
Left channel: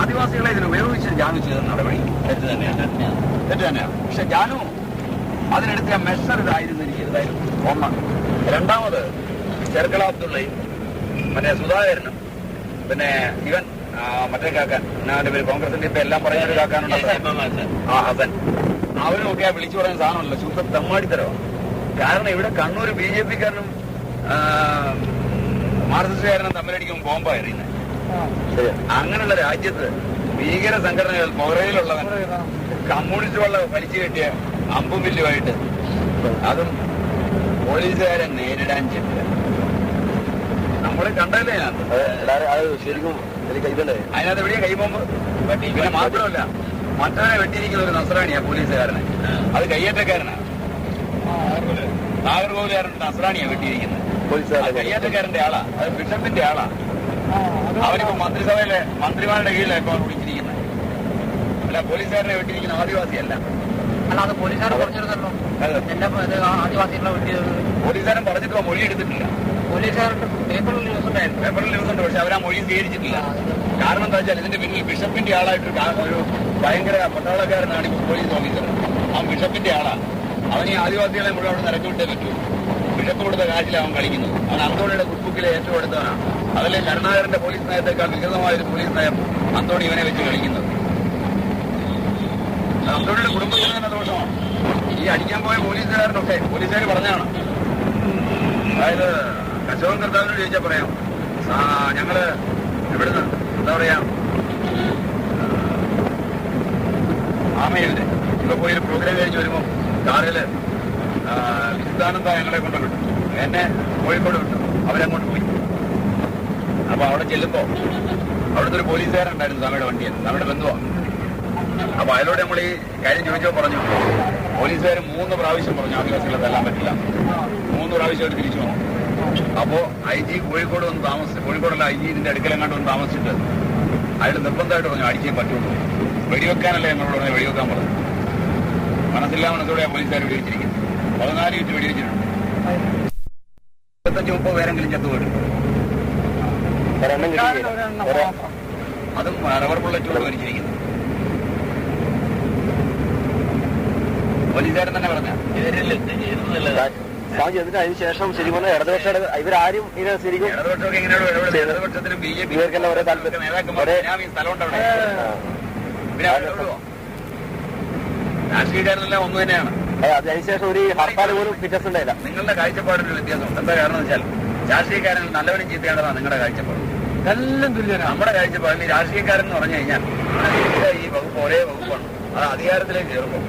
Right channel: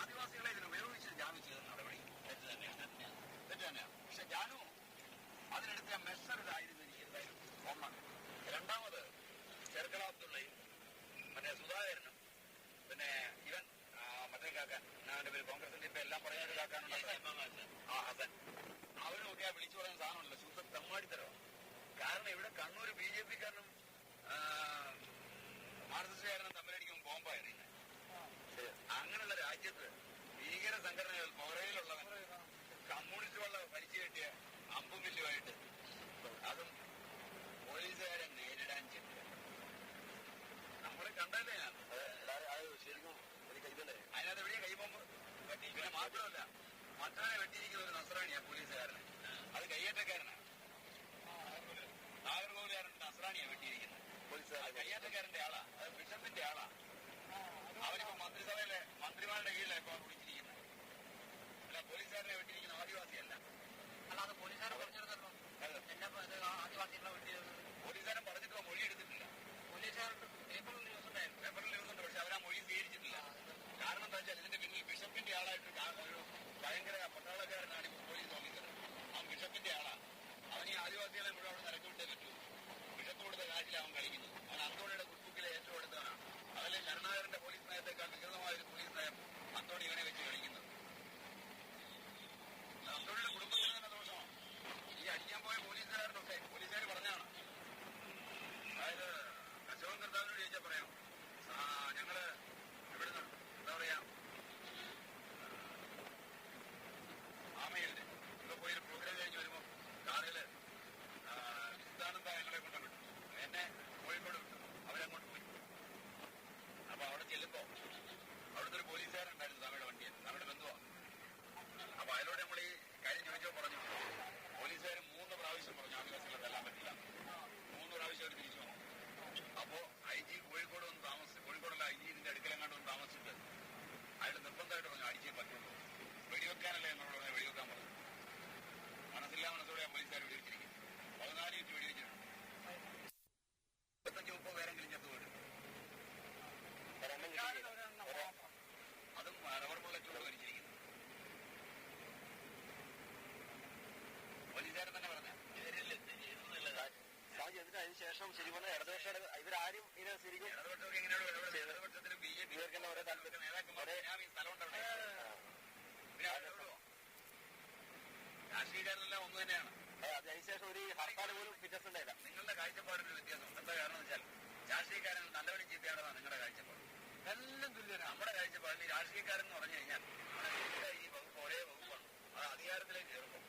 ആദിവാസികളെ ഇതിന് ഉപയോഗിച്ച് ജാനു ചെയ്ത നടപടി തെറ്റ് തന്നെയാണ്. പക്ഷെ ജാനു അതിനെടുത്ത മെഷർ ഇതായിരുന്നിരിക്കരുതായിരുന്നു. ഒന്ന്. രണ്ടാമത് ചെർക്കള അബ്ദുള്ളയും മറ്റേ സുധാകരനും പിന്നെ ഇവൻ മറ്റേ കാക്കാൻ, അവന്റെ പേര് കോൺഗ്രസിന്റെ ഇപ്പൊ എല്ലാം പറയാനൊരു കാക്കാനുണ്ടല്ലോ, ഹസൻ, അവരും ഒക്കെ വിളിച്ചു പറയുന്ന സാധനമല്ലോ, ശുദ്ധ തെമ്മാടിത്തരവാണ്. കാരണം ഇവിടെ കണ്ണൂർ BJP-കാരനും മാർക്സിസ്റ്റുകാരനും തമ്മിലടിക്കുമ്പോൾ ബോംബാ എറിയുന്നത്. അങ്ങനെയുള്ള രാജ്യത്ത് ഭീകര സംഘടനകൾ പുറയിലുള്ളവൻ കമ്മ്യൂണിസ്റ്റുകളുടെ വലിച്ചു കെട്ടിയ അമ്പും വില്ലുമായിട്ട് അതും പോലീസുകാരെ നേരിടാൻ ചെല്ലുക. നമ്മൾ കണ്ടല്ലേ ശരിക്കും ഇതല്ലേ അതിനകത്ത് എവിടെയാ കൈബോംബ്? പിന്നെ മാത്രമല്ല, മറ്റവനെ വെട്ടിയിരിക്കുന്ന ഒരു നസ്രാണിയാ പോലീസുകാരനെ. അത് കയ്യേറ്റക്കാരനാണ്. നാഗർകോവിലുകാരൻ നസ്രാണിയാ വെട്ടിയിരിക്കുന്നത്. കയ്യേറ്റക്കാരന്റെ ആളാ, അത് ബിഷപ്പിന്റെ ആളാ. അവനിപ്പോ മന്ത്രിസഭയിലെ മന്ത്രിമാരുടെ കീഴിലാണ് ഇപ്പൊ വിളിച്ചിരിക്കുന്നത്. അല്ല, പോലീസുകാരനെ വെട്ടിയിരിക്കുന്ന ആദിവാസിയല്ല. അല്ലാതെ പോലീസുകാർ പറഞ്ഞിരുന്നല്ലോ എന്റെ ആദിവാസികളെ വെട്ടിയത്. പോലീസുകാരൻ പറഞ്ഞിട്ട് മൊഴി എടുത്തിട്ടില്ല. പോലീസുകാരുടെ പേപ്പറിൽ ന്യൂസ് ഉണ്ടായിരുന്നു. പേപ്പറിൽ ന്യൂസ് ഉണ്ട്, പക്ഷെ അവരാ മൊഴി സ്വീകരിച്ചിട്ടില്ല. കാരണം എന്താ വെച്ചാൽ ഇതിന്റെ പിന്നിൽ ബിഷപ്പിന്റെ ആളായിട്ടൊരു ഭയങ്കര പട്ടാളക്കാരനാണ് ഇപ്പോൾ പോലീസ് ഓഫീസർ. ആ ബിഷപ്പിന്റെ ആളാ. അവൻ ഈ ആദിവാസികളെ മുഴുവൻ അവിടെ നിരക്കി വിട്ടേ പറ്റൂ. ബിഷപ്പ് കൊടുത്ത കാശിൽ അവൻ കളിക്കുന്നത്. അവൻ അന്തോണിയുടെ കുക്ബുക്കിലെ ഏറ്റവും അടുത്തവനാണ്. അതല്ലേ കരുണാകരന്റെ പോലീസ് നയത്തെക്കാൾ വികൃതമായൊരു പോലീസ് നയം അന്തോണി ഇവനെ വെച്ച് കളിക്കുന്നത്. അന്തോണിയുടെ കുടുംബത്തിന് തന്നെ ദോഷമാണ്. ഈ അടിക്കാൻ പോയ പോലീസുകാരനൊക്കെ പോലീസുകാർ പറഞ്ഞാണ്. അതായത് കശോകൻ കർത്താവിനോട് ചോദിച്ചാൽ പറയാം, ഞങ്ങള് ഇവിടുന്ന് എന്താ പറയാ ആമയില്ലേ ഇവിടെ പോയി ഒരു പ്രോഗ്രാം കഴിഞ്ഞ് വരുമ്പോ കാറില് വിശുദ്ധാനന്ദ ഞങ്ങളെ കൊണ്ട് വിട്ടു, എന്നെ കോഴിക്കോട് വിട്ടു, അവരങ്ങോട്ട് പോയി. അപ്പൊ അവിടെ ചെല്ലുമ്പോ അവിടുത്തെ ഒരു പോലീസുകാരുണ്ടായിരുന്നു, നമ്മുടെ വണ്ടിയിൽ, നമ്മുടെ ബന്ധുവാ. അപ്പൊ അയാളോട് നമ്മൾ ഈ കാര്യം ചോദിച്ചോ പറഞ്ഞു, പോലീസുകാർ 3 പ്രാവശ്യം പറഞ്ഞു ആദിവാസികളെ തല്ലാൻ പറ്റില്ല. 3 പ്രാവശ്യം അവർ തിരിച്ചു വന്നു. അപ്പോ IG കോഴിക്കോട് വന്ന് താമസിച്ചു. കോഴിക്കോടുള്ള IG ഇതിന്റെ അടുക്കലെങ്ങാണ്ട് വന്ന് താമസിച്ചിട്ട് അയാൾ നിർബന്ധമായിട്ട് പറഞ്ഞു അടിച്ചേ പറ്റുള്ളൂ, വെടിവെക്കാനല്ലേ ഞങ്ങളോട് പറഞ്ഞാൽ വെടിവെക്കാൻ പറഞ്ഞു. മനസ്സില്ലാ മനസ്സോടെ പോലീസുകാർ വെടിവെച്ചിരിക്കുന്നു. 14 മിനിറ്റ് വെടിവെച്ചിട്ടുണ്ട്. 25-30 പേരെങ്കിലും ചത്തുപോയിട്ടുണ്ട്. അതും റബ്ബർ ബുള്ളറ്റോട് മരിച്ചിരിക്കുന്നു. പോലീസുകാരൻ തന്നെ പറഞ്ഞ അതിന് ശേഷം ശരിക്കും പറഞ്ഞാൽ ഇടതുപക്ഷ ഇവരാരും ഇതിനെ ശരിക്കും ഇടതുപക്ഷമൊക്കെ എങ്ങനെയാണോ ഇടതുപക്ഷത്തിനും BJP ഇവർക്കെല്ലാം ഒരേ നേതാക്കന്മാരെ സ്ഥലമുണ്ട് അവിടെ. പിന്നെ അവരോടുവോ രാഷ്ട്രീയക്കാരെല്ലാം ഒന്ന് തന്നെയാണ്. അതിനുശേഷം ഒരു ഹർത്താൽ പോലും ഫിറ്റ്നസ് ഉണ്ടായില്ല. നിങ്ങളുടെ കാഴ്ചപ്പാടിന്റെ വ്യത്യാസമുണ്ട്. എന്താ കാരണം എന്ന് വെച്ചാൽ രാഷ്ട്രീയക്കാരൻ നല്ലവനും ചീത്തയാണ്ടതാണ് നിങ്ങളുടെ കാഴ്ചപ്പാട്. എല്ലാം തുല്യനാണ് നമ്മുടെ കാഴ്ചപ്പാടിൽ ഈ രാഷ്ട്രീയക്കാരൻ എന്ന് പറഞ്ഞു കഴിഞ്ഞാൽ ഈ വകുപ്പ് ഒരേ വകുപ്പാണ്. അത് അധികാരത്തിലേക്ക് ചേർക്കും.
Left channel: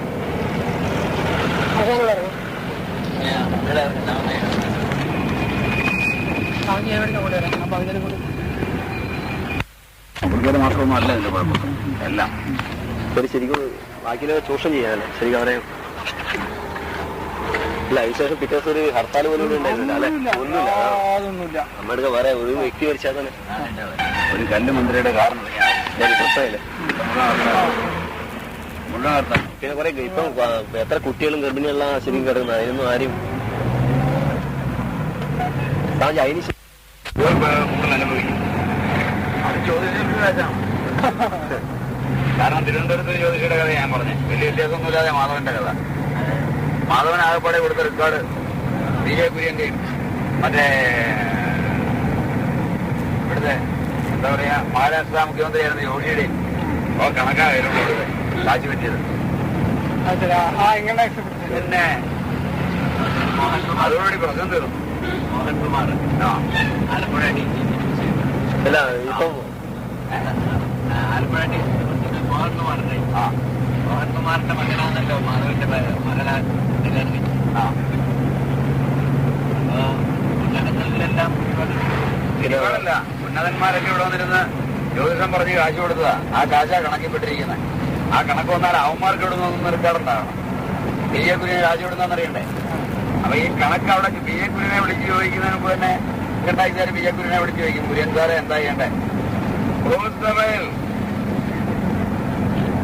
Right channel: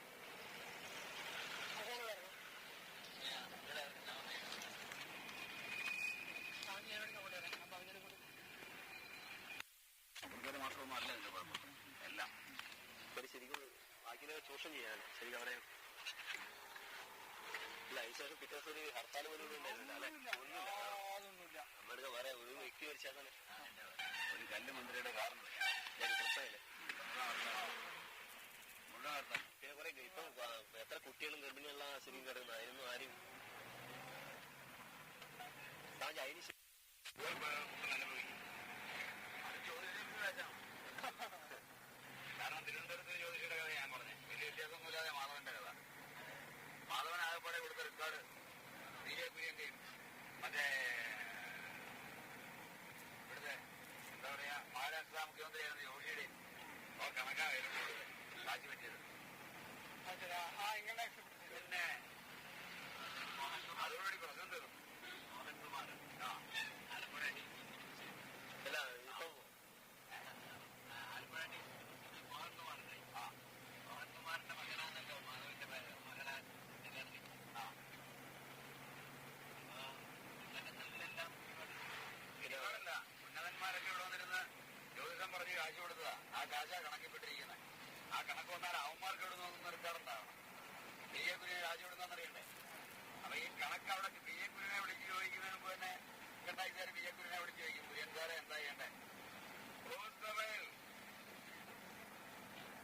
അവർക്ക് മാത്രമൊന്നും അല്ല ഇതിന്റെ കുഴപ്പം. എല്ലാം ശരിക്കും ബാക്കിയിലെ ചൂഷണം ചെയ്യാനല്ലേ ശരിക്കും അവരെ ഇല്ല. അതിനുശേഷം പിറ്റേ ദിവസം ഒരു ഹർത്താൽ പോലും ഉണ്ടായിരുന്നില്ല അല്ലെ? ഒന്നുമില്ല. നമ്മുടെ വേറെ ഒരു വ്യക്തി മരിച്ചാൽ തന്നെ ഒരു കല്ല് മന്ത്രിയുടെ കാരണം പ്രശ്നമില്ല. മുഴുവൻ പിന്നെ കുറെ ഇപ്പം എത്ര കുട്ടികളും ഗർഭിണിയുള്ള ശരിക്കും കിടക്കുന്നത് അതിനൊന്നും ആരും അതിന് അനുഭവിക്കും. അത് ചോദിച്ചിട്ട് കാരണം തിരുവനന്തപുരത്ത് ജ്യോതിഷിയുടെ കഥ ഞാൻ പറഞ്ഞേ. വലിയ വ്യത്യാസമൊന്നുമില്ലാതെ മാധവന്റെ കഥ. മാധവൻ ആകപ്പാടെ കൊടുത്ത റെക്കോർഡ് BJ കുര്യന്റെയും മറ്റേ ഇവിടുത്തെ എന്താ പറയാ, മഹാരാഷ്ട്ര മുഖ്യമന്ത്രിയായിരുന്നു യോഗിയുടെ കണക്കാ വരുന്നത് കാശ് പറ്റിയത്. പിന്നെ അതോടുകൂടി പ്രശ്നം തീർന്നു. മോഹൻകുമാർ ആലപ്പുഴ അല്ല ഇപ്പം ആലപ്പുഴ മോഹൻകുമാറിന്റെ മകനാണല്ലോ മാധവന്റെ മകളാ. ഉന്നതങ്ങളിലെല്ലാം ഇതല്ല, ഉന്നതന്മാരൊക്കെ ഇവിടെ വന്നിരുന്ന് ജ്യോതിഷം പറഞ്ഞ് കാശ് കൊടുത്തതാ. ആ കാശാ കണക്കിപ്പെട്ടിരിക്കുന്നത്. ആ കണക്ക് വന്നാൽ അവന്മാർക്ക് ഇവിടെ നിന്ന് റിക്കാർഡുണ്ടാകണം. പി എ കുര്യനെ കാശ് കൊടുത്താന്നറിയണ്ടേ? അപ്പൊ ഈ കണക്ക് അവിടെ പി എ കുര്യനെ വിളിച്ച് ചോദിക്കുന്നതിന് മുമ്പ് തന്നെ രണ്ടാഴ്ച പി എ കുര്യനെ വിളിച്ച് ചോദിക്കും, കുര്യൻ സാറെ എന്താ ചെയ്യണ്ടേ?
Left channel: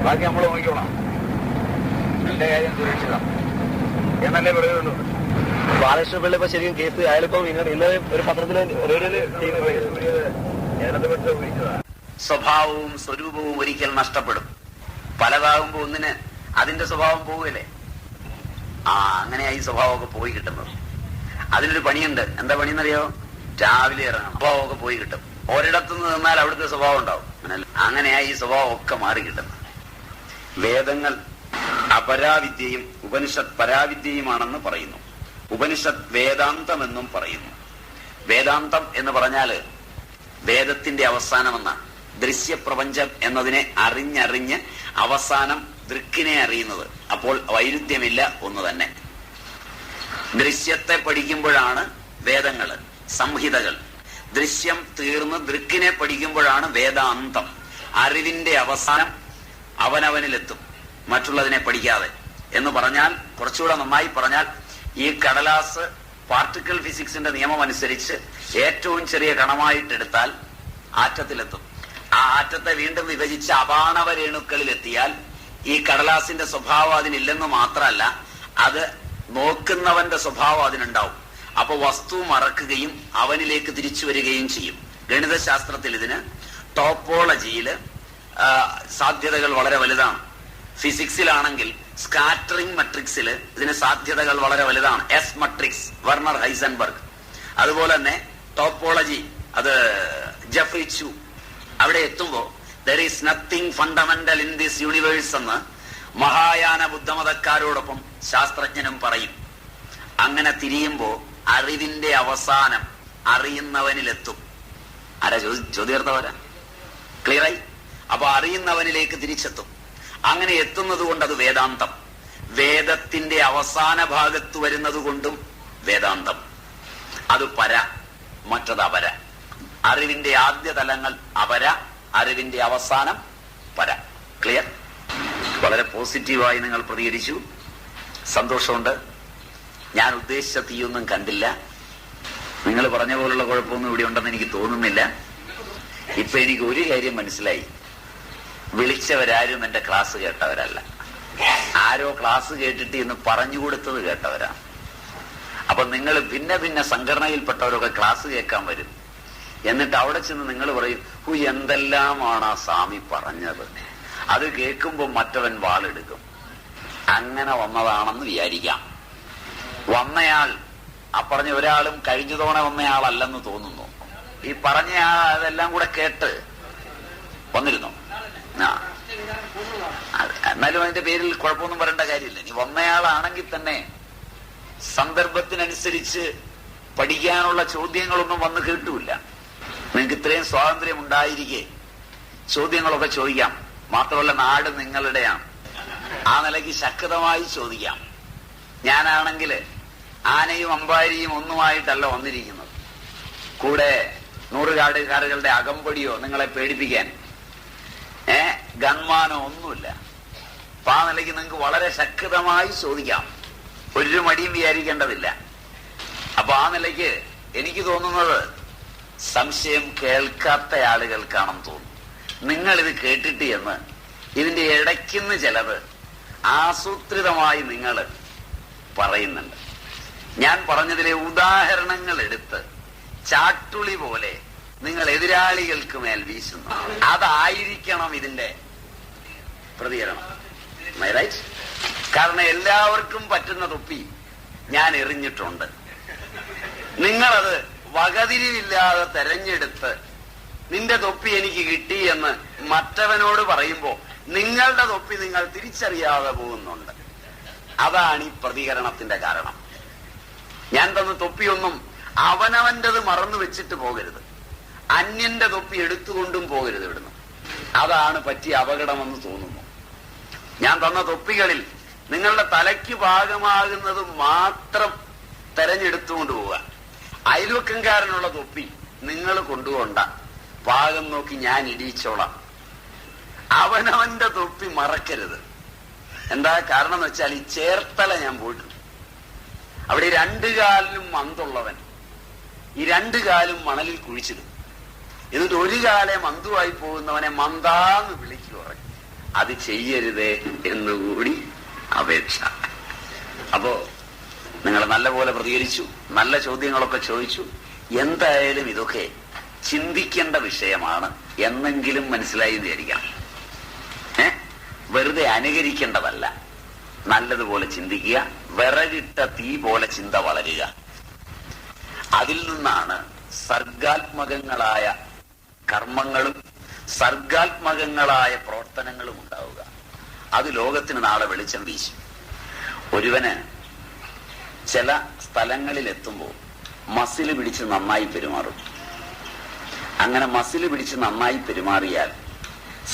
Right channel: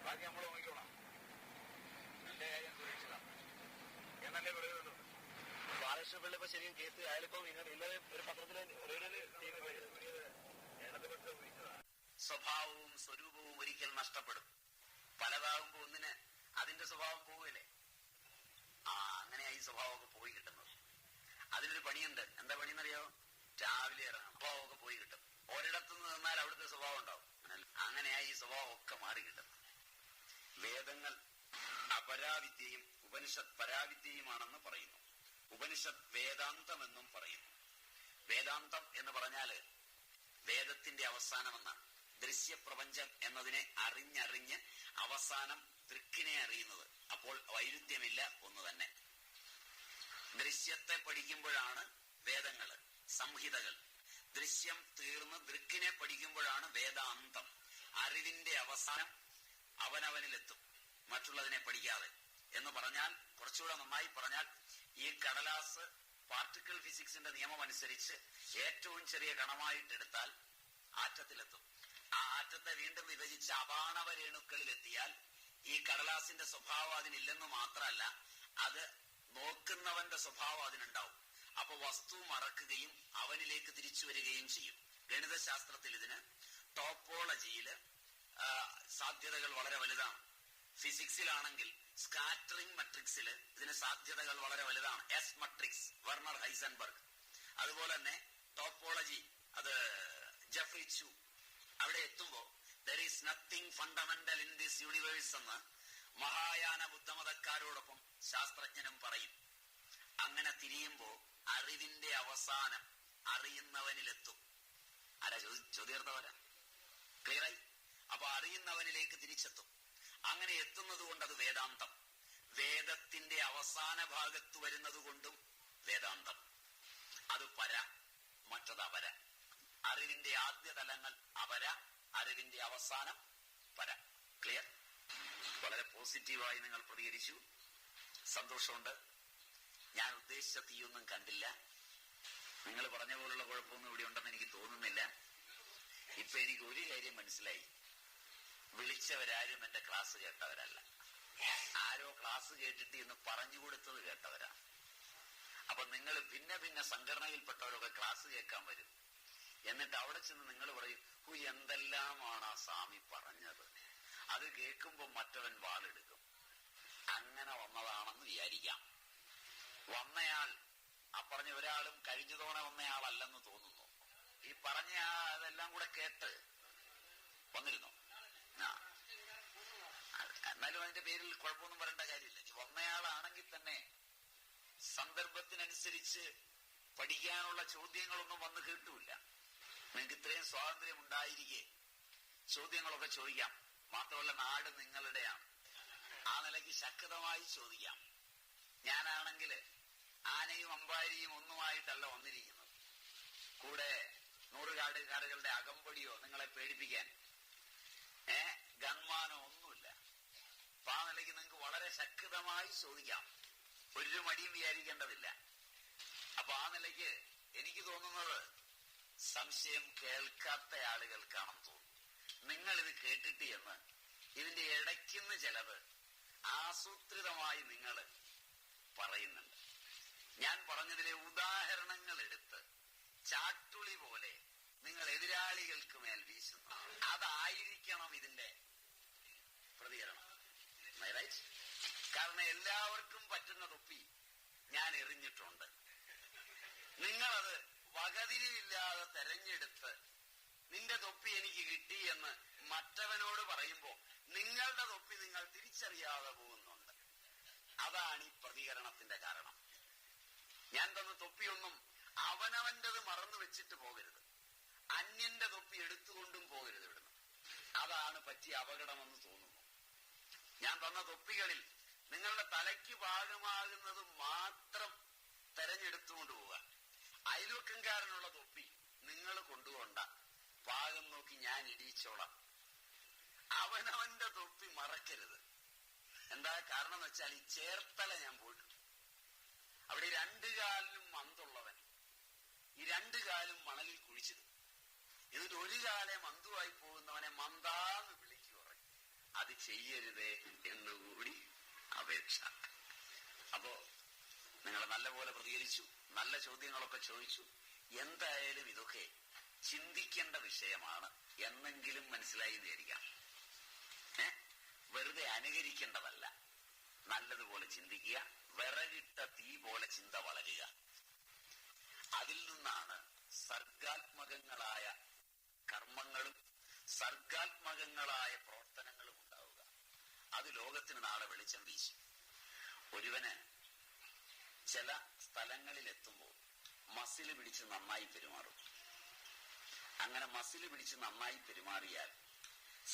ബാക്കി നമ്മൾ നോക്കിക്കോളാം, എന്റെ കാര്യം സുരക്ഷിതം എന്നല്ലേ പറയുള്ളൂ. ബാലകൃഷ്ണ പിള്ള ഇപ്പൊ ശരിക്കും കേസ് അയാളിപ്പം ഇന്നലെ ഒരു പത്രത്തില് സ്വഭാവവും സ്വരൂപവും ഒരിക്കൽ നഷ്ടപ്പെടും. പലതാകുമ്പോ ഒന്നിന് അതിന്റെ സ്വഭാവം പോവുകയല്ലേ. അങ്ങനെയായി സ്വഭാവമൊക്കെ പോയി കിട്ടുന്നത്. അതിനൊരു പണിയുണ്ട്. എന്താ പണിയെന്നറിയോ? രാവിലെ ഇറങ്ങണം, സ്വഭാവമൊക്കെ പോയി കിട്ടും. ഒരിടത്തുനിന്ന് നിന്നാൽ അവിടുത്തെ സ്വഭാവം ഉണ്ടാവും. അങ്ങനെയായി ഈ സ്വഭാവം ഒക്കെ മാറി കിട്ടുന്നത്. വേദങ്ങൾ അപരാവിദ്യയും ഉപനിഷത്ത് പരാവിദ്യയുമാണെന്ന് പറയുന്നു. ഉപനിഷത്ത് വേദാന്തം എന്നും പറയുന്നു. വേദാന്തം എന്ന് പറഞ്ഞാല് വേദത്തിന്റെ അവസാനമെന്നാണ്. ദൃശ്യപ്രപഞ്ചം എന്നതിനെ അറിഞ്ഞറിഞ്ഞ് അവസാനം ദൃക്കിനെ അറിയുന്നത്. അപ്പോൾ വൈരുദ്ധ്യമില്ല, ഒന്ന് തന്നെ. ദൃശ്യത്തെ പഠിക്കുമ്പോഴാണ് വേദങ്ങള്, സംഹിതകൾ. ദൃശ്യം തീർന്ന് ദൃക്കിനെ പഠിക്കുമ്പോഴാണ് വേദാന്തം. അറിവിന്റെ അവസാനം അവനവനിലെത്തും, മറ്റുള്ളതിനെ പഠിക്കാതെ. എന്ന് പറഞ്ഞാൽ, കുറച്ചുകൂടെ നന്നായി പറഞ്ഞാൽ, ഈ കടലാസ് പാർട്ടിക്കിൾ ഫിസിക്സിന്റെ നിയമം അനുസരിച്ച് ഏറ്റവും ചെറിയ കണമായിട്ടെടുത്താൽ ആറ്റത്തിലെത്തും. ആ ആറ്റത്തെ വീണ്ടും വിഭജിച്ച് അപാണവ രേണുക്കളിലെത്തിയാൽ ഈ കടലാസിന്റെ സ്വഭാവം അതിനില്ലെന്ന് മാത്രമല്ല, അത് നോക്കുന്നവന്റെ സ്വഭാവം അതിനുണ്ടാവും. അപ്പൊ വസ്തു മറക്കുകയും അവനിലേക്ക് തിരിച്ചു വരികയും ചെയ്യും. ഗണിതശാസ്ത്രത്തിൽ ഇതിന് ടോപ്പോളജിയില് സാധ്യതകൾ വളരെ വലുതാണ്. ഫിസിക്സിലാണെങ്കിൽ സ്കാറ്ററിംഗ് മെട്രിക്സിൽ ഇതിന് സാധ്യതകൾ വളരെ വലുതാണ്. S matrix, Werner Heisenberg. അതുപോലെ തന്നെ ടോപ്പോളജി, അത് ജെഫ്രി ചു. അവിടെ എത്തുമ്പോ there is nothing fundamental in this universe എന്ന് മഹായാന ബുദ്ധമതക്കാരോടൊപ്പം ശാസ്ത്രജ്ഞനും പറയും. അങ്ങനെ തിരിയുമ്പോ അറിവിന്റെ അവസാനം അറിയുന്നവനിലെത്തും. ആരാ ചോദ്യാർത്ഥവരാ? ക്ലിയറായി? അപ്പൊ അറിയുന്നവനിലേക്ക് തിരിച്ചെത്തും. അങ്ങനെ എത്തുന്നത് കൊണ്ട് അത് വേദാന്തം. വേദത്തിന്റെ അവസാന ഭാഗത്ത് വരുന്നത് കൊണ്ടും വേദാന്തം. അത് പര, മറ്റത് അപര. അറിവിന്റെ ആദ്യ തലങ്ങൾ അപര, അറിവിന്റെ അവസാനം പര. ക്ലിയർ? വളരെ പോസിറ്റീവായി നിങ്ങൾ പ്രതികരിച്ചു, സന്തോഷമുണ്ട്. ഞാൻ ഉദ്ദേശിച്ച തീയൊന്നും കണ്ടില്ല. നിങ്ങൾ പറഞ്ഞ പോലുള്ള കുഴപ്പമൊന്നും ഇവിടെ ഉണ്ടെന്ന് എനിക്ക് തോന്നുന്നില്ല. ഇപ്പൊ എനിക്ക് ഒരു കാര്യം മനസ്സിലായി. വിളിച്ചവരാരും എന്റെ ക്ലാസ് കേട്ടവരല്ല. ആരോ ക്ലാസ് കേട്ടിട്ട് എന്ന് പറഞ്ഞു കൊടുത്തത് കേട്ടവരാണ്. അപ്പൊ നിങ്ങൾ ഭിന്ന ഭിന്ന സംഘടനയിൽപ്പെട്ടവരൊക്കെ ക്ലാസ് കേൾക്കാൻ വരും. എന്നിട്ട് അവിടെ ചെന്ന് നിങ്ങൾ പറയും, എന്തെല്ലാമാണ് ആ സ്വാമി പറഞ്ഞത്. അത് കേൾക്കുമ്പോൾ മറ്റവൻ വാളെടുക്കും. അങ്ങനെ വന്നതാണെന്ന് വിചാരിക്കാം. വന്നയാൾ, പറഞ്ഞ ഒരാളും കഴിഞ്ഞ തവണ വന്നയാളല്ലെന്ന് തോന്നുന്നു. ഈ പറഞ്ഞ അതെല്ലാം കൂടെ കേട്ട് വന്നിരുന്നു. എന്നാലും അതിന്റെ പേരിൽ കുഴപ്പമൊന്നും പറയേണ്ട കാര്യമില്ല. ഇനി വന്നയാളാണെങ്കിൽ തന്നെ സന്ദർഭത്തിനനുസരിച്ച് പഠിക്കാനുള്ള ചോദ്യങ്ങളൊന്നും വന്ന് കേട്ടൂല്ല. നിങ്ങൾക്ക് ഇത്രയും സ്വാതന്ത്ര്യം ഉണ്ടായിരിക്കെ ചോദ്യങ്ങളൊക്കെ ചോദിക്കാം. മാത്രമല്ല, നാട് നിങ്ങളുടെയാണ്. ആ നിലയ്ക്ക് ശക്തമായി ചോദിക്കാം. ഞാനാണെങ്കിൽ ആനയും അമ്പാരിയും ഒന്നുമായിട്ടല്ല വന്നിരിക്കുന്നത്. കൂടെ നൂറുകാടുകാരുകളുടെ അകമ്പടിയോ നിങ്ങളെ പേടിപ്പിക്കാൻ ഗൺമാനോ ഒന്നുമില്ല. അപ്പൊ ആ നിലയ്ക്ക് നിങ്ങൾക്ക് വളരെ ശക്തമായി ചോദിക്കാം. ഒരു മടിയും വിചാരിക്കേണ്ടതില്ല. അപ്പൊ ആ നിലയ്ക്ക് എനിക്ക് തോന്നുന്നത് സംശയം കേൾക്കാത്ത ആളുകൾക്കാണെന്ന് തോന്നുന്നു. നിങ്ങളിത് കേട്ടിട്ട് എന്ന് ഇതിന്റെ ഇടയ്ക്കുന്ന് ചിലത് ആസൂത്രിതമായി നിങ്ങൾ പറയുന്നുണ്ട്. ഞാൻ പറഞ്ഞതിലെ ഉദാഹരണങ്ങൾ എടുത്ത് ചാട്ടുളി പോലെ നിങ്ങൾ എതിരാളികൾക്ക് മേൽ വീശുന്നു. അതായിരിക്കണം ഇതിന്റെ പ്രതികരണം. കാരണം എല്ലാവർക്കും പറ്റുന്ന തൊപ്പി ഞാൻ എറിഞ്ഞിട്ടുണ്ട്. നിങ്ങളത് വകതിരിവില്ലാതെ തെരഞ്ഞെടുത്ത് നിന്റെ തൊപ്പി എനിക്ക് കിട്ടി എന്ന് മറ്റവനോട് പറയുമ്പോ നിങ്ങളുടെ തൊപ്പി നിങ്ങൾ തിരിച്ചറിയാതെ പോകുന്നുണ്ട്. അതാണ് ഈ പ്രതികരണത്തിന്റെ കാരണം. ഞാൻ തന്ന തൊപ്പിയൊന്നും അവനവന്റേത് മറന്നു വെച്ചിട്ട് പോകരുത്, അന്യന്റെ തൊപ്പി എടുത്തുകൊണ്ടും പോകരുത് ഇവിടുന്ന്. അതാണ് പറ്റിയ അപകടമെന്ന് തോന്നുന്നു. ഞാൻ തന്ന തൊപ്പികളിൽ നിങ്ങളുടെ തലയ്ക്ക് പാകമാകുന്നത് മാത്രം തെരഞ്ഞെടുത്തുകൊണ്ട് പോവുക. അയൽവക്കംകാരനുള്ള തൊപ്പി നിങ്ങൾ കൊണ്ടുകൊണ്ട പാകം നോക്കി ഞാൻ ഇടിച്ചോളാം. അവനവന്റെ തൊപ്പി മറക്കരുത്. എന്താ കാരണം എന്ന് വെച്ചാൽ, ഈ ചേർത്തല ഞാൻ പോയിട്ടുണ്ട്. അവിടെ 2 കാലിലും മന്തുള്ളവൻ ഈ 2 കാലും മണലിൽ കുഴിച്ചിടും. എന്നിട്ട് 1 കാലെ മന്തുവായി പോകുന്നവനെ മന്താന്ന് വിളിക്കുക. അത് ചെയ്യരുതേ എന്നുകൂടി അപേക്ഷ. അപ്പോ നിങ്ങൾ നല്ലപോലെ പ്രതികരിച്ചു, നല്ല ചോദ്യങ്ങളൊക്കെ ചോദിച്ചു. എന്തായാലും ഇതൊക്കെ ചിന്തിക്കേണ്ട വിഷയമാണ് എന്നെങ്കിലും മനസ്സിലായി വിചാരിക്കാം. വെറുതെ അനുകരിക്കേണ്ടതല്ല, നല്ലതുപോലെ ചിന്തിക്കുക. വിറകിട്ട തീ പോലെ ചിന്ത വളരുക. അതിൽ നിന്നാണ് സർഗാത്മകങ്ങളായ കർമ്മങ്ങളും സർഗാത്മകങ്ങളായ പ്രവർത്തനങ്ങളും ഉണ്ടാവുക. അത് ലോകത്തിന് നാളെ വെളിച്ചം വീശും. ഒരുവന് ചില സ്ഥലങ്ങളിൽ എത്തുമ്പോൾ മസില് പിടിച്ച് നന്നായി പെരുമാറും. അങ്ങനെ മസില് പിടിച്ച് നന്നായി പെരുമാറിയാൽ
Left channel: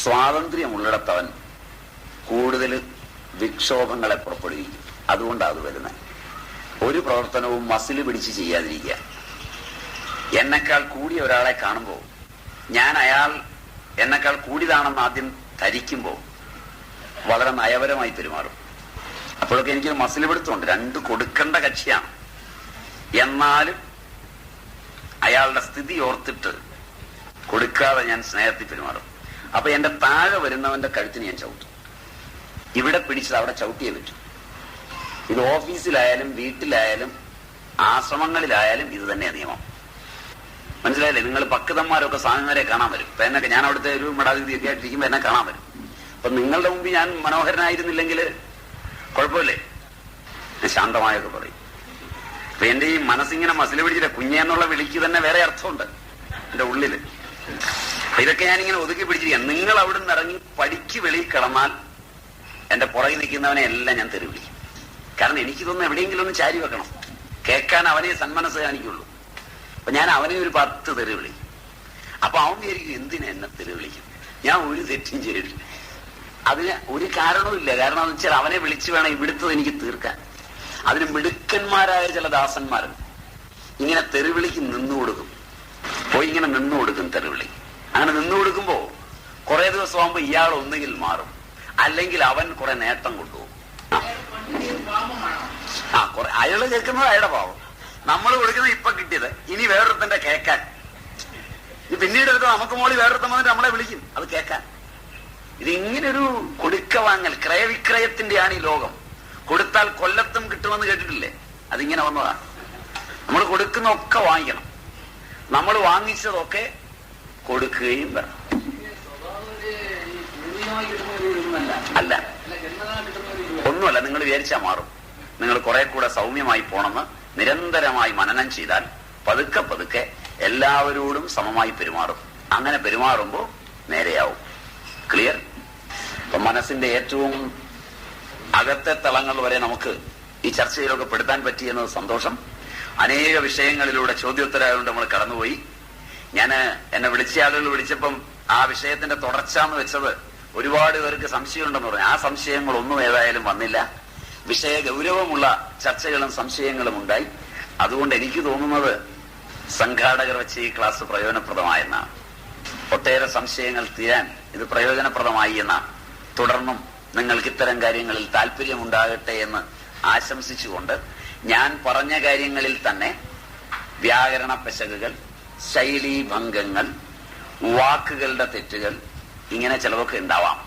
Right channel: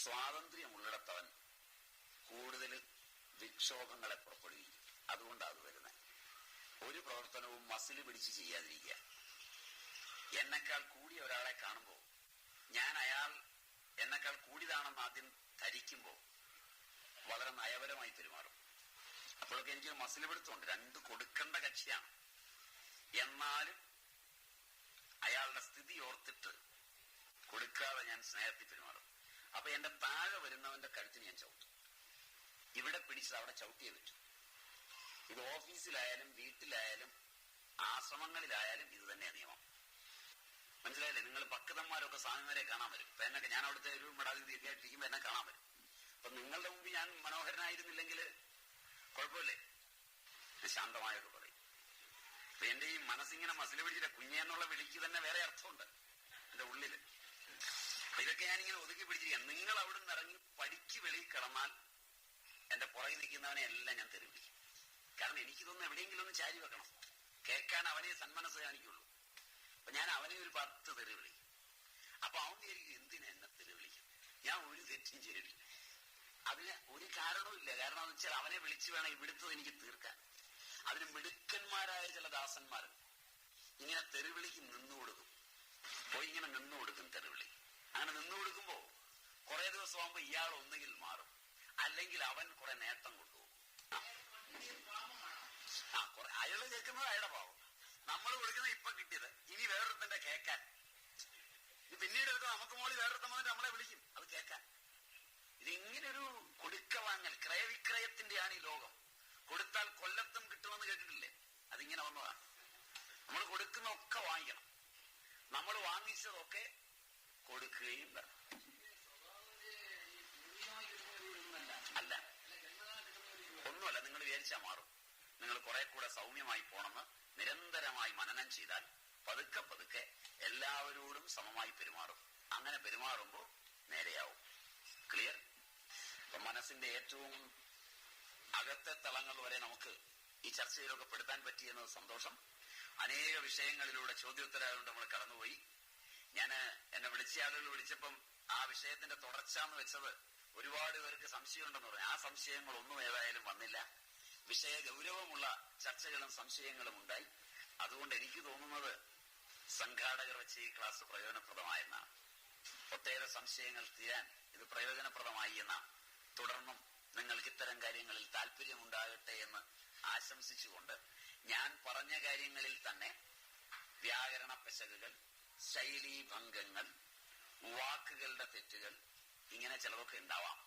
സ്വാതന്ത്ര്യമുള്ളിടത്തവൻ കൂടുതൽ വിക്ഷോഭങ്ങളെ പുറപ്പെടുവിക്കും. അതുകൊണ്ടാണ് അത് വരുന്നത്. ഒരു പ്രവർത്തനവും മസില് പിടിച്ച് ചെയ്യാതിരിക്കുക. എന്നെക്കാൾ കൂടിയ ഒരാളെ കാണുമ്പോൾ ഞാൻ അയാൾ എന്നെക്കാൾ കൂടിയതാണെന്ന് ആദ്യം ധരിക്കുമ്പോൾ വളരെ നയപരമായി പെരുമാറും. അപ്പോഴൊക്കെ എനിക്കൊരു മസില് പിടുത്തമുണ്ട്. 2 കൊടുക്കേണ്ട കക്ഷിയാണ്, എന്നാലും അയാളുടെ സ്ഥിതി ഓർത്തിട്ട് കൊടുക്കാതെ ഞാൻ സ്നേഹത്തിൽ പെരുമാറും. അപ്പൊ എന്റെ താഴെ വരുന്നവന്റെ കഴുത്തിന് ഞാൻ ചവിട്ടും. ഇവിടെ പിടിച്ചത് അവിടെ ചവിട്ടിയേ പറ്റും. ഇത് ഓഫീസിലായാലും വീട്ടിലായാലും ആശ്രമങ്ങളിലായാലും ഇത് തന്നെ നിയമം. മനസ്സിലായില്ലേ? നിങ്ങൾ പക്വതന്മാരൊക്കെ സ്വാമിമാരെ കാണാൻ വരും. ഇപ്പൊ എന്നൊക്കെ ഞാൻ അവിടുത്തെ ഒരു മഠാധിപതിയൊക്കെ ആയിട്ടിരിക്കുമ്പോ എന്നെ കാണാൻ വരും. അപ്പൊ നിങ്ങളുടെ മുമ്പിൽ ഞാൻ മനോഹരനായിരുന്നില്ലെങ്കിൽ കുഴപ്പമില്ലേ? ഞാൻ ശാന്തമായൊക്കെ പറയും. അപ്പൊ എന്റെ ഈ മനസ്സിങ്ങനെ മസില് പിടിച്ചിട്ട് കുഞ്ഞെന്നുള്ള വിളിക്ക് തന്നെ വേറെ അർത്ഥമുണ്ട് എന്റെ ഉള്ളില്. അപ്പൊ ഇതൊക്കെ ഞാനിങ്ങനെ ഒതുക്കി പിടിച്ചിരിക്കാം. നിങ്ങൾ അവിടെ നിന്ന് ഇറങ്ങി പടിക്ക് വെളിയിൽ കിടന്നാൽ എന്റെ പുറകിൽ നിൽക്കുന്നവനെ എല്ലാം ഞാൻ തെറി വിളിക്കും. കാരണം എനിക്കിതൊന്നും എവിടെയെങ്കിലും ഒന്ന് ചാരി വെക്കണം. കേൾക്കാൻ അവനെ സന്മനസ് കാണിക്കുള്ളൂ. അപ്പൊ ഞാൻ അവനെ ഒരു 10 തെറി വിളിക്കും. അപ്പൊ അവൻ വിചാരിക്കും എന്തിനാ എന്നെ തെറി വിളിക്കും, ഞാൻ ഒരു തെറ്റും ചെയ്തിട്ടില്ല. അതിന് ഒരു കാരണവുമില്ല. കാരണം എന്ന് വെച്ചാൽ അവനെ വിളിച്ചു വേണം ഇവിടുത്തത് എനിക്ക് തീർക്കാൻ. അതിന് മിടുക്കന്മാരായ ചില ദാസന്മാരുണ്ട്. ഇങ്ങനെ തെറിവിളിക്ക് നിന്നുകൊടുക്കും. പോയി ഇങ്ങനെ നിന്നുകൊടുക്കും തെറിവിളി. അങ്ങനെ നിന്നുകൊടുക്കുമ്പോ കുറെ ദിവസം ആകുമ്പോ ഇയാൾ ഒന്നുകിൽ മാറും, അല്ലെങ്കിൽ അവൻ കുറെ നേട്ടം കൊണ്ടുപോകും. കുറെ അയാള് കേൾക്കുന്നത് അയാളുടെ പാവം, നമ്മൾ കൊടുക്കുന്നത് ഇപ്പൊ കിട്ടിയത് ഇനി വേറൊരുത്തന്റെ കേൾക്കാൻ. പിന്നീട് എടുത്ത് നമുക്ക് മോളി വേറൊരുത്തം വന്നിട്ട് നമ്മളെ വിളിക്കും അത് കേൾക്കാൻ. ഇതിങ്ങനൊരു കൊടുക്ക വാങ്ങൽ, ക്രയവിക്രയത്തിന്റെയാണ് ഈ ലോകം. കൊടുത്താൽ കൊല്ലത്തും കിട്ടുമെന്ന് കേട്ടിട്ടില്ലേ? അതിങ്ങനെ വന്നതാണ്. നമ്മൾ കൊടുക്കുന്നതൊക്കെ വാങ്ങിക്കണം, നമ്മൾ വാങ്ങിച്ചതൊക്കെ കൊടുക്കുകയും വേണം. അല്ല, ഒന്നുമല്ല. നിങ്ങൾ വിചാരിച്ചാൽ മാറും. നിങ്ങൾ കുറെ കൂടെ സൗമ്യമായി പോണമെന്ന് നിരന്തരമായി മനനം ചെയ്താൽ പതുക്കെ പതുക്കെ എല്ലാവരോടും സമമായി പെരുമാറും. അങ്ങനെ പെരുമാറുമ്പോൾ നേരെയാവും. ക്ലിയർ? അപ്പൊ മനസ്സിന്റെ ഏറ്റവും അകത്തെ തലങ്ങൾ വരെ നമുക്ക് ഈ ചർച്ചയിലൊക്കെ പെടുത്താൻ പറ്റിയെന്നത് സന്തോഷം. അനേക വിഷയങ്ങളിലൂടെ ചോദ്യോത്തരമായതുകൊണ്ട് നമ്മൾ കടന്നുപോയി. എന്നെ വിളിച്ച ആളുകൾ വിളിച്ചപ്പം ആ വിഷയത്തിന്റെ തുടർച്ച എന്ന് വെച്ചത് ഒരുപാട് പേർക്ക് സംശയമുണ്ടെന്ന് പറഞ്ഞു. ആ സംശയങ്ങളൊന്നും ഏതായാലും വന്നില്ല. വിഷയ ഗൗരവമുള്ള ചർച്ചകളും സംശയങ്ങളും ഉണ്ടായി. അതുകൊണ്ട് എനിക്ക് തോന്നുന്നത് സംഘാടകർ വെച്ച് ഈ ക്ലാസ് പ്രയോജനപ്രദമായെന്നാണ്. ഒട്ടേറെ സംശയങ്ങൾ തീരാൻ ഇത് പ്രയോജനപ്രദമായി എന്നാണ്. തുടർന്നും നിങ്ങൾക്ക് ഇത്തരം കാര്യങ്ങളിൽ താല്പര്യമുണ്ടാകട്ടെ എന്ന് ആശംസിച്ചുകൊണ്ട് ഞാൻ പറഞ്ഞ കാര്യങ്ങളിൽ തന്നെ വ്യാകരണ പെശകുകൾ, ശൈലീഭംഗങ്ങൾ, വാക്കുകളുടെ തെറ്റുകൾ, ഇങ്ങനെ ചിലതൊക്കെ ഉണ്ടാവാം.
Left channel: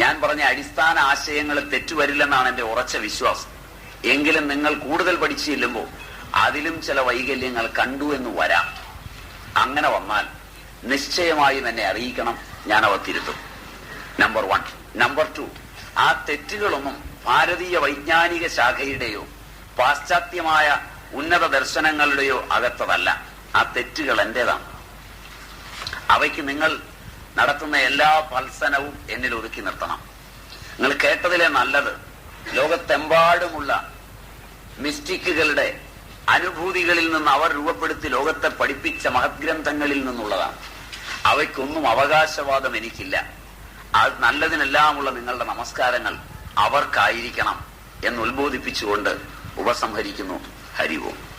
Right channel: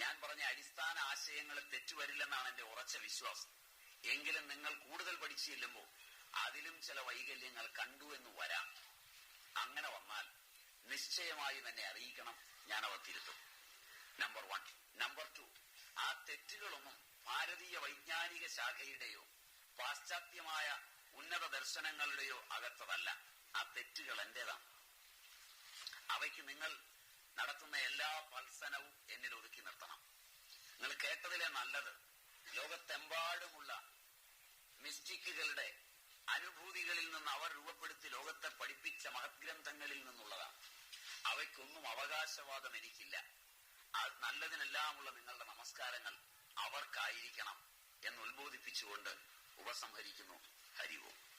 ഞാൻ പറഞ്ഞ അടിസ്ഥാന ആശയങ്ങൾ തെറ്റുവരില്ലെന്നാണ് എന്റെ ഉറച്ച വിശ്വാസം. എങ്കിലും നിങ്ങൾ കൂടുതൽ പഠിച്ചു ചെല്ലുമ്പോൾ അതിലും ചില വൈകല്യങ്ങൾ കണ്ടു എന്ന് വരാം. അങ്ങനെ വന്നാൽ നിശ്ചയമായും എന്നെ അറിയിക്കണം, ഞാൻ അവ തിരുത്തും. നമ്പർ 1. നമ്പർ 2, ആ തെറ്റുകളൊന്നും ഭാരതീയ വൈജ്ഞാനിക ശാഖയുടെയോ പാശ്ചാത്യമായ ഉന്നത ദർശനങ്ങളുടെയോ അകത്തതല്ല. ആ തെറ്റുകൾ എന്റേതാണ്. അവയ്ക്ക് നിങ്ങൾ നടത്തുന്ന എല്ലാ ഫൽസനവും എന്നിൽ ഒതുക്കി നിർത്തണം. നിങ്ങൾ കേട്ടതിലെ നല്ലത് ലോകത്തെമ്പാടുമുള്ള മിസ്റ്റിക്കുകളുടെ അനുഭൂതികളിൽ നിന്ന് അവർ രൂപപ്പെടുത്തി ലോകത്തെ പഠിപ്പിച്ച മഹത്ഗ്രന്ഥങ്ങളിൽ നിന്നുള്ളതാണ്. അവയ്ക്കൊന്നും അവകാശവാദം എനിക്കില്ല. അത് നല്ലതിനെല്ലാമുള്ള നിങ്ങളുടെ നമസ്കാരങ്ങൾ അവർക്കായിരിക്കണം എന്ന് ഉത്ബോധിപ്പിച്ചുകൊണ്ട് ഉപസംഹരിക്കുന്നു. ഹരി ഓം.